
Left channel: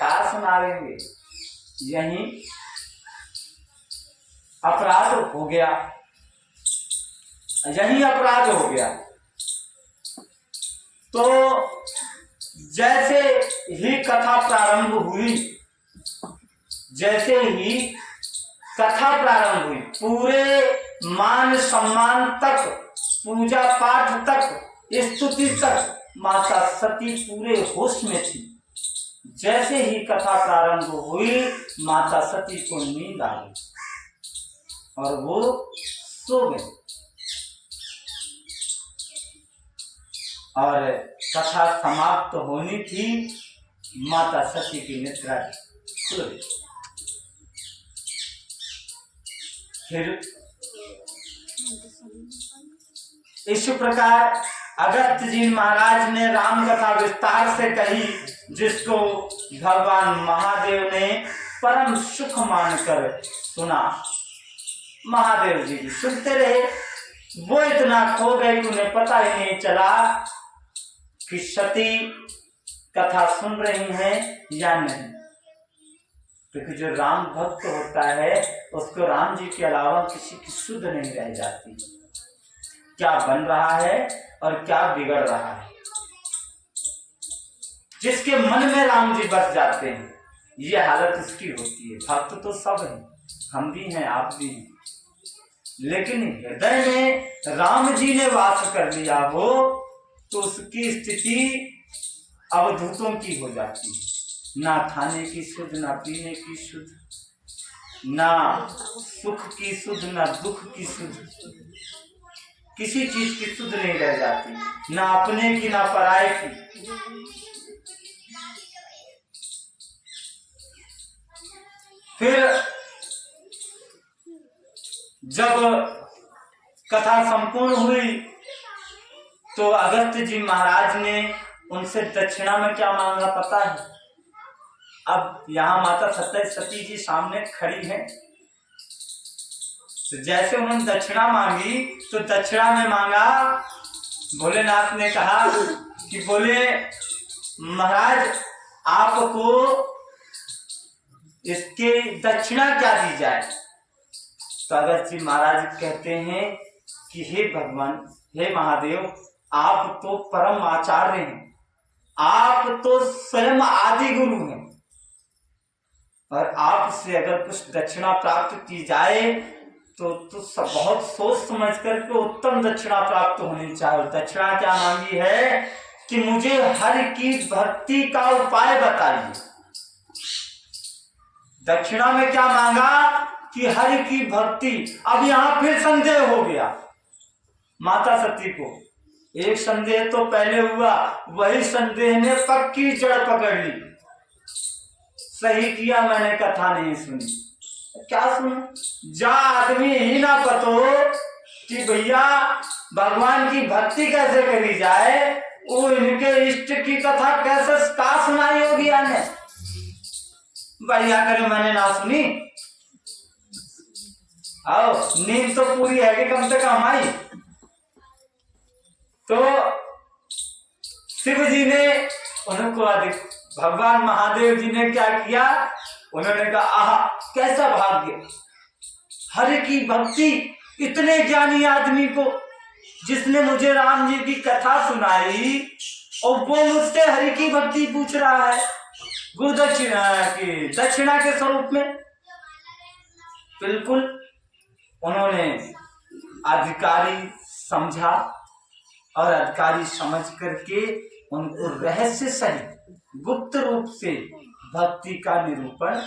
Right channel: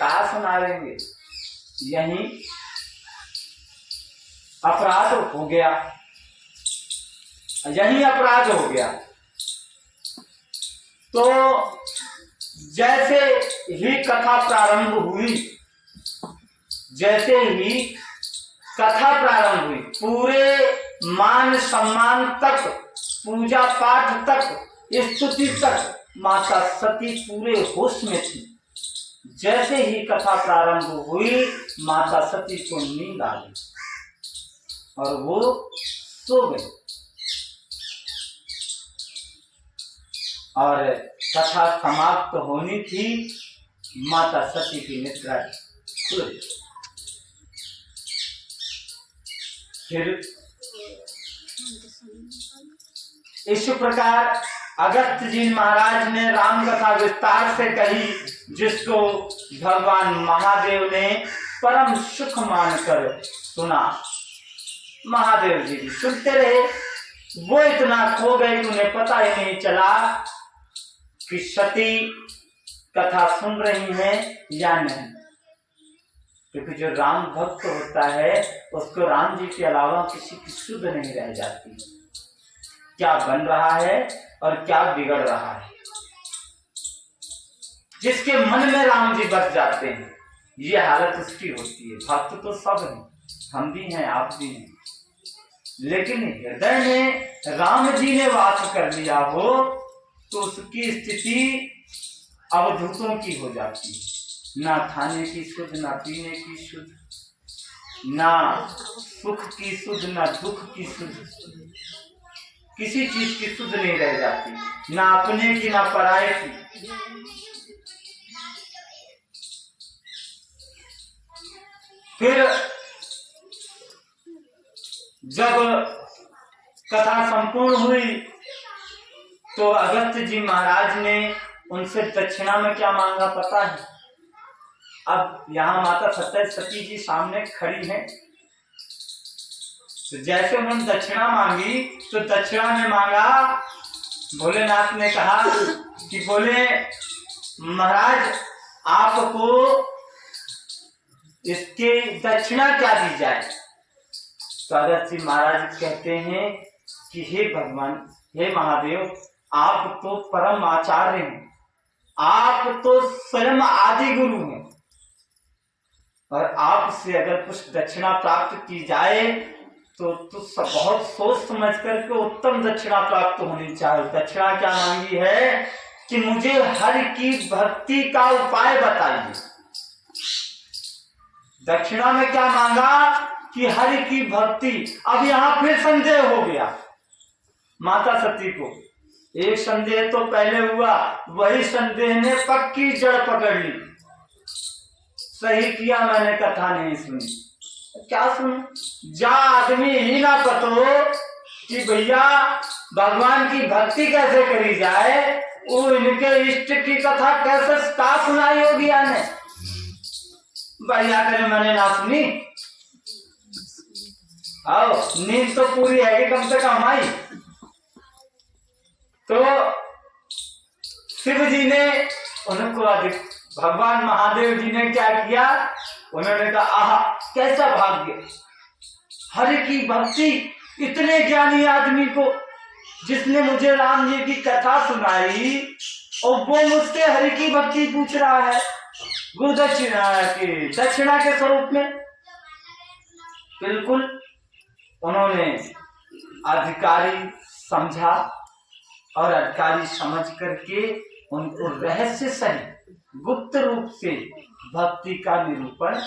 कहा सुनावेंगे। यही अपराध हो गया, यही अपराध हो गया। तो जैसे ही कथा प्रारंभ हुई, जैसे ही कथा प्रारंभ हुई, पूरे मान सम्मान तक, पूजा पाठ तक, स्तुति तक माता सती पूरे होश में थी। जैसे ही कथा प्रारंभ हुई, माता सती को नींद आ गई और वो सो गई। और कथा समाप्त होनी थी, माता सती की निद्रा खुल गई। फिर इस प्रकार अगस्त जी महाराज ने राम कथा विस्तार से कही, जिसको भगवान महादेव ने परम सुख मानकर सुना। महादेव जी सुनते रहे, वो इतना खो गए कि उन्हें पता ही नहीं चला कि सती कथा सुन रही हैं या नहीं। क्योंकि जो राम भक्त होता है उसको राम जी के अलावा किसी की सुध नहीं रह जाती, क्या बन रहा है और क्या बिगड़ रहा है। जिसके मन में राम जी बस जाते हैं, ये हालत उसकी होती है। भक्त तो सब हैं, हम भी हैं, आप भी हैं, लेकिन हृदय में राम जी ने वास कर लिया हो तो उसकी स्थिति अवधूतों की हो जाती है। ना खाने की सुध, ना पीने की सुध, ना सुख की सुध, ना दुख की सुध, किसी चीज की सुध नहीं रह जाती, ना अपने की ना पराये की। फिर जब कथा संपूर्ण हुई तो अगस्त जी महाराज ने उनसे दक्षिणा में क्या मांगा पता है? अब यहाँ माता सती जी सामने खड़ी हैं, तो जैसे उन्होंने दक्षिणा मांगी तो दक्षिणा में मांगा, भोलेनाथ ने कहा कि बोले महाराज आपको इसके दक्षिणा क्या दी जाए? तो अगस्त जी महाराज कहते हैं कि हे भगवान, हे महादेव, आप तो परम आचार्य हैं, आप तो स्वयं आदि गुरु हैं, और आपसे अगर कुछ दक्षिणा प्राप्त की जाए तो बहुत सोच समझ करके उत्तम दक्षिणा प्राप्त होनी चाहिए। दक्षिणा क्या मांगी है कि मुझे हरि की भक्ति का उपाय बताइए। दक्षिणा में क्या मांगा कि हरि की भक्ति। अब यहां फिर संदेह हो गया माता सती को एक संदेह तो पहले हुआ, वही संदेह ने पक्की जड़ पकड़ ली। सही किया मैंने कथा नहीं सुनी। क्या सुन, जा आदमी ही ना पतो कि भैया भगवान की भक्ति कैसे करी जाए, वो इनके इष्ट की कथा कैसे का सुनाई होगी आने। बढ़िया करे मैंने ना सुनी। आओ, नींद तो पूरी है कि कम से कम आई। तो शिव जी ने उनको भगवान महादेव जी ने क्या किया, उन्होंने कहा आहा कैसा भाग्य, हरि की भक्ति, इतने ज्ञानी आदमी को जिसने मुझे राम जी की कथा सुनाई और वो मुझसे हरि की भक्ति पूछ रहा है दक्षिणा के स्वरूप में। बिल्कुल उन्होंने अधिकारी समझा और अधिकारी समझ करके उनको रहस्य सहित गुप्त रूप से भक्ति का निरूपण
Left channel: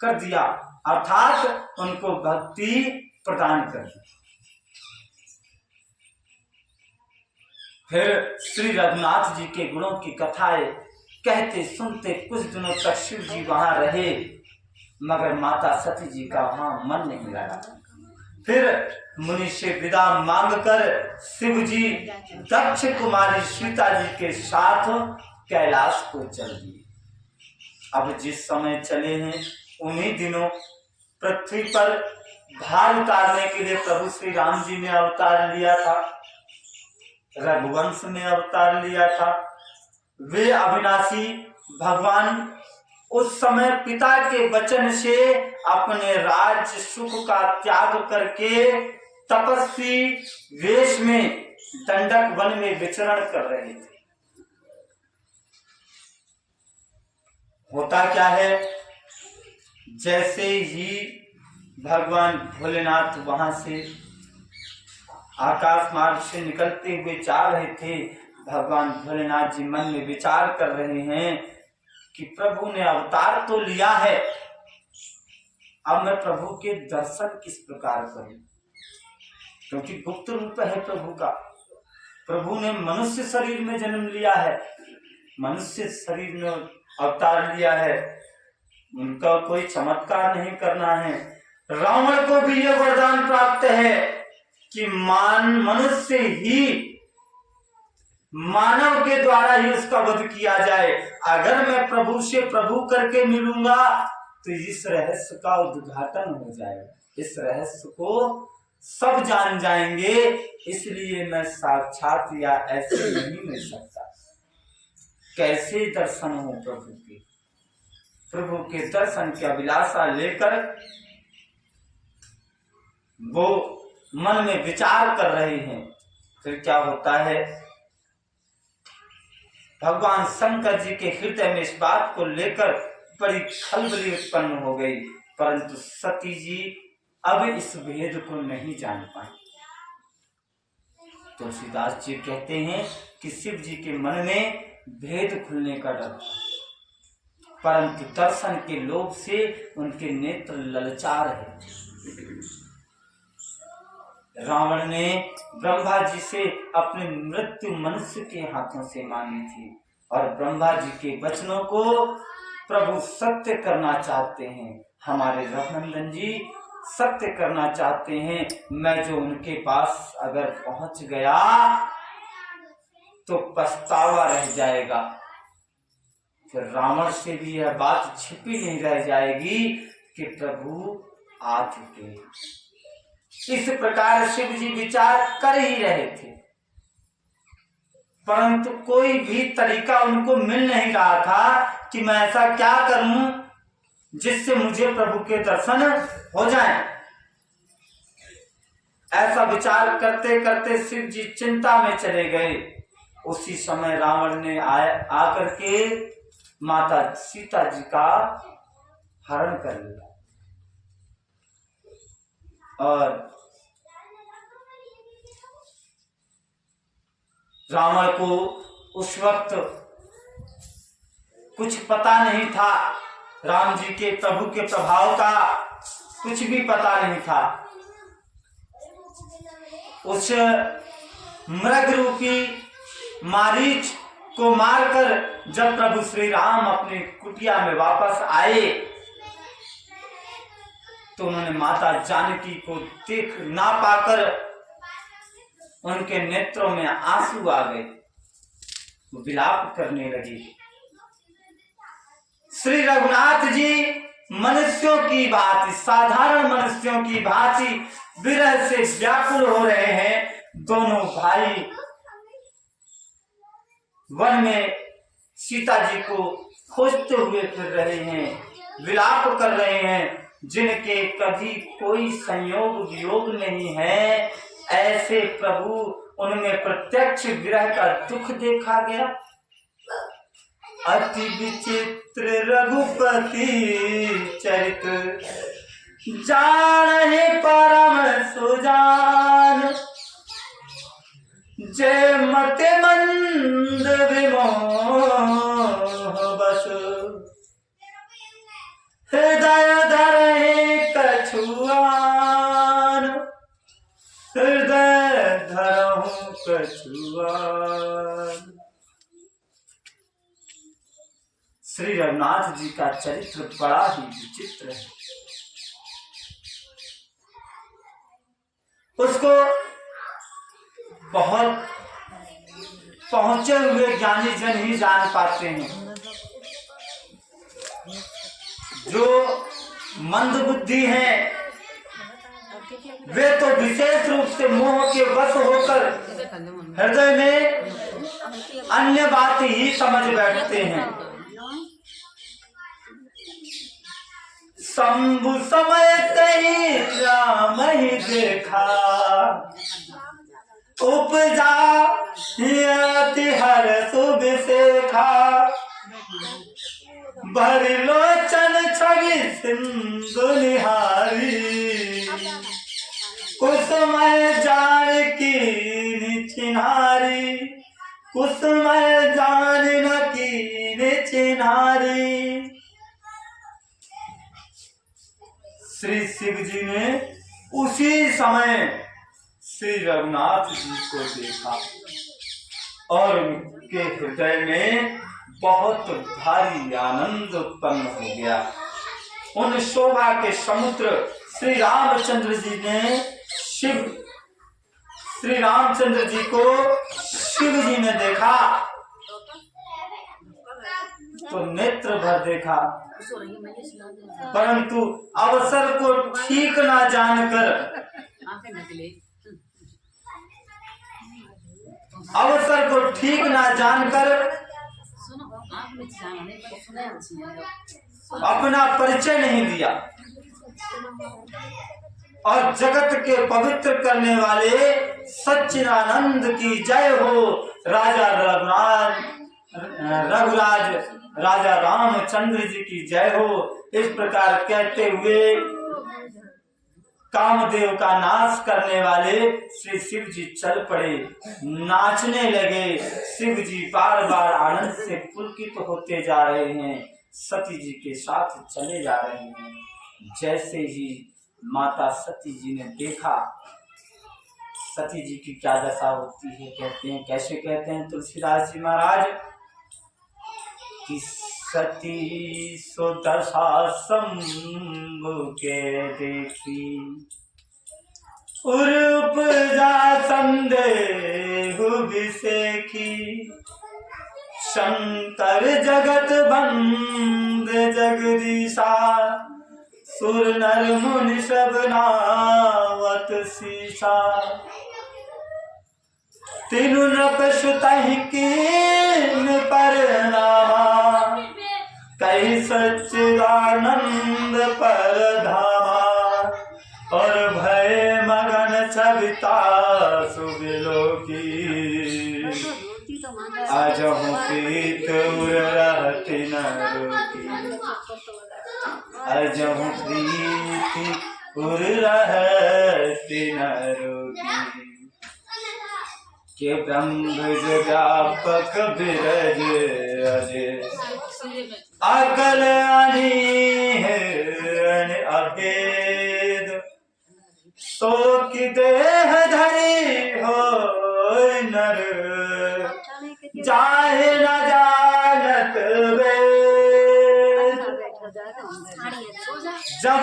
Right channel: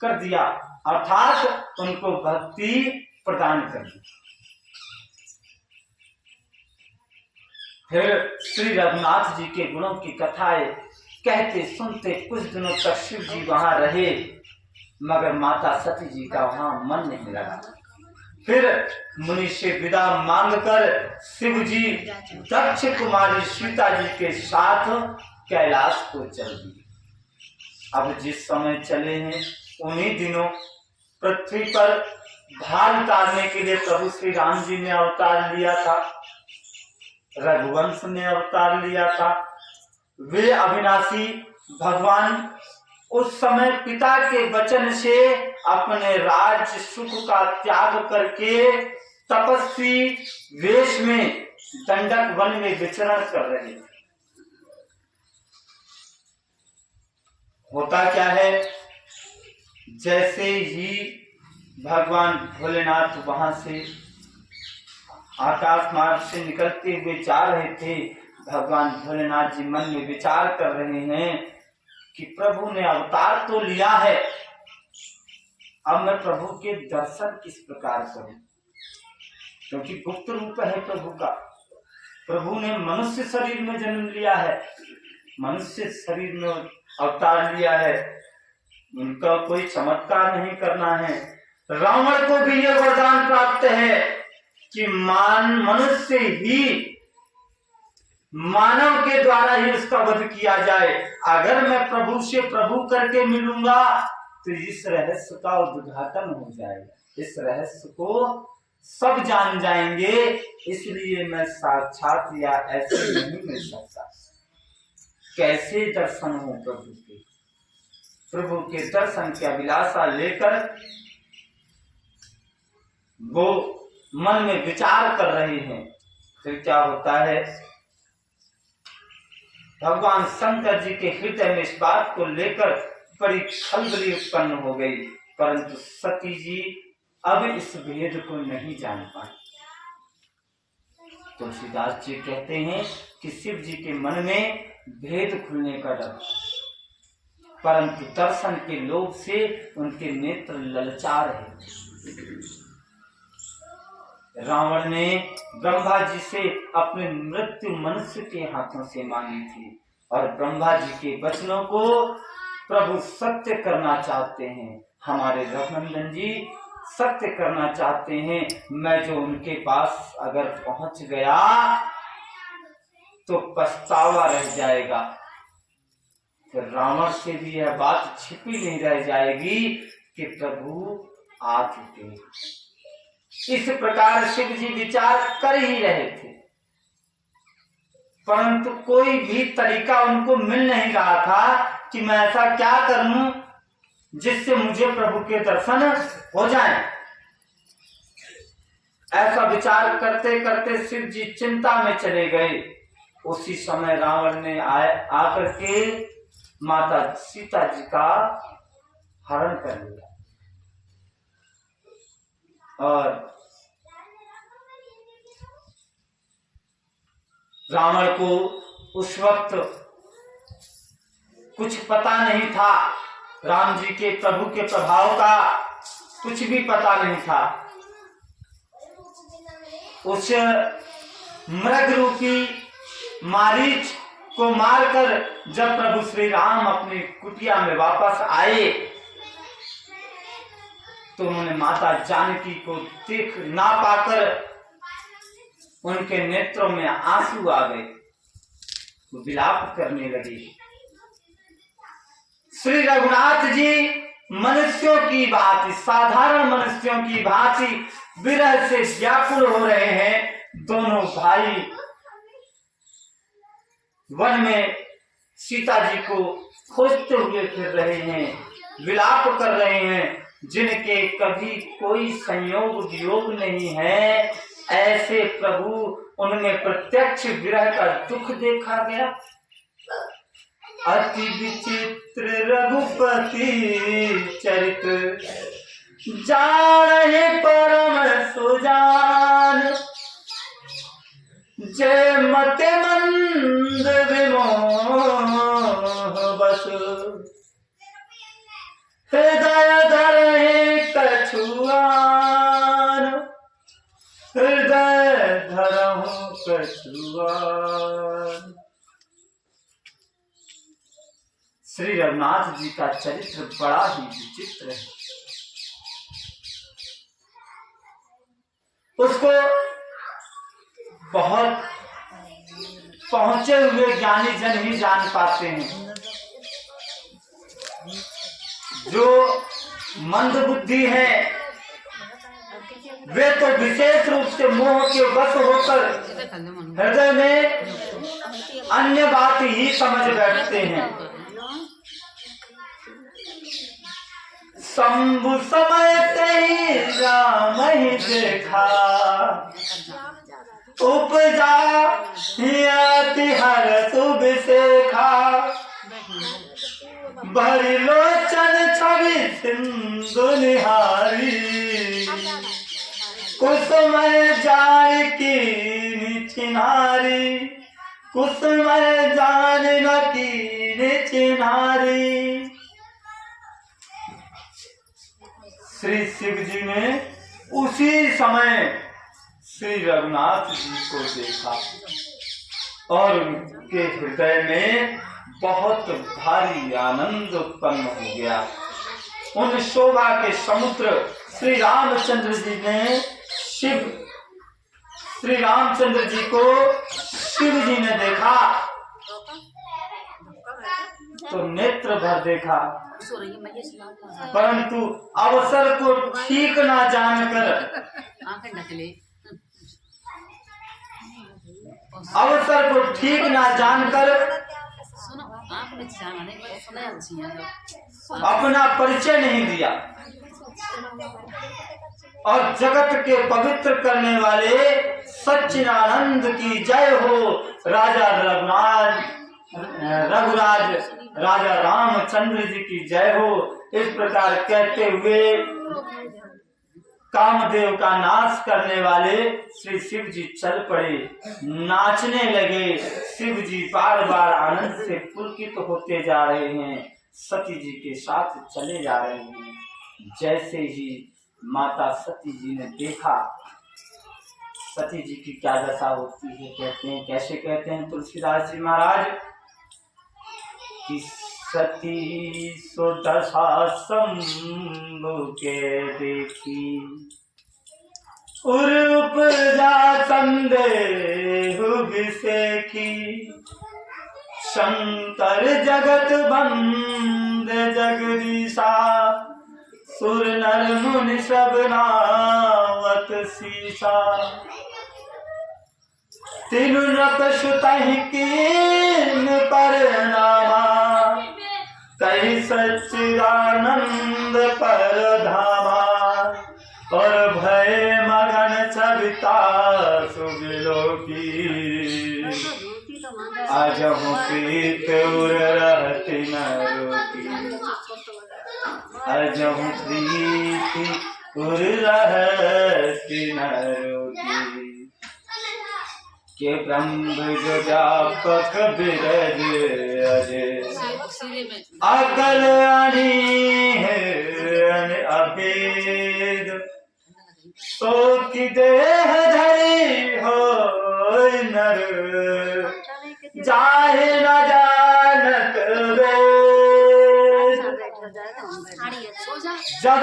कर दिया, अर्थात उनको भक्ति प्रदान कर दी। फिर श्री रघुनाथ जी के गुणों की कथाएं कहते सुनते कुछ दिनों तक शिव जी वहां रहे, मगर माता सती जी का वहां मन नहीं लगा। फिर मुनि से विदा मांगकर शिव जी दक्ष कुमारी सीता जी के साथ कैलाश को चल दिए। अब जिस समय चले हैं उन्हीं दिनों पृथ्वी पर भार उतारने के लिए प्रभु श्री राम जी ने अवतार लिया था, रघुवंश ने अवतार लिया था। वे अविनाशी भगवान उस समय पिता के वचन से अपने राज्य सुख का त्याग करके तपस्वी वेश में दंडक वन में विचरण कर रहे थे। होता क्या है, जैसे ही भगवान भोलेनाथ वहां से आकाश मार्ग से निकलते हुए जा रहे थे, भगवान भोलेनाथ जी मन में विचार कर रहे हैं कि प्रभु ने अवतार तो लिया है, अब मैं प्रभु के दर्शन किस प्रकार करूं, क्योंकि गुप्त रूप है प्रभु का। प्रभु ने मनुष्य शरीर में जन्म लिया है, मनुष्य शरीर में अवतार लिया है, उनका कोई चमत्कार नहीं करना है। रावण को भी यह वरदान प्राप्त है कि मनुष्य ही मानव के द्वारा ही उसका वध किया जाए। अगर मैं प्रभु से प्रभु करके मिलूंगा तो इस रहस्य का उद्घाटन हो जाएगा, इस रहस्य को सब जान जाएंगे, इसलिए मैं साक्षात या ऐसे नहीं मिल सकता। कैसे दर्शन हो प्रभु के, प्रभु के दर्शन की अभिलाषा लेकर वो मन में विचार कर रहे हैं। फिर क्या होता है, भगवान शंकर जी के हृदय में इस बात को लेकर बड़ी खलबली उत्पन्न हो गई, परंतु सती जी अब इस भेद को नहीं जान पाए। तुलसीदास जी कहते हैं कि शिव जी के मन में भेद खुलने का डर, परंतु दर्शन के लोभ से उनके नेत्र ललचा रहे। रावण ने ब्रह्मा जी से अपनी मृत्यु मनुष्य के हाथों से मांगी थी, और ब्रह्मा जी के वचनों को प्रभु सत्य करना चाहते हैं। हमारे रघुनंदन जी सत्य करना चाहते हैं। मैं जो उनके पास अगर पहुंच गया तो पछतावा रह जाएगा। फिर रावण से भी यह बात छिपी नहीं रह जाएगी कि प्रभु आ चुके। इस प्रकार शिव जी विचार कर ही रहे थे, परंतु कोई भी तरीका उनको मिल नहीं रहा था कि मैं ऐसा क्या करूं जिससे मुझे प्रभु के दर्शन हो जाएं। ऐसा विचार करते करते शिव जी चिंता में चले गए। उसी समय रावण ने आकर के माता सीता जी का हरण कर लिया, और रावण को उस वक्त कुछ पता नहीं था, राम जी के प्रभु के प्रभाव का कुछ भी पता नहीं था। उस मृग रूपी मारीच को मारकर जब प्रभु श्री राम अपनी कुटिया में वापस आए तो उन्होंने माता जानकी को देख ना पाकर उनके नेत्रों में आंसू आ गए, वो विलाप करने लगी। श्री रघुनाथ जी मनुष्यों की भांति, साधारण मनुष्यों की भांति विरह से व्याकुल हो रहे हैं। दोनों भाई वन में सीता जी को खोजते हुए फिर रहे हैं, विलाप कर रहे हैं। जिनके कभी कोई संयोग वियोग नहीं है, ऐसे प्रभु उनमें प्रत्यक्ष विरह का दुख देखा गया। अति विचित्र रघुपति चरित्र, जाने परम सुजान, जय मते मंद विमोह बस, हृदय धरे कछुआन, हृदय धरहु कछुआन। श्री रघुनाथ जी का चरित्र बड़ा ही विचित्र है। उसको बहुत पहुंचे हुए ज्ञानी जन ही जान पाते हैं। जो मंद बुद्धि है वे तो विशेष रूप से मोह के वश होकर हृदय में अन्य बात ही समझ बैठते हैं। शंभु समय तेरी राम ही देखा, उपजा हर शुभ शेखा, भरी लोचन छवि सिंधु निहारी, कुसुमय जानकी चिन्हारी, कुसुमय जानकी चिन्हारी। श्री शिव जी ने उसी समय श्री रघुनाथ जी को देखा और उनके हृदय में बहुत भारी आनंद उत्पन्न हो गया। उन शोभा के समुद्र श्री रामचंद्र जी ने श्री रामचंद्र जी को शिव जी ने देखा तो नेत्र भर देखा, परंतु अवसर को ठीक ना जानकर अपना परिचय नहीं दिया और जगत के पवित्र करने वाले सच्चिदानंद की जय हो। राजा रघुराज राजा रामचंद्र जी की जय हो। इस प्रकार कहते हुए कामदेव का नाश करने वाले श्री शिव जी चल पड़े, नाचने लगे। शिव जी बार बार आनंद से पुलकित होते जा रहे हैं, सती जी के साथ चले जा रहे हैं। जैसे ही माता सती जी ने देखा, सती जी की क्या दशा होती है, कहते हैं कैसे कहते हैं तुलसीदास जी महाराज कि सती सो दशा शंभु के देखी, उपजा संदेह विसेखी, शंकर जगत बंद जगदीशा, सुर नर मुनि सब नावत सीसा, तीनु नृप सुतहि कीन परनामा, कही सच्चिदानंद परधामा, और भय मगन सविता सुबिलोकी, अजहु प्रीत उर रहति न रोकी, अजहु प्रीत उर रहति न रोकी। के ब्रह्म जो व्यापक बिरज अजय, अकल अभेद, सो की देह धरी हो जब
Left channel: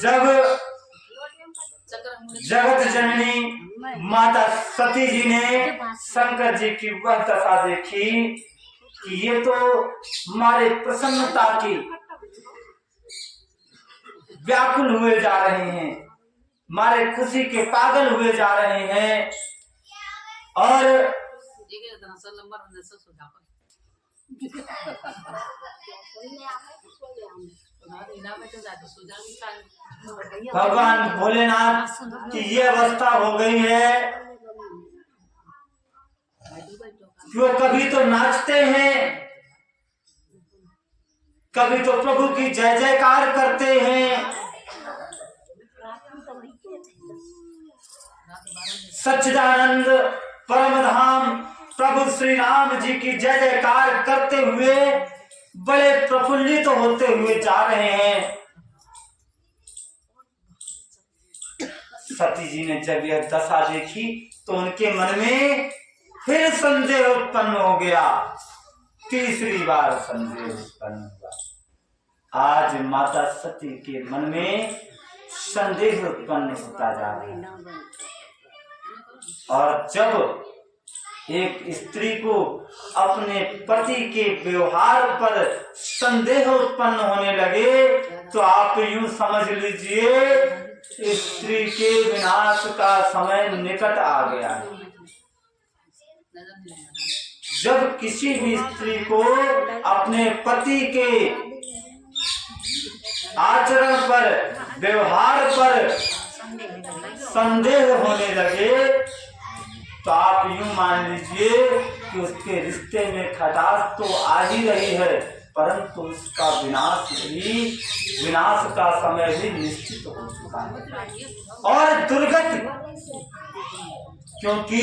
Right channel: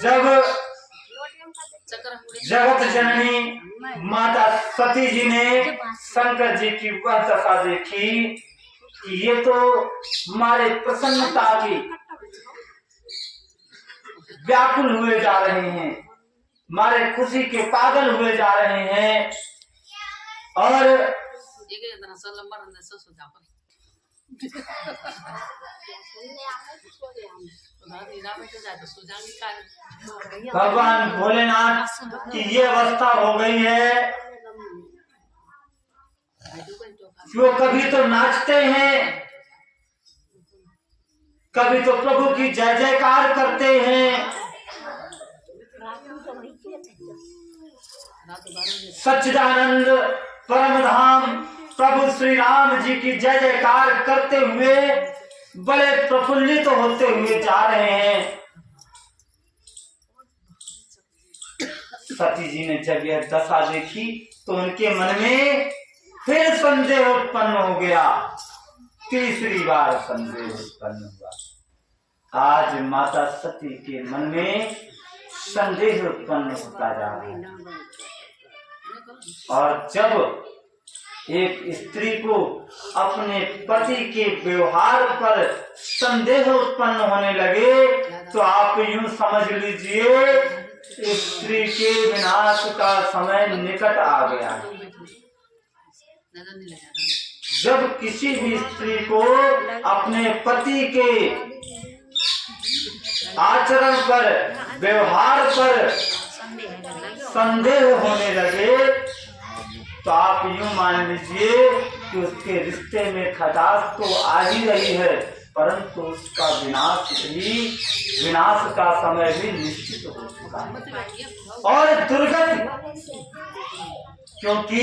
जब जगत जननी माता सती जी ने शंकर जी की वह दशा देखी कि ये तो हमारे प्रसन्नता की व्याकुल हुए जा रहे हैं, हमारे खुशी के पागल हुए जा रहे हैं। और भगवान भोलेनाथ की ये अवस्था हो गई है कि वो कभी तो नाचते हैं, कभी तो प्रभु की जय जयकार करते हैं। सच्चिदानंद परम धाम प्रभु श्री राम जी की जय जयकार करते हुए बड़े प्रफुल्लित होते हुए जा रहे हैं। सती जी ने जब यह दशा देखी तो उनके मन में फिर संदेह उत्पन्न हो गया, तीसरी बार संदेह उत्पन्न हुआ। आज माता सती के मन में संदेह उत्पन्न होता जा रहा है। और जब एक स्त्री को अपने पति के व्यवहार पर संदेह उत्पन्न होने लगे तो आप यूं समझ लीजिए स्त्री के विनाश का समय निकट आ गया है। जब किसी भी स्त्री को अपने पति के आचरण पर, व्यवहार पर संदेह होने लगे तो आप यूं मान लीजिए कि उसके रिश्ते में खटास तो आ ही रही है, परंतु उसका विनाश का समय भी निश्चित हो चुका है और दुर्गति। क्योंकि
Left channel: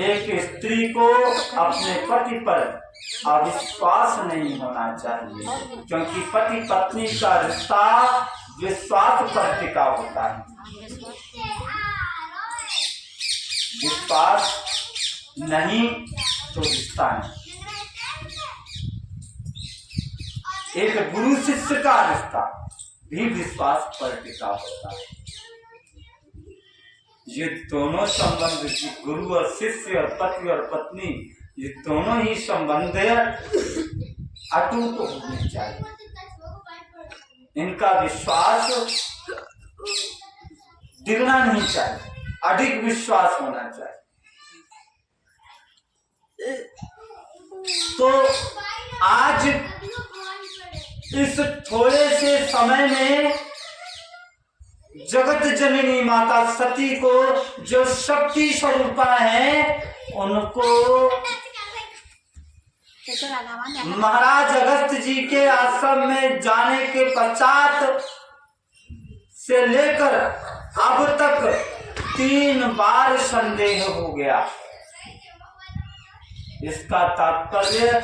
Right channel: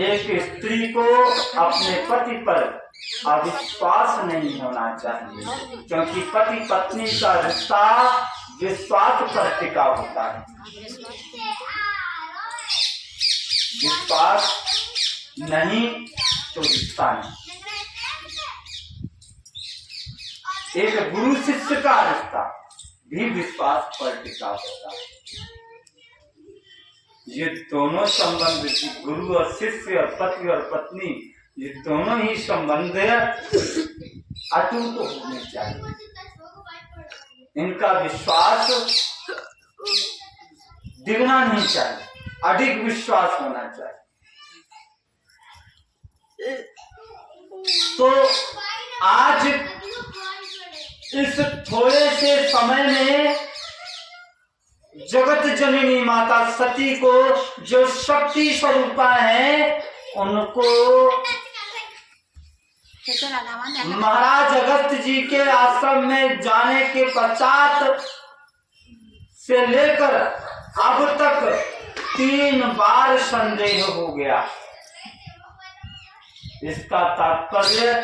एक स्त्री को अपने पति पर अविश्वास नहीं होना चाहिए, क्योंकि पति पत्नी का रिश्ता विश्वास पर टिका होता है। विश्वास नहीं तो रिश्ता नहीं। एक गुरु शिष्य का रिश्ता भी विश्वास पर टिका होता है। ये दोनों संबंध, गुरु और शिष्य और पति और पत्नी, ये दोनों ही संबंध अटूट होने चाहिए। इनका विश्वास दिखना नहीं चाहिए, अधिक विश्वास होना चाहिए। तो आज इस थोड़े से समय में जगत जननी माता सती को जो शक्ति स्वरूपा है उनको महाराज अगस्त्य जी के आश्रम में जाने के पश्चात से लेकर अब तक 3 बार संदेह हो गया। इसका तात्पर्य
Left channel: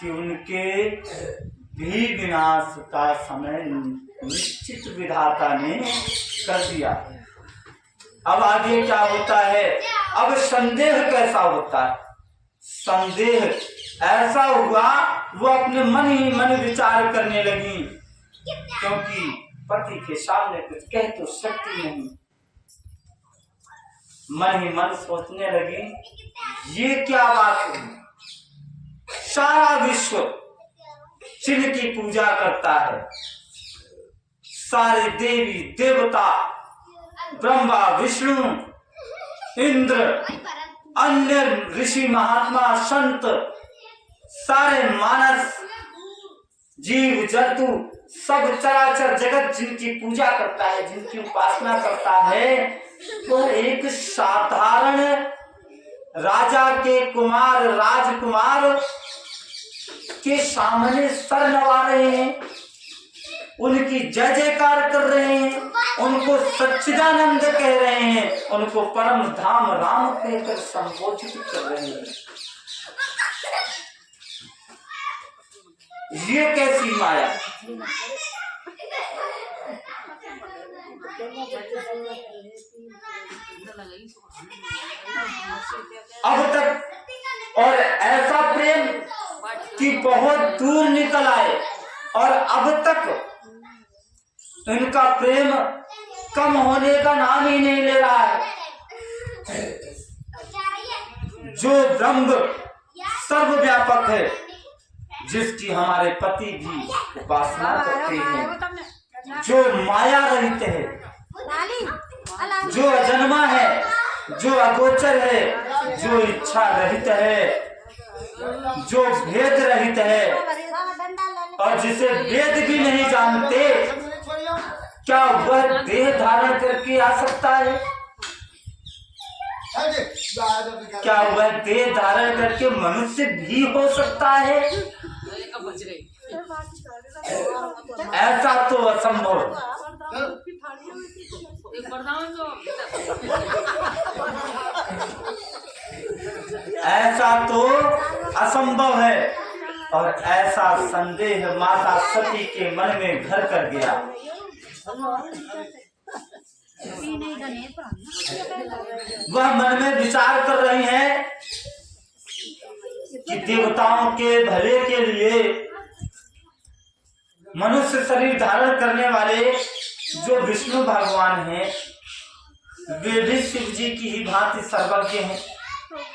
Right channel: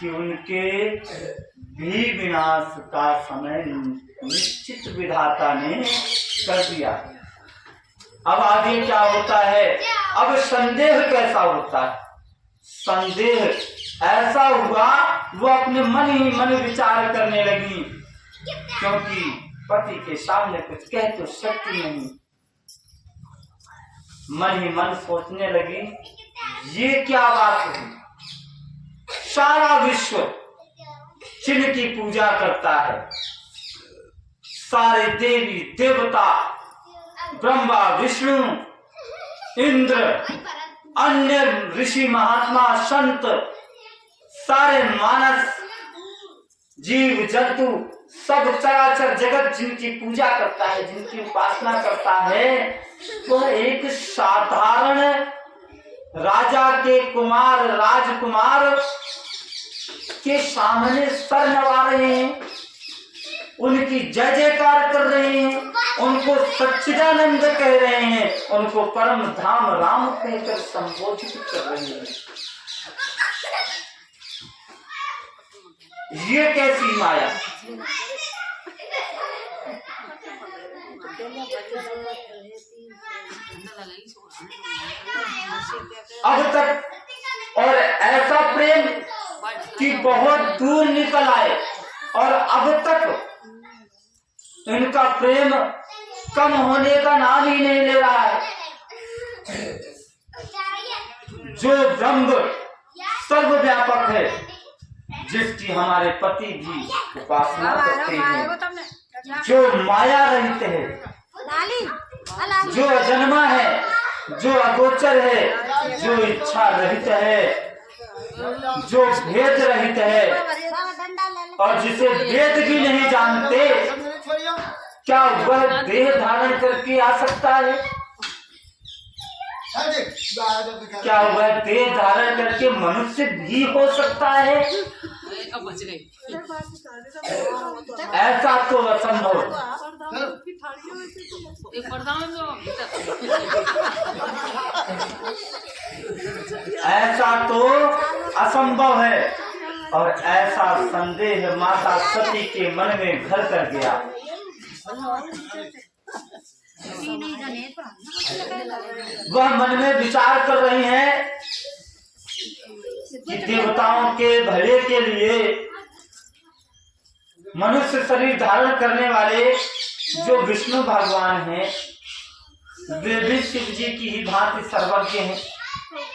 कि उनके भी विनाश का समय निश्चित विधाता ने कर दिया। अब आगे क्या होता है? अब संदेह कैसा होता है? संदेह ऐसा हुआ, वो अपने मन ही मन विचार करने लगी, क्योंकि पति के सामने कुछ कह तो सकती नहीं। मन ही मन सोचने लगी, ये क्या बात है? सारा विश्व चिन्ह की पूजा करता है, सारे देवी देवता, ब्रह्मा विष्णु इंद्र, अन्य ऋषि महात्मा संत, सारे मानस जीव जंतु, सब चराचर जगत जिनकी पूजा करता है, जिनकी उपासना करता है, तो एक साधारण राजा के कुमार, राजकुमार के सामने सर नवा रहे हैं, उनकी जय जयकार कर रहे हैं, उनको सच्चिदानंद कह रहे हैं, उनको परम धाम राम कहकर संबोधित कर रहे हैं। ये कैसी माया? अब तक, और ऐसा प्रेम कि बहुत दूर निकल आए, और अब तक इनका प्रेम कम होने का नाम ही नहीं ले रहा है। जो ब्रह्म सर्वव्यापक है, जिसकी हमारे पति भी उपासना करते हैं, जो माया रहित है, जो अजन्मा है, जो अगोचर है, जो इच्छा रहित है, जो भेद रहित है, और जिसे वेद भी नहीं जानते, क्या वह देह धारण करके आ सकता है? क्या वह देह धारण करके मनुष्य भी हो सकता है? ऐसा तो असंभव। ऐसा तो असंभव है, और ऐसा संदेह माता सती के मन में घर कर गया। वह मन में विचार कर रही हैं कि देवताओं के भले के लिए मनुष्य शरीर धारण करने वाले जो विष्णु भगवान हैं, वे भी शिव जी की ही भांति सर्वज्ञ हैं।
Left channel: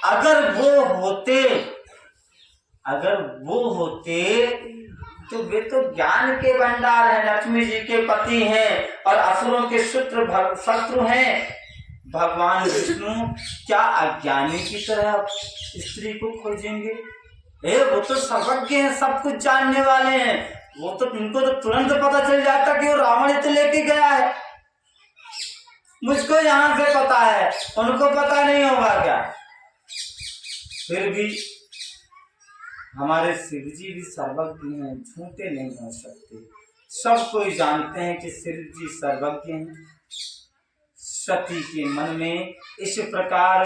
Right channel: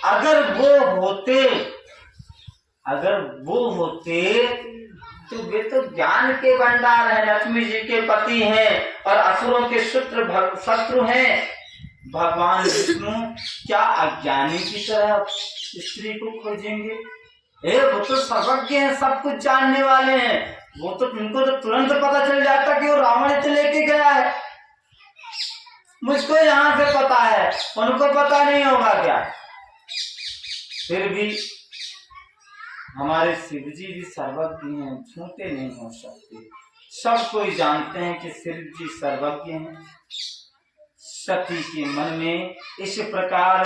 अगर वो होते तो वे तो ज्ञान के भंडार है, लक्ष्मी जी के पति हैं और असुरों के शत्रु हैं। भगवान विष्णु क्या अज्ञानी की तरह स्त्री को खोजेंगे? वो तो सर्वज्ञ हैं, सब कुछ जानने वाले हैं। वो तो इनको तो तुरंत पता चल जाता कि वो रावण इसे लेके गया है। मुझको यहाँ से पता है, उनको पता नहीं होगा क्या? फिर भी हमारे शिव जी भी सर्वज्ञ हैं, झूठे नहीं हो सकते। सब कोई जानते हैं कि शिव जी सर्वज्ञ हैं। सती के मन में इस प्रकार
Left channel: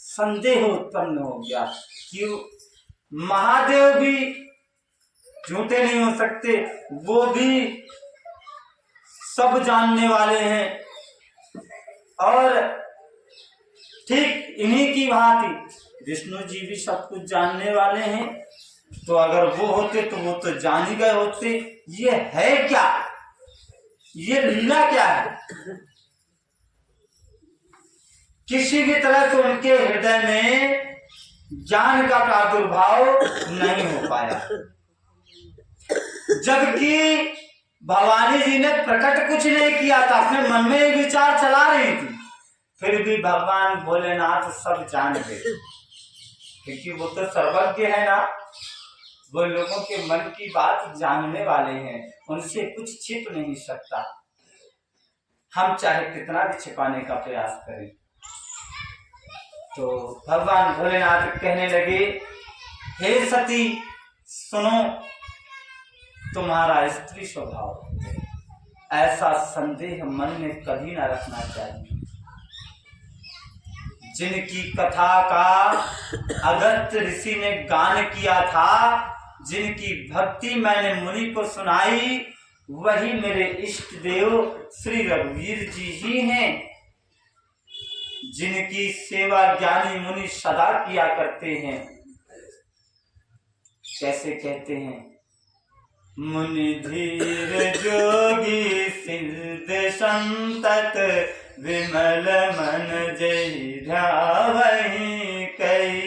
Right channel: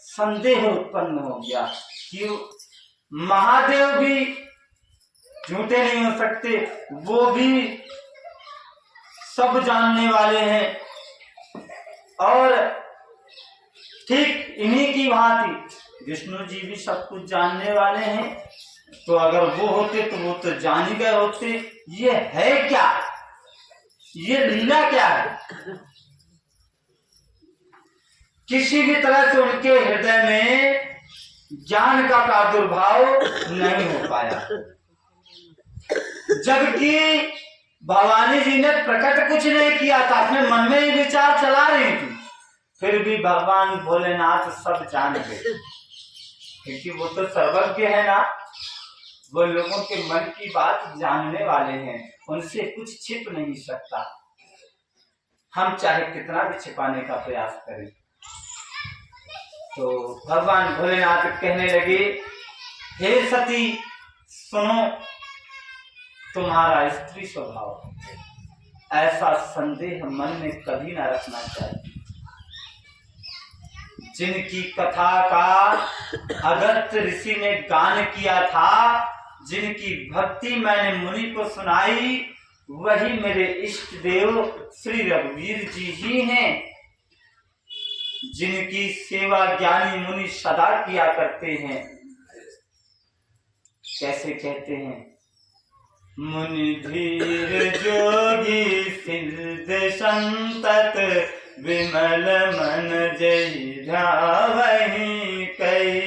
संदेह उत्पन्न हो गया कि महादेव भी झूठे नहीं हो सकते, वो भी सब जानने वाले हैं, और ठीक इन्हीं की भांति विष्णु जी भी सब कुछ जानने वाले हैं। तो अगर वो होते तो वो तो जान ही गए होते। ये है क्या? ये लीला क्या है? किसी भी तरह से उनके हृदय में ज्ञान का प्रादुर्भाव नहीं हो पाया, जबकि भवानी जी ने प्रकट कुछ नहीं किया था, अपने मन में ही विचार चला रही थी। फिर भी भगवान भोलेनाथ सब जान गए, क्योंकि वो तो सर्वज्ञ है ना। वो लोगों के मन की बात जानने वाले हैं, उनसे कुछ छिप नहीं सकता, हम चाहे कितना भी छिपाने का प्रयास करें। तो भगवान भोलेनाथ कहने लगे, हे सती सुनो, तुम्हारा स्त्री स्वभाव, ऐसा संदेह मन में कभी ना रखना चाहिए। जिनकी कथा का अगस्त्य ऋषि ने गान किया था, जिनकी भक्ति मैंने मुनि को सुनाई, वही मेरे इष्ट देव श्री रघुवीर जी ही हैं, जिनकी सेवा ज्ञानी मुनि सदा किया करते हैं। कैसे कहते हैं? मुनि धीर जोगी सिद्ध संतत, विमल मन जय ध्यावहि, कई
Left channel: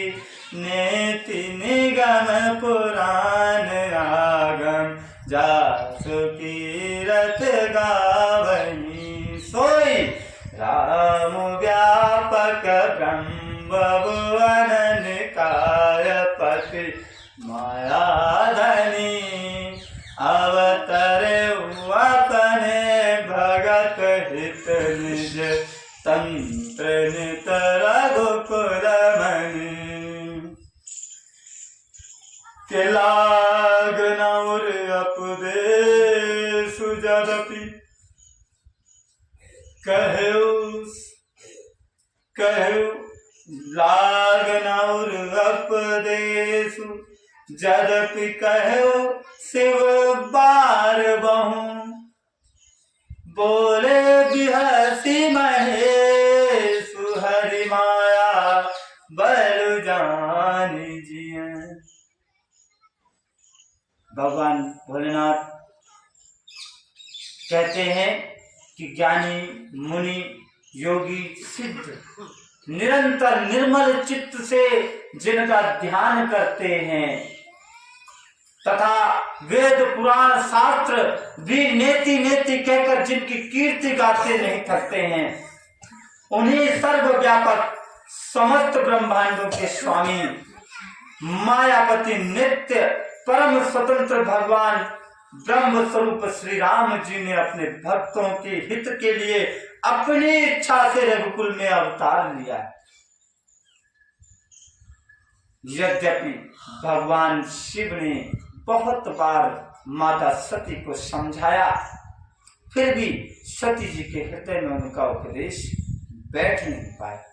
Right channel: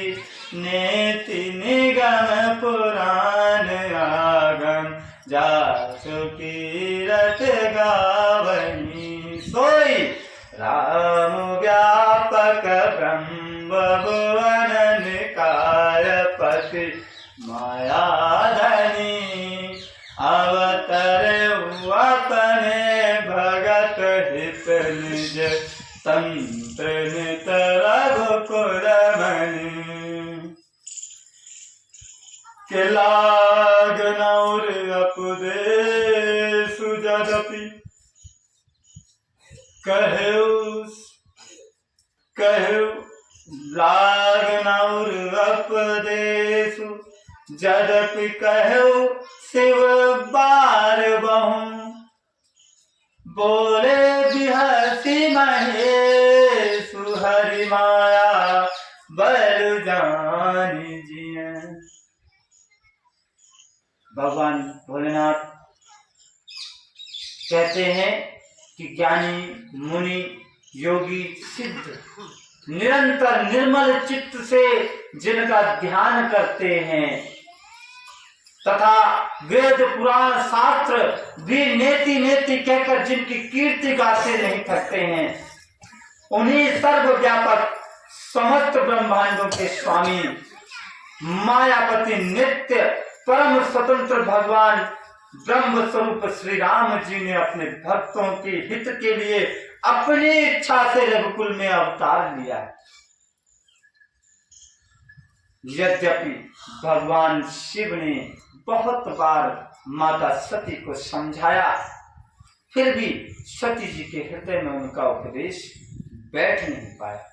नेति निगम पुराण आगम, जासु कीरत गावहि। सोई राम व्यापक ब्रह्म भुवन निकायपति, मायाधनी अवतर अपने भगत हित निज, तंत्र नित रघुकुल मणि। के लागन और अपदेश जदपि, कहु लागन और अपदेश जदपि, कहु शिव बार बहु, बोले बिहसी महेश, भगवान भोलेनाथ कहते हैं कि ज्ञानी मुनि योगी सिद्ध निरंतर निर्मल चित्त से जिनका ध्यान करते हैं तथा वेद पुराण शास्त्र भी नेति नेति कहकर जिनकी कीर्ति गाते नहीं थकते हैं, उन्हीं सर्वव्यापक समस्त ब्रह्मांडों के स्वामी मायापति नित्य परम स्वतंत्र भगवान ब्रह्म स्वरूप श्री राम जी ने अपने भक्तों के हित के लिए अपनी इच्छा से रघुकुल में अवतार लिया। यद्यपि भगवान शिव ने बहुत बार माता सती को समझाया, फिर भी सती जी के हृदय में उनका उपदेश बैठ नहीं पाया।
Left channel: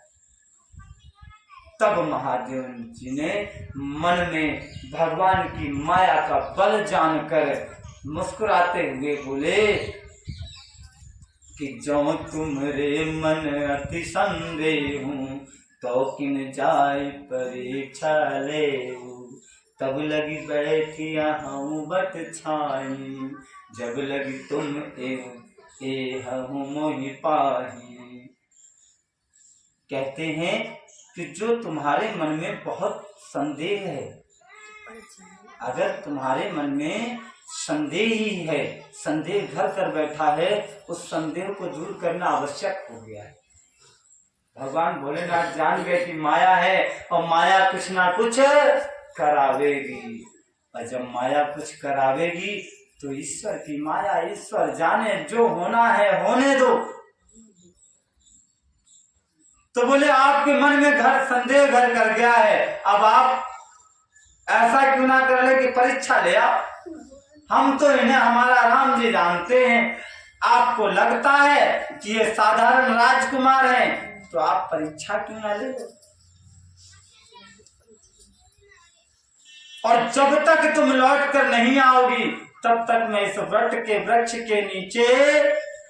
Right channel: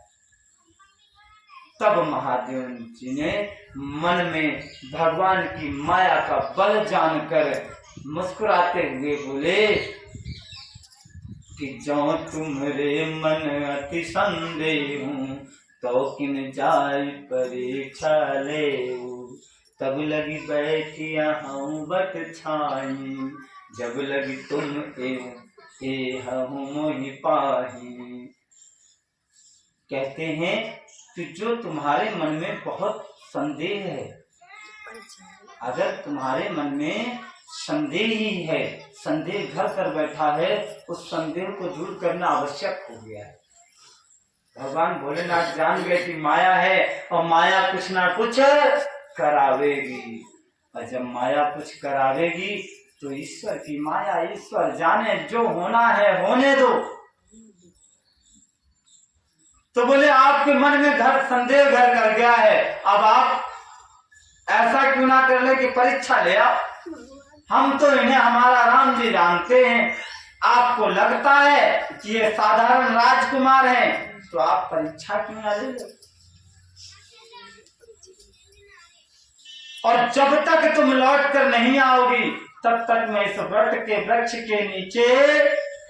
तब महादेव जी ने मन में भगवान की माया का बल जानकर मुस्कुराते हुए बोले कि जो तुम्हारे मन अति संदेह तो किन जाय परीक्षा ले, तब लगी बैठी हूँ बट छाई, जब लगी तुम मोहि पाही। कहते हैं कि जो तुम्हारे मन में बहुत संदेह है, अगर तुम्हारे मन में संदेह ही है, संदेह घर कर बैठा है, उस संदेह को दूर करना आवश्यक हो गया है। भगवान भोलेनाथ जान गए कि माया है और माया कुछ ना कुछ करावेगी, और जब माया कुछ करावेगी तो ईश्वर की माया, ईश्वर जाने, जो होना है होने दो। तो बोले आपके मन में संदेह घर कर गया है, अब आप ऐसा क्यों ना कर ले कि परीक्षा ले आओ। हम तो इन्हें हमारा राम जी जानते हैं, आपको लगता है कि ये साधारण राजकुमार हैं, तो आप परीक्षा क्यों ना ले लो। और जब तक तुम लौट कर नहीं आओगी तब तक मैं इस वट के वृक्ष के नीचे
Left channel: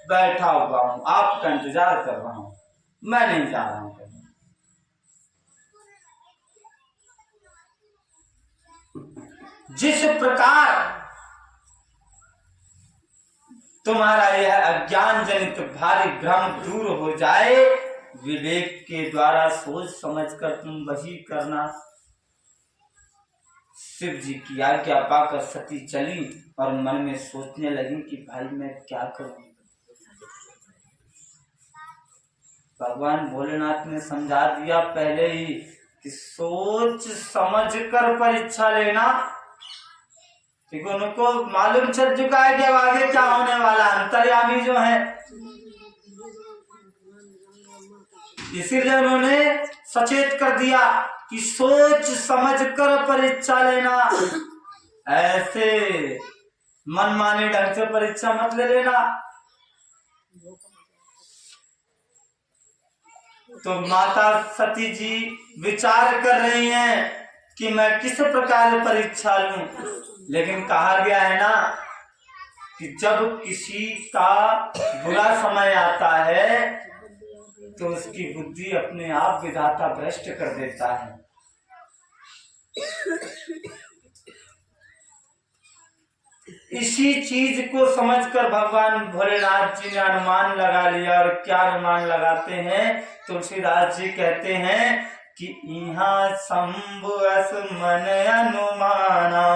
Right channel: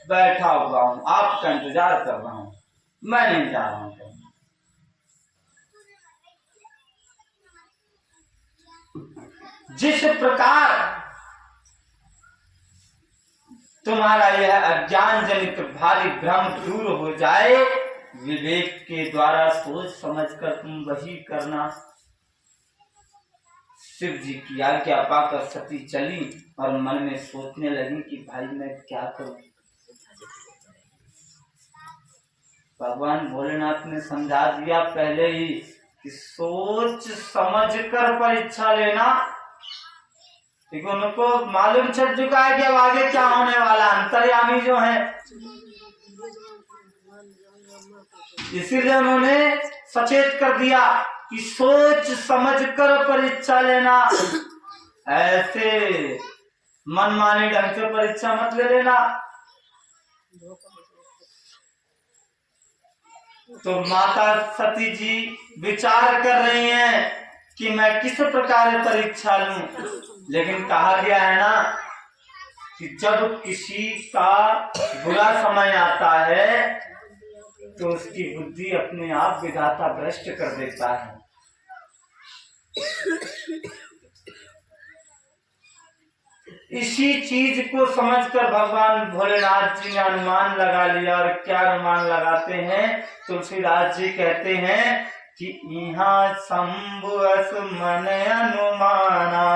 बैठा हुआ हूं, आपका इंतजार कर रहा हूं, मैं नहीं जा रहा हूं कहीं। जिस प्रकार तुम्हारा यह अज्ञान जनित भारी भ्रम दूर हो जाए, विवेक के द्वारा सोच समझकर तुम वही करना। शिव जी की आज्ञा पाकर सती चली और मन में सोचने लगी कि भाई मैं क्या करूं। भगवान भोलेनाथ ने समझा दिया पहले ही कि सोच समझ कर परीक्षा लेना, क्योंकि उनको मालूम चल चुका है कि अब आगे क्या होने वाला। अंतर्यामी जो है, इसीलिए उन्होंने सचेत कर दिया कि सोच समझ कर परीक्षा लेना, ऐसे मनमानी ढंग से परीक्षा मत ले लेना। तो माता सती जी विचार कर रही हैं कि मैं किस प्रकार परीक्षा लूं, लेकिन कहा गया है ना कि जब किसी का बुरा समय आता है तो उसकी बुद्धि अपने आप विधाता भ्रष्ट कर देता है। इसी चीज को समझकर भगवान भोलेनाथ जी ने अनुमान लगा लिया। और क्या अनुमान लगाते हैं? तुलसीदास जी कहते हैं कि यहाँ शंभु अस मन अनुमाना,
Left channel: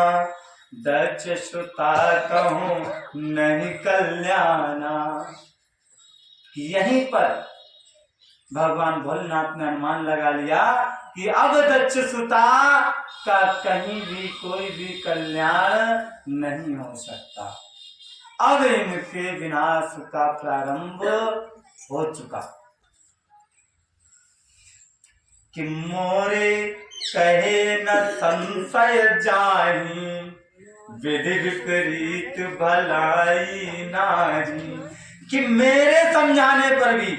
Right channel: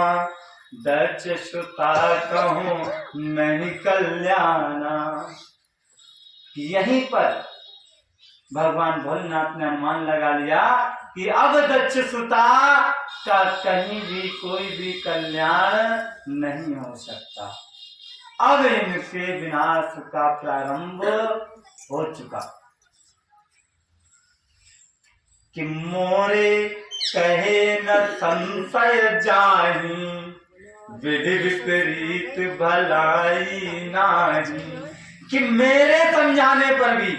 दक्ष सुता कहूं नहीं कल्याणा। यहीं पर भगवान भोलेनाथ ने अनुमान लगा लिया कि अब दक्ष सुता का कहीं भी कोई भी कल्याण नहीं हो सकता। अब इनके विनाश का प्रारंभ हो चुका। कि मोरे कहे न संशय जाही, विधि विपरीत भलाई नारी। कि मेरे समझाने पर भी,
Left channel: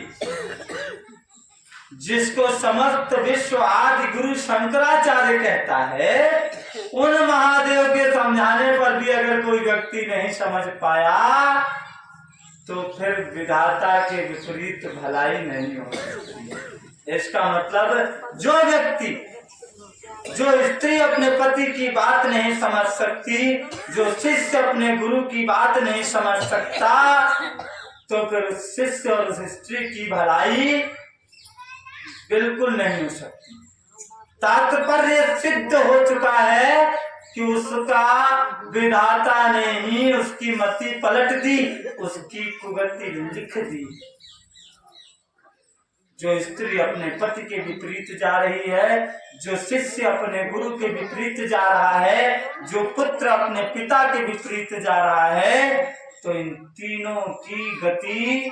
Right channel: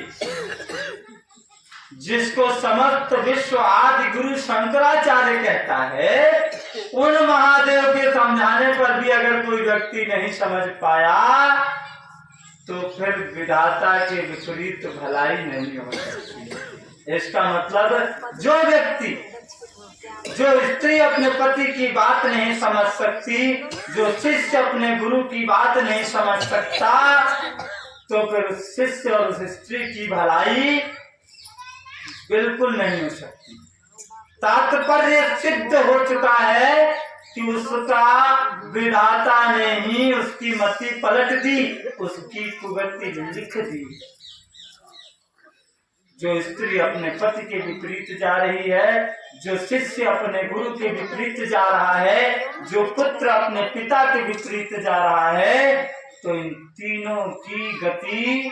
जिसको समस्त विश्व आदि गुरु शंकराचार्य कहता है, उन महादेव के समझाने पर भी अगर कोई व्यक्ति नहीं समझ पाया तो फिर विधाता के विपरीत भलाई नहीं हो सकती। इसका मतलब जो व्यक्ति जो स्त्री अपने पति की बात नहीं समझ सकती, जो शिष्य अपने गुरु की बात नहीं समझ सकता, तो फिर उस शिष्य और उस स्त्री की भलाई बिल्कुल नहीं हो सकती। तात्पर्य सिद्ध हो चुका है कि उसका विधाता ने ही उसकी मति पलट दी, उसकी कुगति लिख दी। जो स्त्री अपने पति के विपरीत जा रही है, जो शिष्य अपने गुरु के विपरीत जा रहा है, जो पुत्र अपने पिता के विपरीत जा रहा है, तो इन तीनों की गति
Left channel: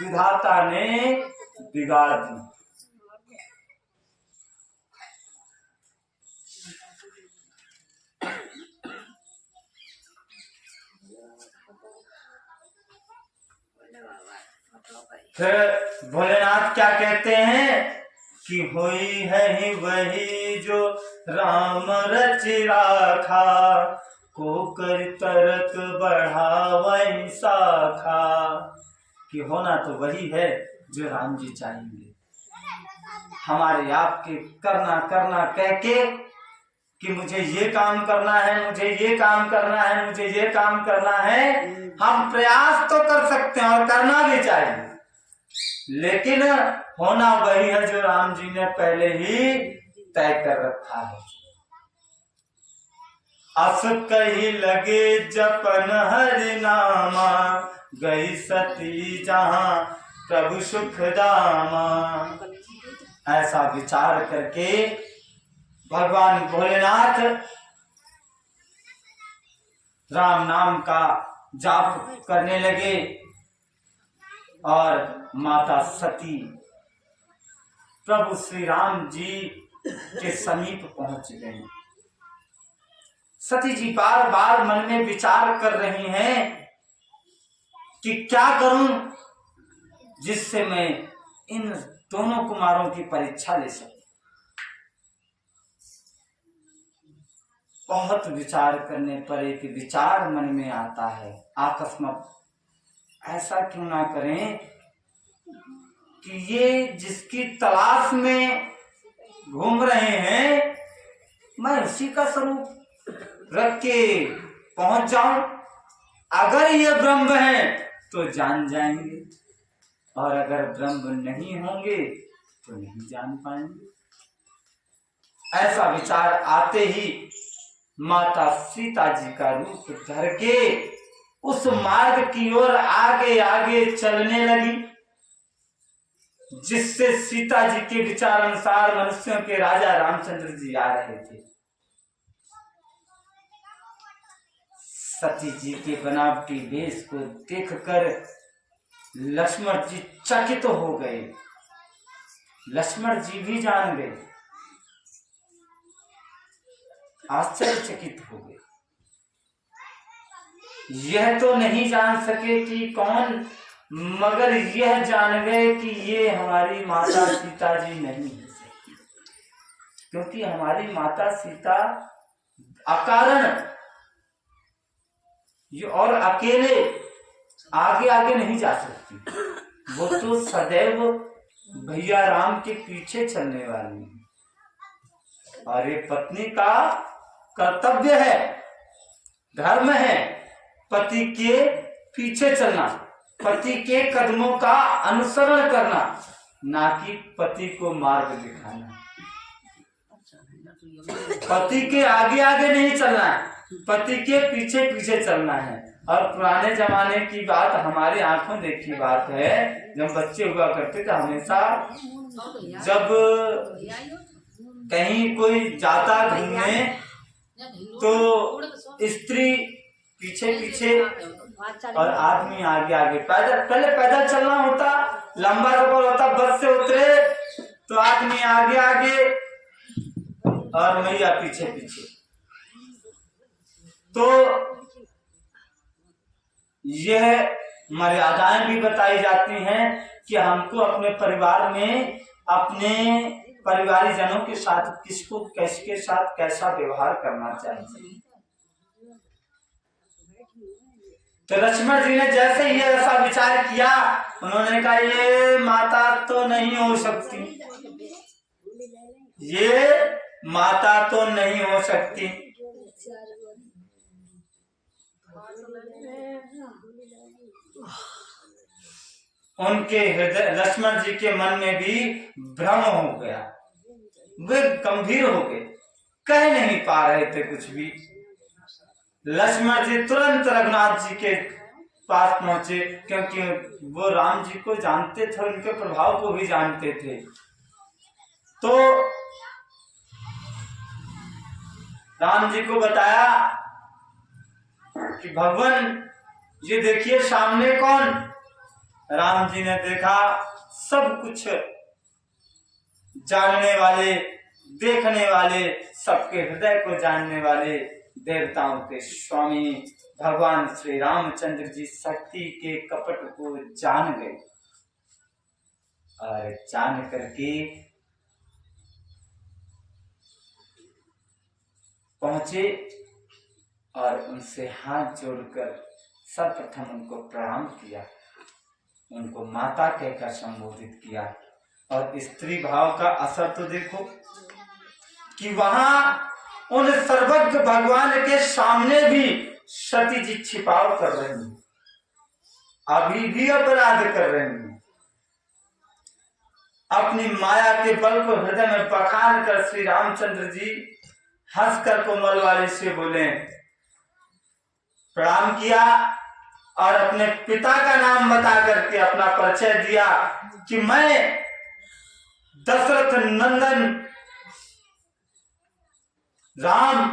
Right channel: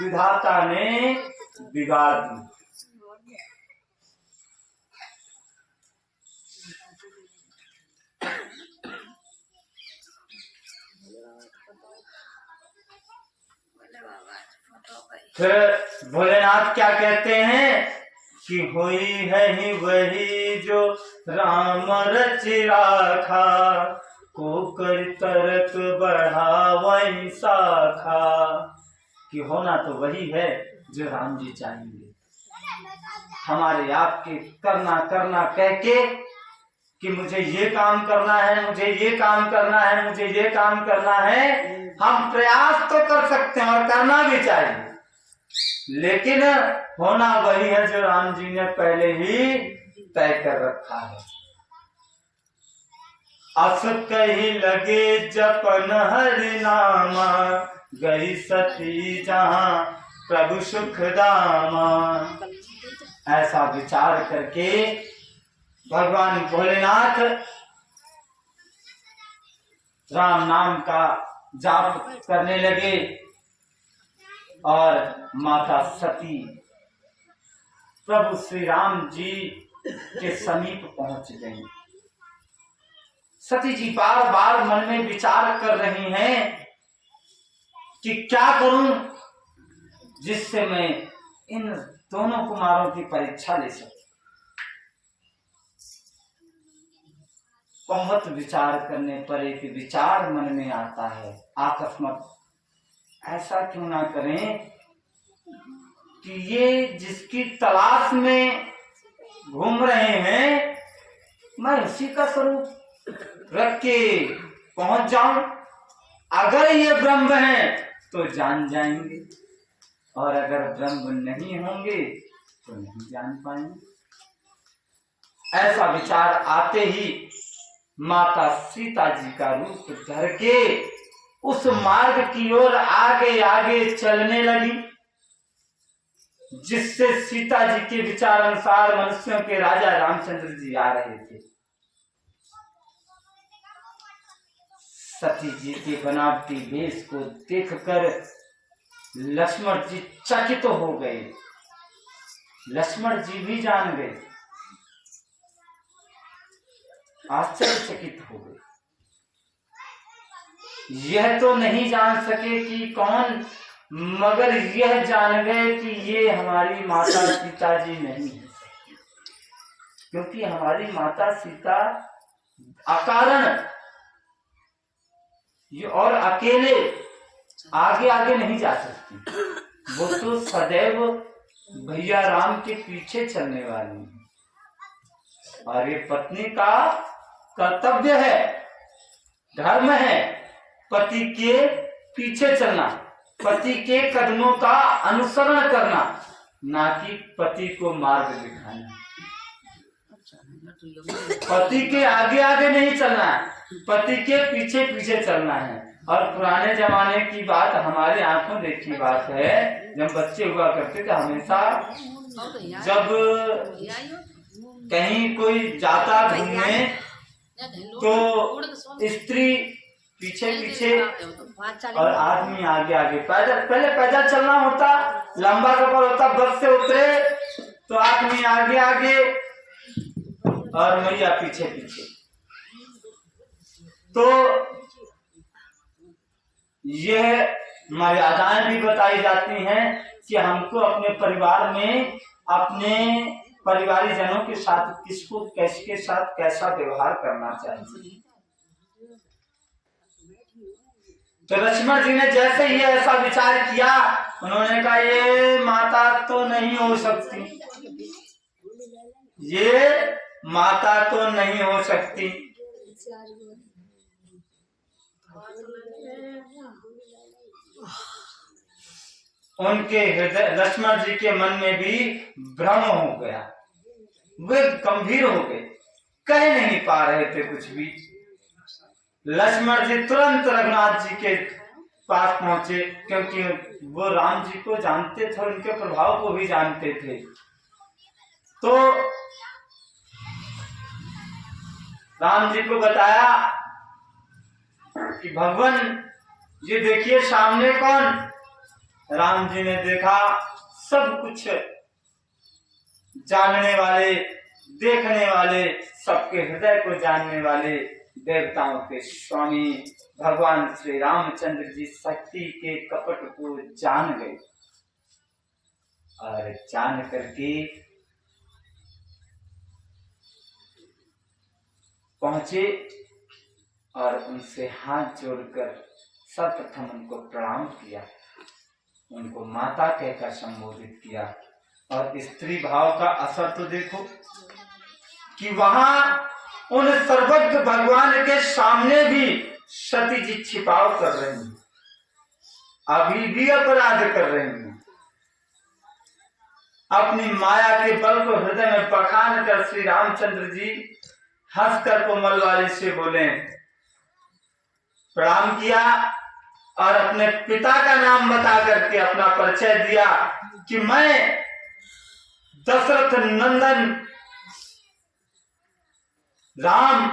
विधाता ने बिगाड़ दी। फिर भोलेनाथ क्या कहते हैं कि होई है ही वही जो राम रच राखा, को कर तरत बढ़ावई शाखा। कि होना तो वही है जो राम जी चाहेंगे। हमारे आपके करना करना कह के कि मुझे ये काम करना है, मुझे ये काम करना है, मुझे ये काम करना है, हम प्रयास तो कर सकते हैं और करना भी चाहिए, लेकिन होना वही है जो राम जी ने पहले ही तय कर रखा है। अस कही लगे जपन हरि नामा, गई सती जहां प्रभु सुख दामा। ऐसा विचार करके भगवान भोलेनाथ राम नाम का जाप करने लगे और माता सती प्रभु श्री राम जी के समीप पहुंच गई। सती जी बार बार मन में विचार कर रही हैं कि क्या करूं जिससे मैं इन दोनों कुमारों की परीक्षा ले सकूं। बहुत विचार करने पर एक विचार मन में आता है, अकस्मात ऐसा क्यों ना करें कि ये जिसकी तलाश में घूम रहे हैं, मैं उसी का स्वरूप रख के पहुंच जाऊं। अगर ये ब्रह्म है तो जान जाएंगे, और अगर ब्रह्म नहीं होंगे तो नहीं जान पाएंगे। ऐसा विचार आते ही माता सीता जी का रूप धर के उस मार्ग की ओर आगे आगे चलने लगी जिससे सीता जी के विचार अनुसार मनुष्यों के राजा रामचंद्र जी आ रहे थे। सती जी के बनावटी वेश को देखकर लक्ष्मण जी चकित हो गए। लक्ष्मण जी भी जान गए, आश्चर्यचकित हो गए। यह तो नहीं जान सके कि कौन, मगर यह जान गए कि ये हमारी माता सीता जी नहीं है, क्योंकि हमारी माता सीता अकारण और अकेले आगे आगे नहीं जा सकती। वो तो सदैव भैया राम के पीछे चलने वाली है, और ये पत्नी का कर्तव्य है, धर्म है पति के पीछे चलना, पति के कदमों का अनुसरण करना, ना कि पति को मार्ग दिखाना। पति के आगे आगे नहीं चलना है, पति के पीछे पीछे चलना है। और पुराने जमाने की बात, हमारे आंखों देखी बात है, जब बच्चे हुआ करते थे हमेशा जब कहीं कोई जाता घूमने तो स्त्री पीछे पीछे और आदमी आगे आगे। पैदल, पहले पैदल चलना होता, लंबा सफर होता, बस से उतरे तो आदमी आगे आगे और मैया पीछे पीछे। तो यह मर्यादाएं भी बताई जाती हैं कि हमको अपने परिवार में अपने परिवारी जनों के साथ किसको किसके साथ कैसा व्यवहार करना चाहिए। तो लक्ष्मण जी ने जैसे ही ऐसा विचार किया, उन्होंने कहा ये माता तो नहीं हो सकती, ये माता तो नहीं हो सकती। उनके हृदय, लक्ष्मण जी के मन में भी भ्रम हो गया, वे गंभीर हो गए, कह नहीं पा रहे थे कुछ भी। लक्ष्मण जी तुरंत रघुनाथ जी के पास पहुंचे, क्योंकि वो राम जी को जानते थे, उनके प्रभाव को भी जानते थे। तो राम जी को बताया कि भगवान ये देखिए सामने कौन। राम जी ने देखा, सब कुछ जानने वाले, देखने वाले, सबके हृदय को जानने वाले देवताओं के स्वामी भगवान श्री रामचंद्र जी शक्ति के कपट को जान गए, और जान करके पहुंचे और उनसे हाथ जोड़कर सर्वप्रथम उनको प्रणाम किया, उनको माता कहकर संबोधित किया। और स्त्री भाव का असर तो देखो कि वहां उन सर्वज्ञ भगवान के सामने भी सती जी छिपाव कर रही हैं, अभी भी अपराध कर रही हैं। अपनी माया के बल को हृदय में बखान कर श्री रामचंद्र जी हंसकर कोमल वाली से बोले, प्रणाम किया और अपने पिता का नाम बता करके अपना परिचय दिया कि मैं दशरथ नंदन राम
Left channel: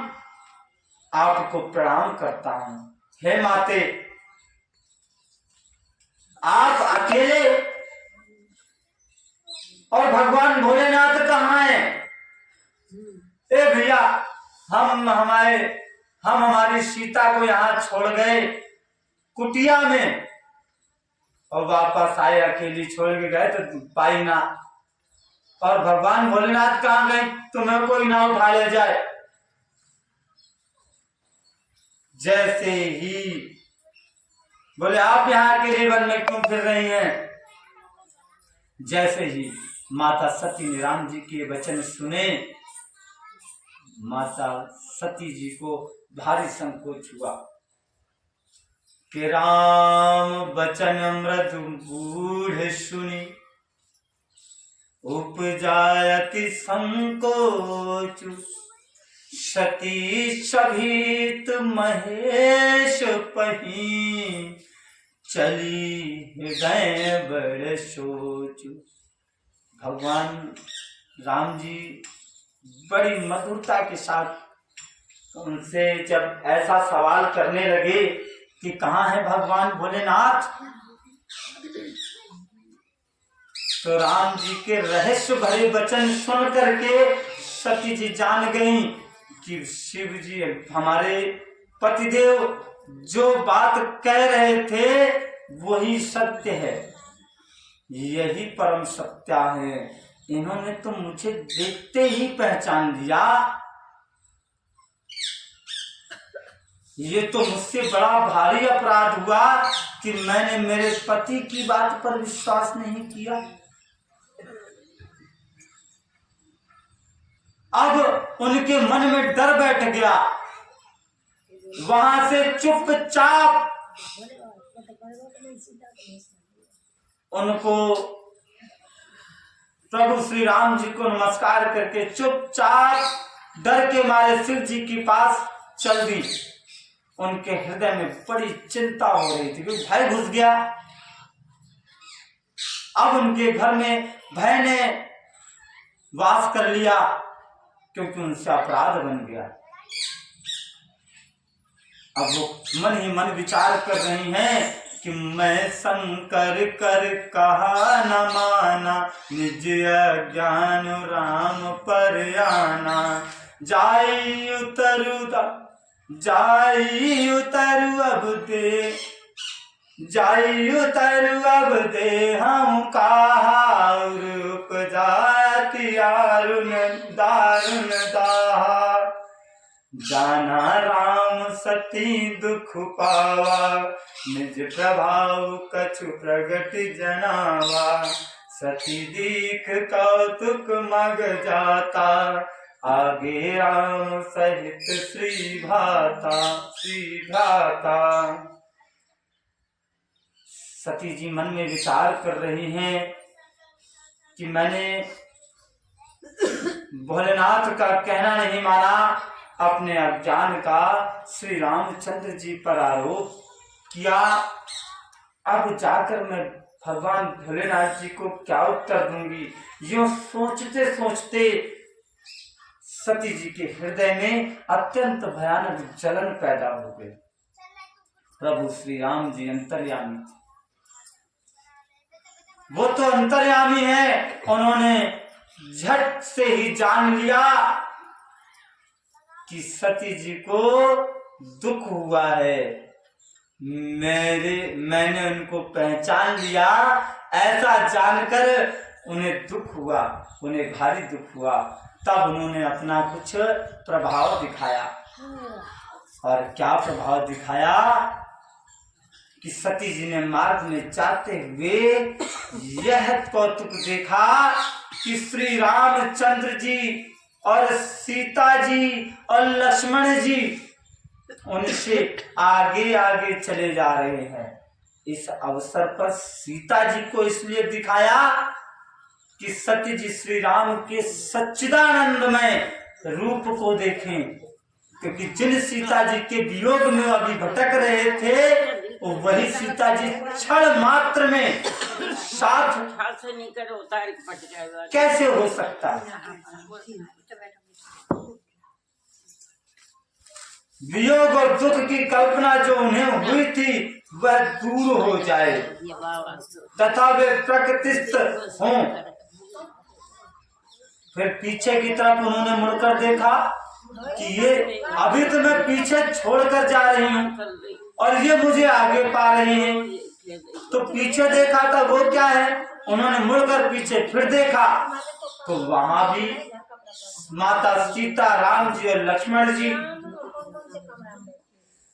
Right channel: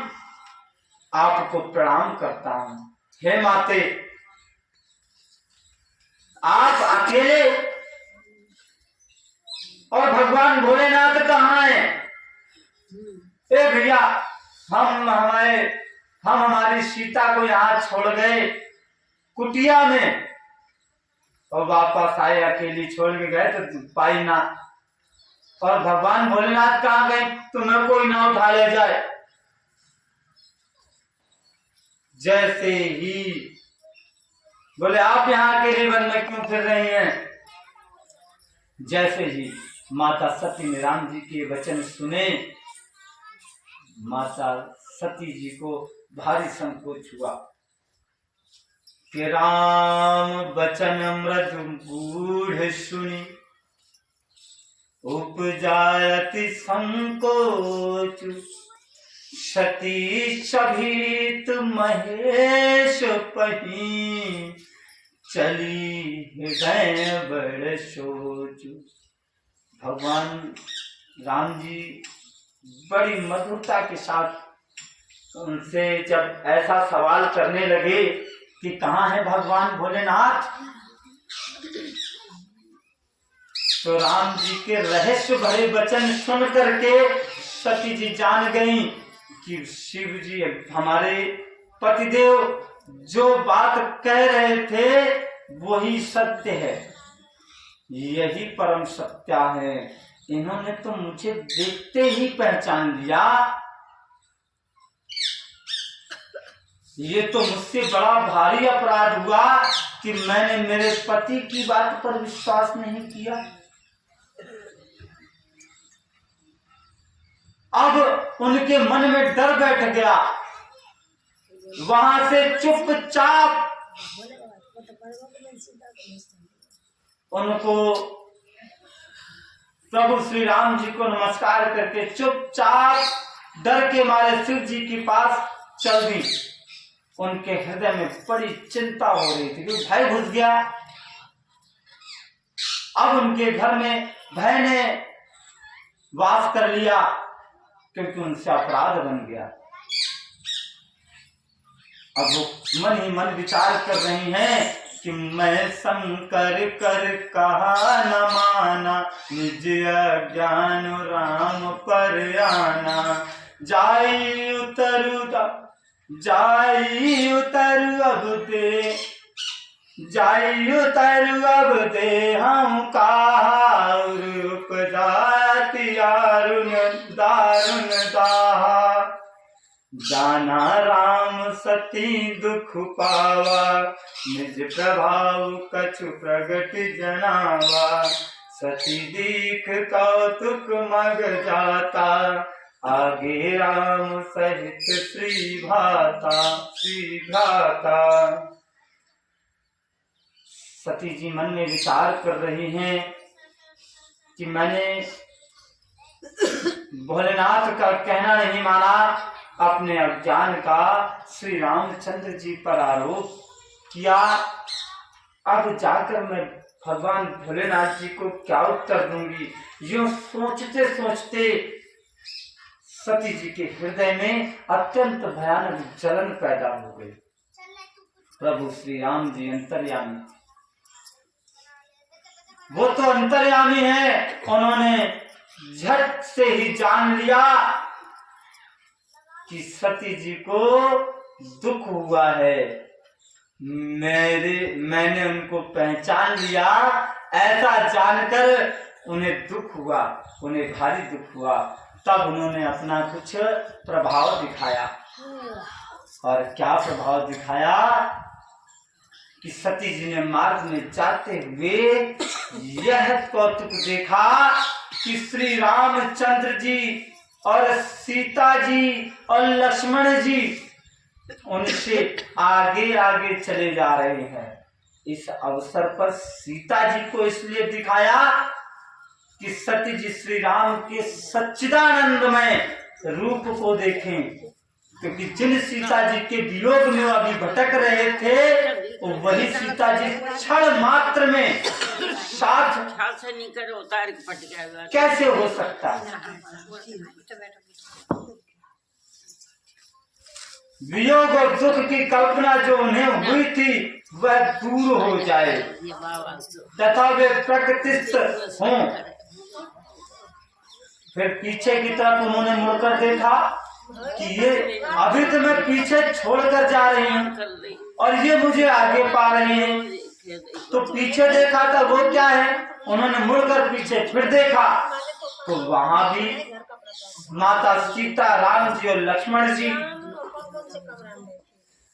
आपको प्रणाम करता हूं। हे माते, आप अकेले और भगवान भोलेनाथ कहाँ हैं? ए भैया, हम हमारी सीता को यहाँ छोड़ गए कुटिया में, और वापस आए, अकेली छोड़ के गए तो पाई ना, और भगवान भोलेनाथ कहाँ गए? तुम्हें कोई ना उठा ले जाए। जैसे ही बोले, आप यहाँ अकेले वन में क्यों फिर रही हैं? जैसे ही माता सती ने राम जी के वचन सुने, माता सती जी को भारी संकोच हुआ कि राम वचन मृदु गूढ़ सुनी, उपजायति संकोच, सती सभीत महेश पही, चली हृदय बड़ सोच। भगवान राम जी बड़ी मधुरता के साथ उनसे जब ऐसा सवाल करने लगे कि कहाँ है भगवान भोलेनाथ, तो राम जी के रहस्य भरे वचन सुन करके सती जी जान गई कि शिव जी, हमारे पतिदेव जो बात कह रहे थे वही सत्य है, यही परम सत्या है। इन्होंने तो मुझे देखते ही पहचान लिया, ये तो मुझसे बड़ा भारी अपराध हुआ कि मैंने मेरे पति की बात पर विश्वास नहीं किया। अब उनके मन में डर बैठ गया, वहां से चुपचाप उनको प्रभु श्री राम जी को नमस्कार करके चुपचाप डर के मारे शिव जी के पास चल दी। उनके हृदय में बड़ी चिंता हो रही थी, क्योंकि भय घुस गया। अब उनके घर में भय ने वास कर लिया, क्योंकि उनसे अपराध बन गया। अब वो मन ही मन विचार कर रही हैं कि मैं शंकर कर कहा न माना, निज अज्ञान राम पर आना, जाई उतरु अब दे हम कहा, उपजाति दारुण दाहा, जाना राम सती दुख पावा, निज प्रभाव कछु प्रगट जनावा, सती दीख कौतुक मग जाता, आगे राम सहित श्री भ्राता। सती जी मन में विचार कर रही हैं कि मैंने भोलेनाथ का कहना नहीं माना, अपने अज्ञान का श्री रामचंद्र जी पर आरोप किया। अब जाकर मैं भगवान भोलेनाथ जी को क्या उत्तर दूंगी। यूं सोचते सोचते सती जी के हृदय में अत्यंत भयानक जलन पैदा हो गई। प्रभु श्री राम जी अंतर्यामी थे, वो तो अंतर्यामी है। उन्होंने झट से ही जान लिया कि सती जी को दुख हुआ है। मैंने उनको पहचान लिया, ऐसा जानकर उन्हें दुख हुआ, उन्हें भारी दुख हुआ। तब उन्होंने अपना कुछ प्रभाव दिखाया। और क्या प्रभाव दिखाया कि सती जी ने मार्ग में जाते हुए यह कौतुक देखा कि श्री रामचंद्र जी और सीता जी और लक्ष्मण जी उनसे आगे आगे चले जा रहे हैं। इस अवसर पर सीता जी को इसलिए दिखाया कि सती जी श्री राम के सच्चिदानंदमय रूप को देखें, क्योंकि जिन सीता जी के वियोग में अभी भटक रहे थे वही सीता जी क्षण मात्र में साथ से नहीं करो, उतार के पट जाएगा। कैसे हो सकता है। वियोग और दुख की कल्पना जो उन्हें हुई थी वह दूर हो जाए तथा वे प्रकृतिस्थ हों। फिर पीछे की तरफ उन्होंने मुड़कर देखा कि ये अभी तो मैं पीछे छोड़कर जा रही हूँ और ये मुझे आगे पा रही हैं। तो पीछे देखा था वो क्या है, उन्होंने मुड़कर पीछे फिर देखा तो वहां भी माता सीता, राम जी और लक्ष्मण जी।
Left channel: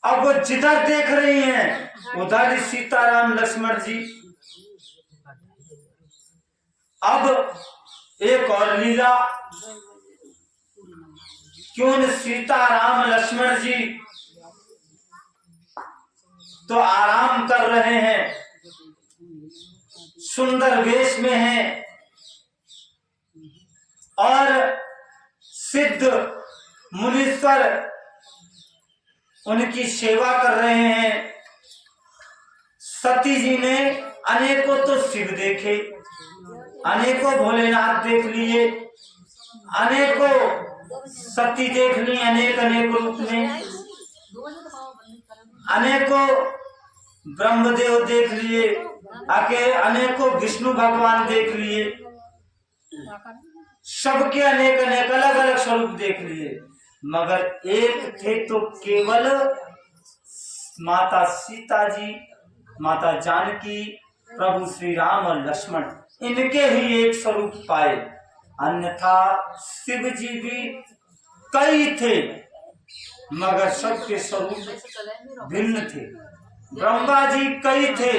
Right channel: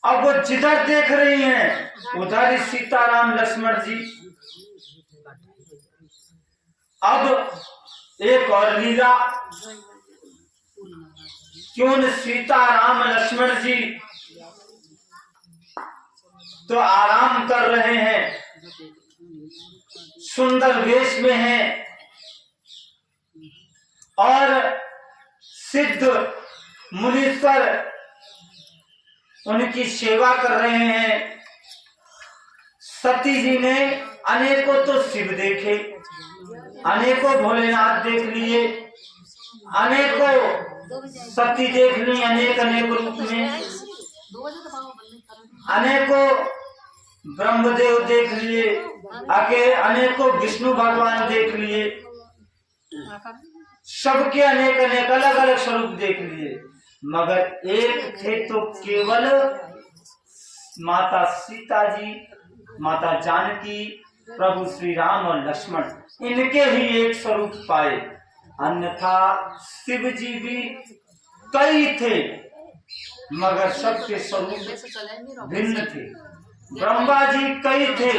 अब वो जिधर देख रही हैं उधर ही सीता, राम, लक्ष्मण जी। अब एक और लीला, क्यों सीता, राम, लक्ष्मण जी तो आराम कर रहे हैं, सुंदर वेश में हैं और सिद्ध मुनीश्वर उनकी सेवा कर रहे हैं। सती जी ने अनेकों तो शिव देखे, अनेकों भोलेनाथ देख लिए, अनेकों सती देख ली, अनेक रूप में, अनेकों ब्रह्मदेव देख लिए, अनेकों विष्णु भगवान देख लिए, सबके अनेक अलग अलग स्वरूप देख लिए, मगर एक थे तो केवल माता सीता जी, माता जानकी, प्रभु श्री राम और लक्ष्मण, इनके ही एक स्वरूप पाए। अन्यथा शिव जी भी कई थे मगर सबके स्वरूप भिन्न थे। ब्रह्मा जी कई थे,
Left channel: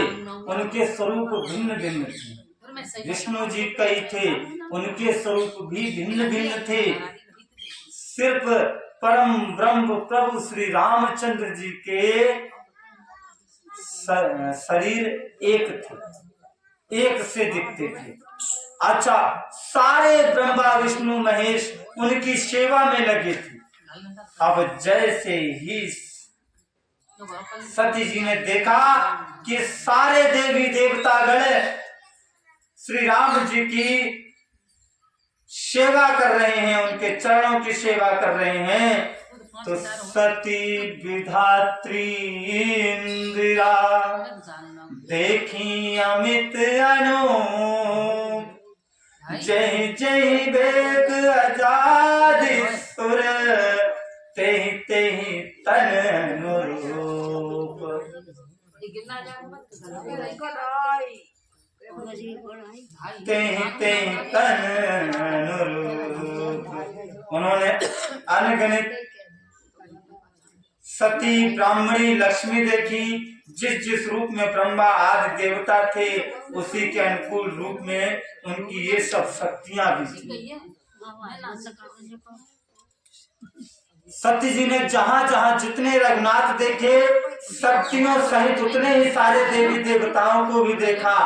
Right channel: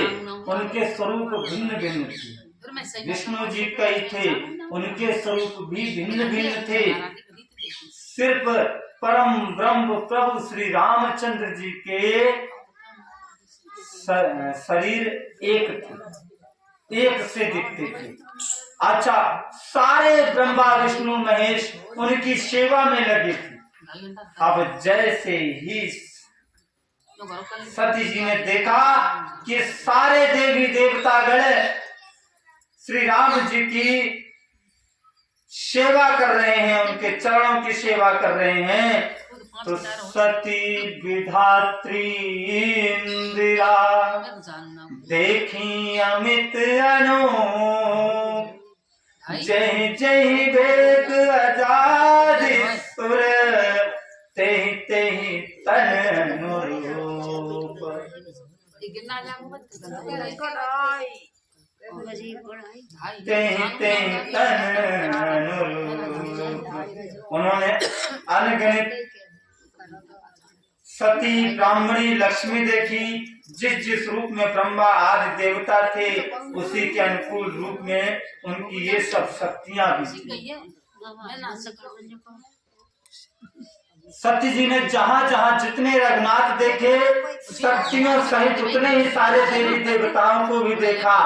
उनके स्वरूप भिन्न भिन्न थे। विष्णु जी कई थे, उनके स्वरूप भी भिन्न भिन्न थे। सिर्फ परम ब्रह्म प्रभु श्री रामचंद्र जी के शरीर एक थे, एक से दिखते थे। अच्छा, सारे ब्रह्मा विष्णु महेश उनकी सेवा में लगे थे। अब जैसे ही सती जी ने देखा कि सारे देवी देवतागण श्री राम जी की सेवा कर रहे हैं, उनके चरणों की सेवा कर रहे हैं, तो सती विधात्री इंदिरा देखी अमित अनूप, जय जय वेद आजादी सुर, तेहि तेहि तन रूप। तेहि तेहि तन रूप। उन्होंने अनगिनत सती, ब्राह्मणी, लक्ष्मी देखी। जिस रूप में ब्रह्मा आदि देवता थे उसी के अनुकूल रूप में उनकी ये सब शक्तियां भी थी। सती जी ने जहां जहां जितने रघुनाथ देखे, शक्तियों सहित उतने ही सारे देवी देवताओं को भी देखा।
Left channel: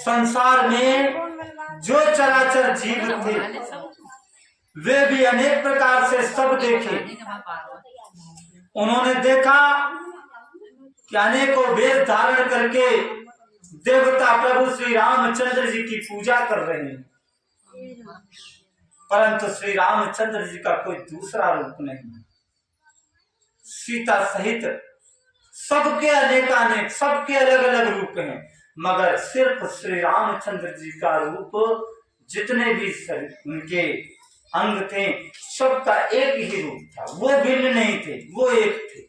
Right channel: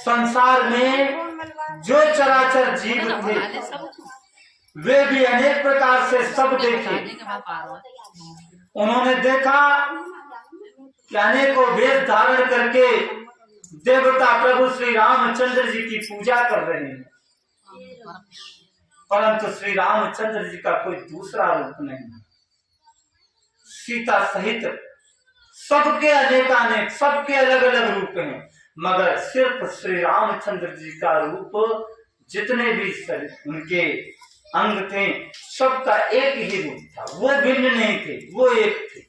संसार में जो चराचर जीव थे वे भी अनेक प्रकार से सब देखे। उन्होंने देखा कि अनेकों वेश धारण करके देवता प्रभु श्री रामचंद्र जी की पूजा कर रहे हैं, परंतु श्री रामचंद्र जी का कोई दूसरा रूप नहीं। सीता सहित सबके अनेकानेक, सबके अलग अलग रूप हैं, मगर सिर्फ श्री रामचंद्र जी का रूप, जितने भी उनके अंग थे सबका एक ही रूप था, वो भिन्न नहीं थे, वो एक थे।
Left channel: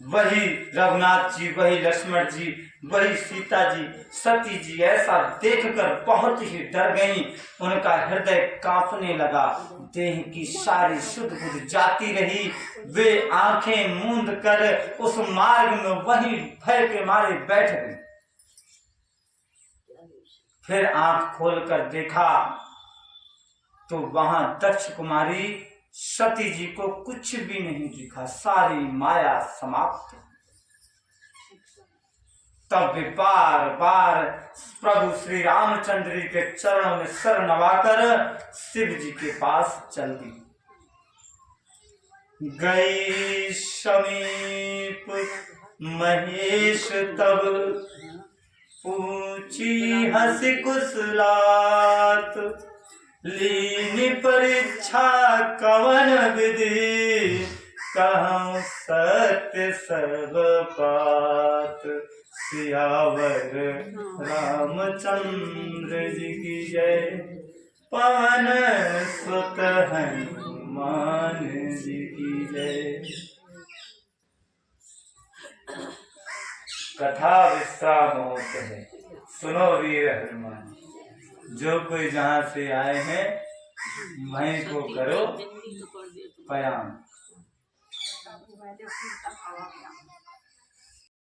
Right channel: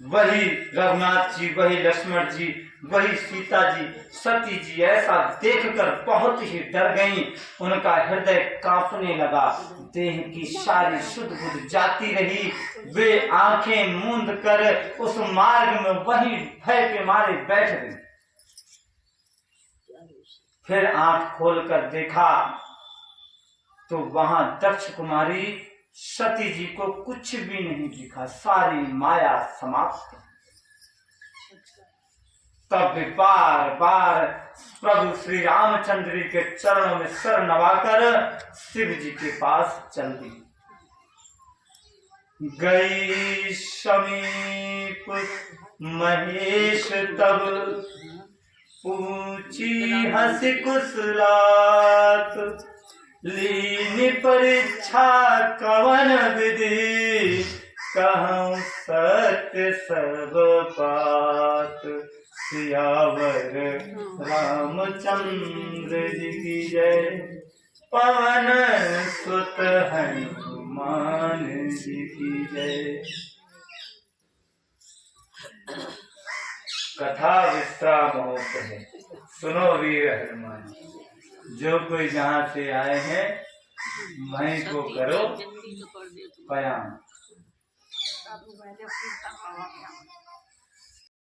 वही रघुनाथ जी, वही लक्ष्मण जी, वही सीता जी, सती जी ऐसा देखकर बहुत ही डर गईं। उनका हृदय कांपने लगा, देह की सारी सुध बुध जाती रही। वे आंखें मूंद कर उस मार्ग में वही भय के मारे बैठ गई। फिर आंख खोलकर देखा तो वहां दक्ष कुमारी सती जी को कुछ भी नहीं दिखा, सारी माया समाप्त। तब बार बार प्रभु श्री रामचंद्र जी के चरणों में सर नवाकर शिव जी के पास चल दी। गई समीप महेश तब पूछी हंसी कुशलात, लीन परीक्षा कवन विधि, कहूँ सत्य सब बात। सियावर रामचंद्र जी की जय, पवन सुत हनुमान जी की जय। कथा विश्राम होते है, सुनो वीर हनुमान। जो कोई जहाँ से आए हैं वहीं को करो प्रणाम।